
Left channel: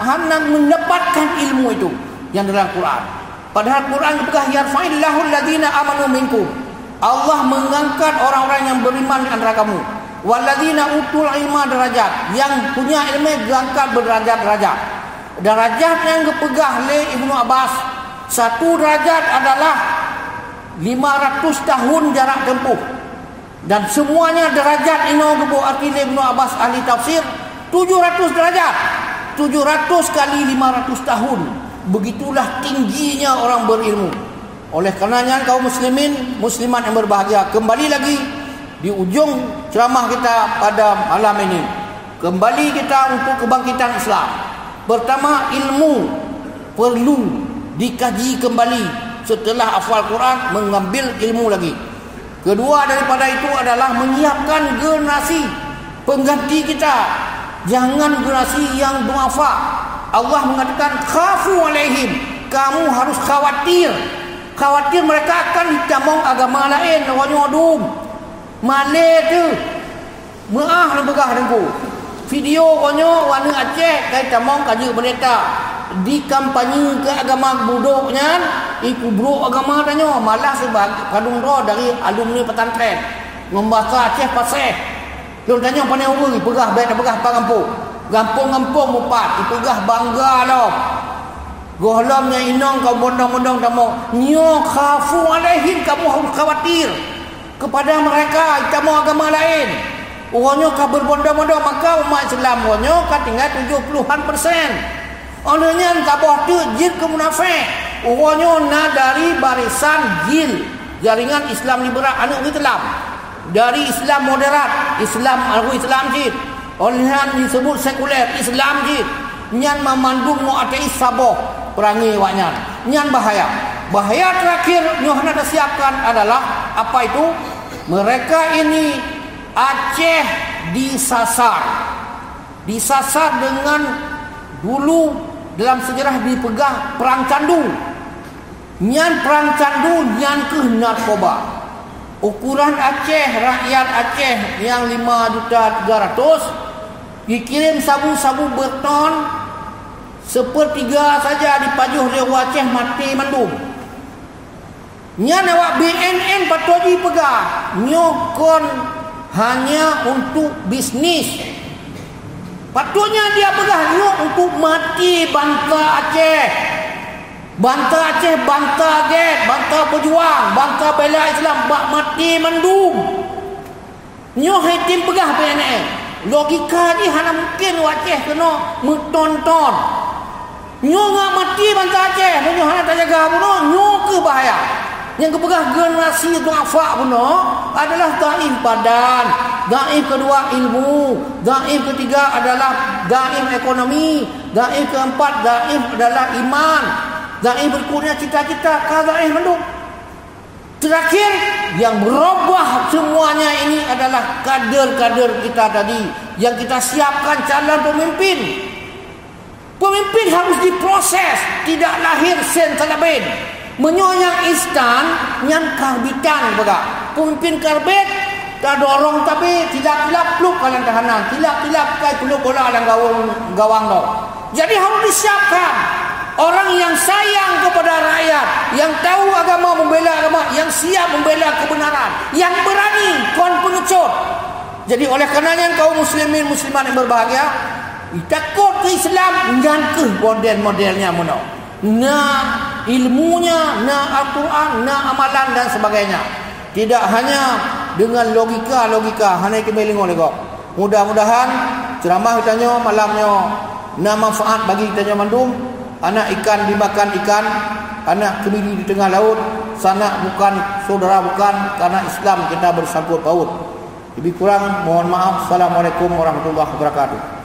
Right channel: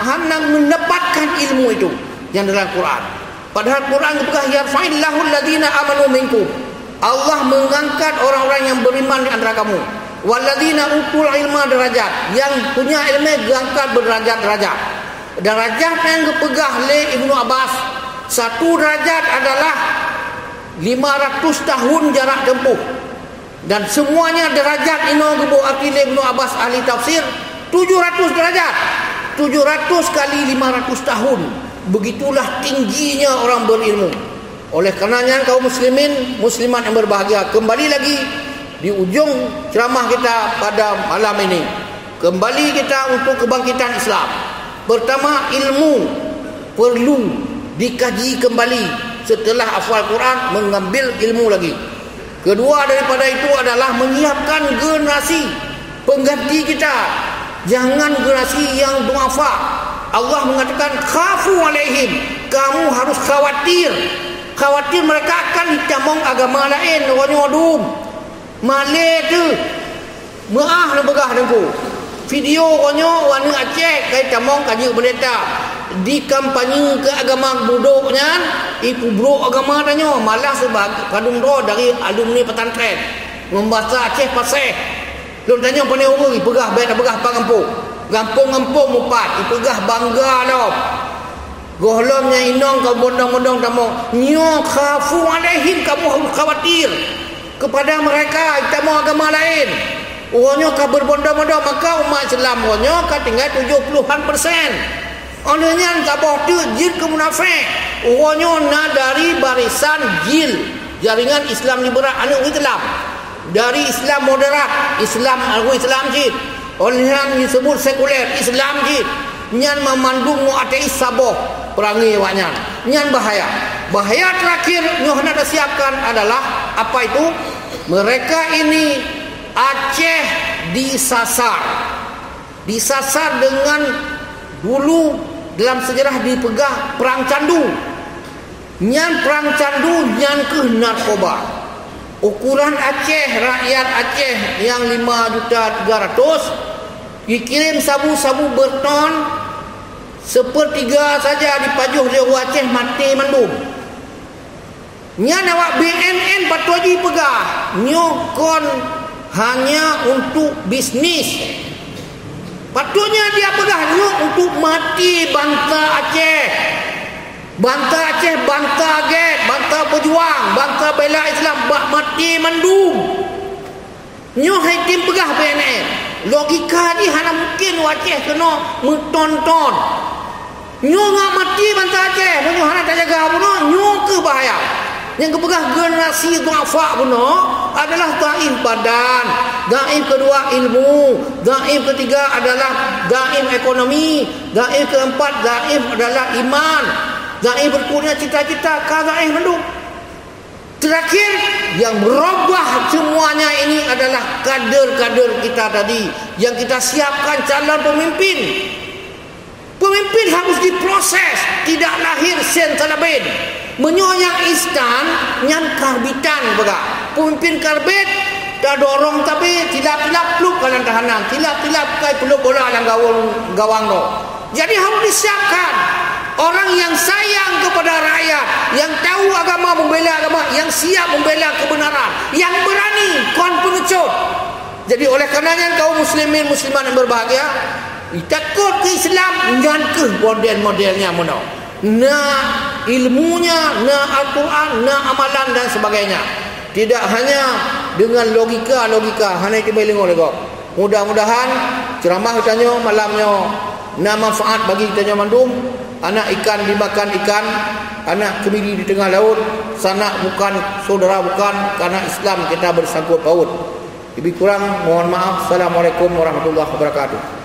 hana mendapatkan ilmu itu yang dalam Quran. Padahal Quran juga yarfa'illahu alladhina amanu minkum. Allah mengangkat orang-orang yang beriman di antara kamu. Walladzina utul ilma derajat, yang punya ilmu diangkat berderajat-derajat. Derajat yang dipegah oleh Ibnu Abbas, satu derajat adalah 500 tahun jarak tempuh. Dan semuanya derajat ini gebu arti Ibnu Abbas ahli tafsir 700 derajat. 700 kali 500 tahun. Begitulah tingginya orang berilmu. Oleh karenanya kaum muslimin, muslimat yang berbahagia, kembali lagi di ujung ceramah kita pada malam ini, kembali kita untuk kebangkitan Islam. Pertama, ilmu. perlu dikaji kembali setelah hafal Quran, mengambil ilmu lagi. Kedua daripada itu adalah menyiapkan generasi pengganti kita. Jangan generasi yang duafa. Allah mengatakan khafu alaihim, kamu harus khawatir mereka akan ditamong agama lain. Wanyodum Malay tu maah nak begah dengku video onyo warna Aceh kai tamong kaji pendeta di kampanye ke agama budoknya ipu bro agama tanyo malah sebagai padung ro dari alumni pesantren membaca Aceh paseh lu tanya pandai umur pegah baik pegah gampung mupat pegah bangga lo gohlomnya inong kau mondong-mondong tamong nyo khafu alaihim, kamu harus khawatir kepada mereka tamong agama lain. Orangnya kau berbondong-bondong, maka umat Islam orangnya kau tinggal 70%. Orangnya tabah tu jil ke munafik. Orangnya nak dari barisan jil jaringan Islam liberal anu Islam, dari Islam moderat, Islam jil. Orang disebut sekuler Islam jil. Nyan memandung mu ateis saboh perangi waknya. Nyan bahaya. Bahaya terakhir nyoh nak siapkan adalah apa itu? Mereka ini Aceh disasar dengan dulu dalam sejarah dipegang perang candu. Nyan perang candu nyan ke narkoba. Ukuran Aceh, rakyat Aceh yang 5.300.000 dikirim sabu-sabu berton, sepertiga saja dipajuh di Aceh mati mendum. Nya awak BNN patuji pegah nyokon hanya untuk bisnis. Patutnya dia pegah nyok untuk mati bangsa Aceh. Bangsa Aceh, bangsa Get, bangsa pejuang, bangsa bela Islam bak mati mendum. Nyok hitim pegah BNN. Logika ni hanya mungkin Aceh kena mentonton. Nyo ngak mati bangsa Aceh, nyo hanya tak jaga puno, nyo ke bahaya. Yang kepegah generasi duafa puno adalah dhaif badan, dhaif kedua ilmu, dhaif ketiga adalah dhaif ekonomi, dhaif keempat dhaif adalah iman, dhaif berkurangnya cita-cita, dhaif hidup. Terakhir yang berubah semuanya ini adalah kader-kader kita tadi yang kita siapkan calon pemimpin. Pemimpin harus diproses, tidak lahir sen salabin. Menyoyang istan nyam karbitan bega. Pemimpin karbit tak dorong tapi tilap-tilap peluk kanan tahanan, tilap-tilap kai peluk bola dalam gawang lo. Jadi harus disiapkan orang yang sayang kepada rakyat, yang tahu agama, membela agama, yang siap membela kebenaran, yang berani kon pengecut. Jadi oleh karenanya kaum muslimin muslimat yang berbahagia, takut ke Islam jangan ke model-modelnya muno. Nah ilmunya, nah Al-Quran, nah amalan dan sebagainya. Tidak hanya dengan logika, hanya itu beling oleh kau. Mudah-mudahan ceramah kitanya malamnya na manfaat bagi kita mandum. Anak ikan dimakan ikan, anak kemiri di tengah laut, sanak bukan saudara bukan, karena Islam kita bersangkut paut. Lebih kurang mohon maaf. Assalamualaikum warahmatullahi wabarakatuh.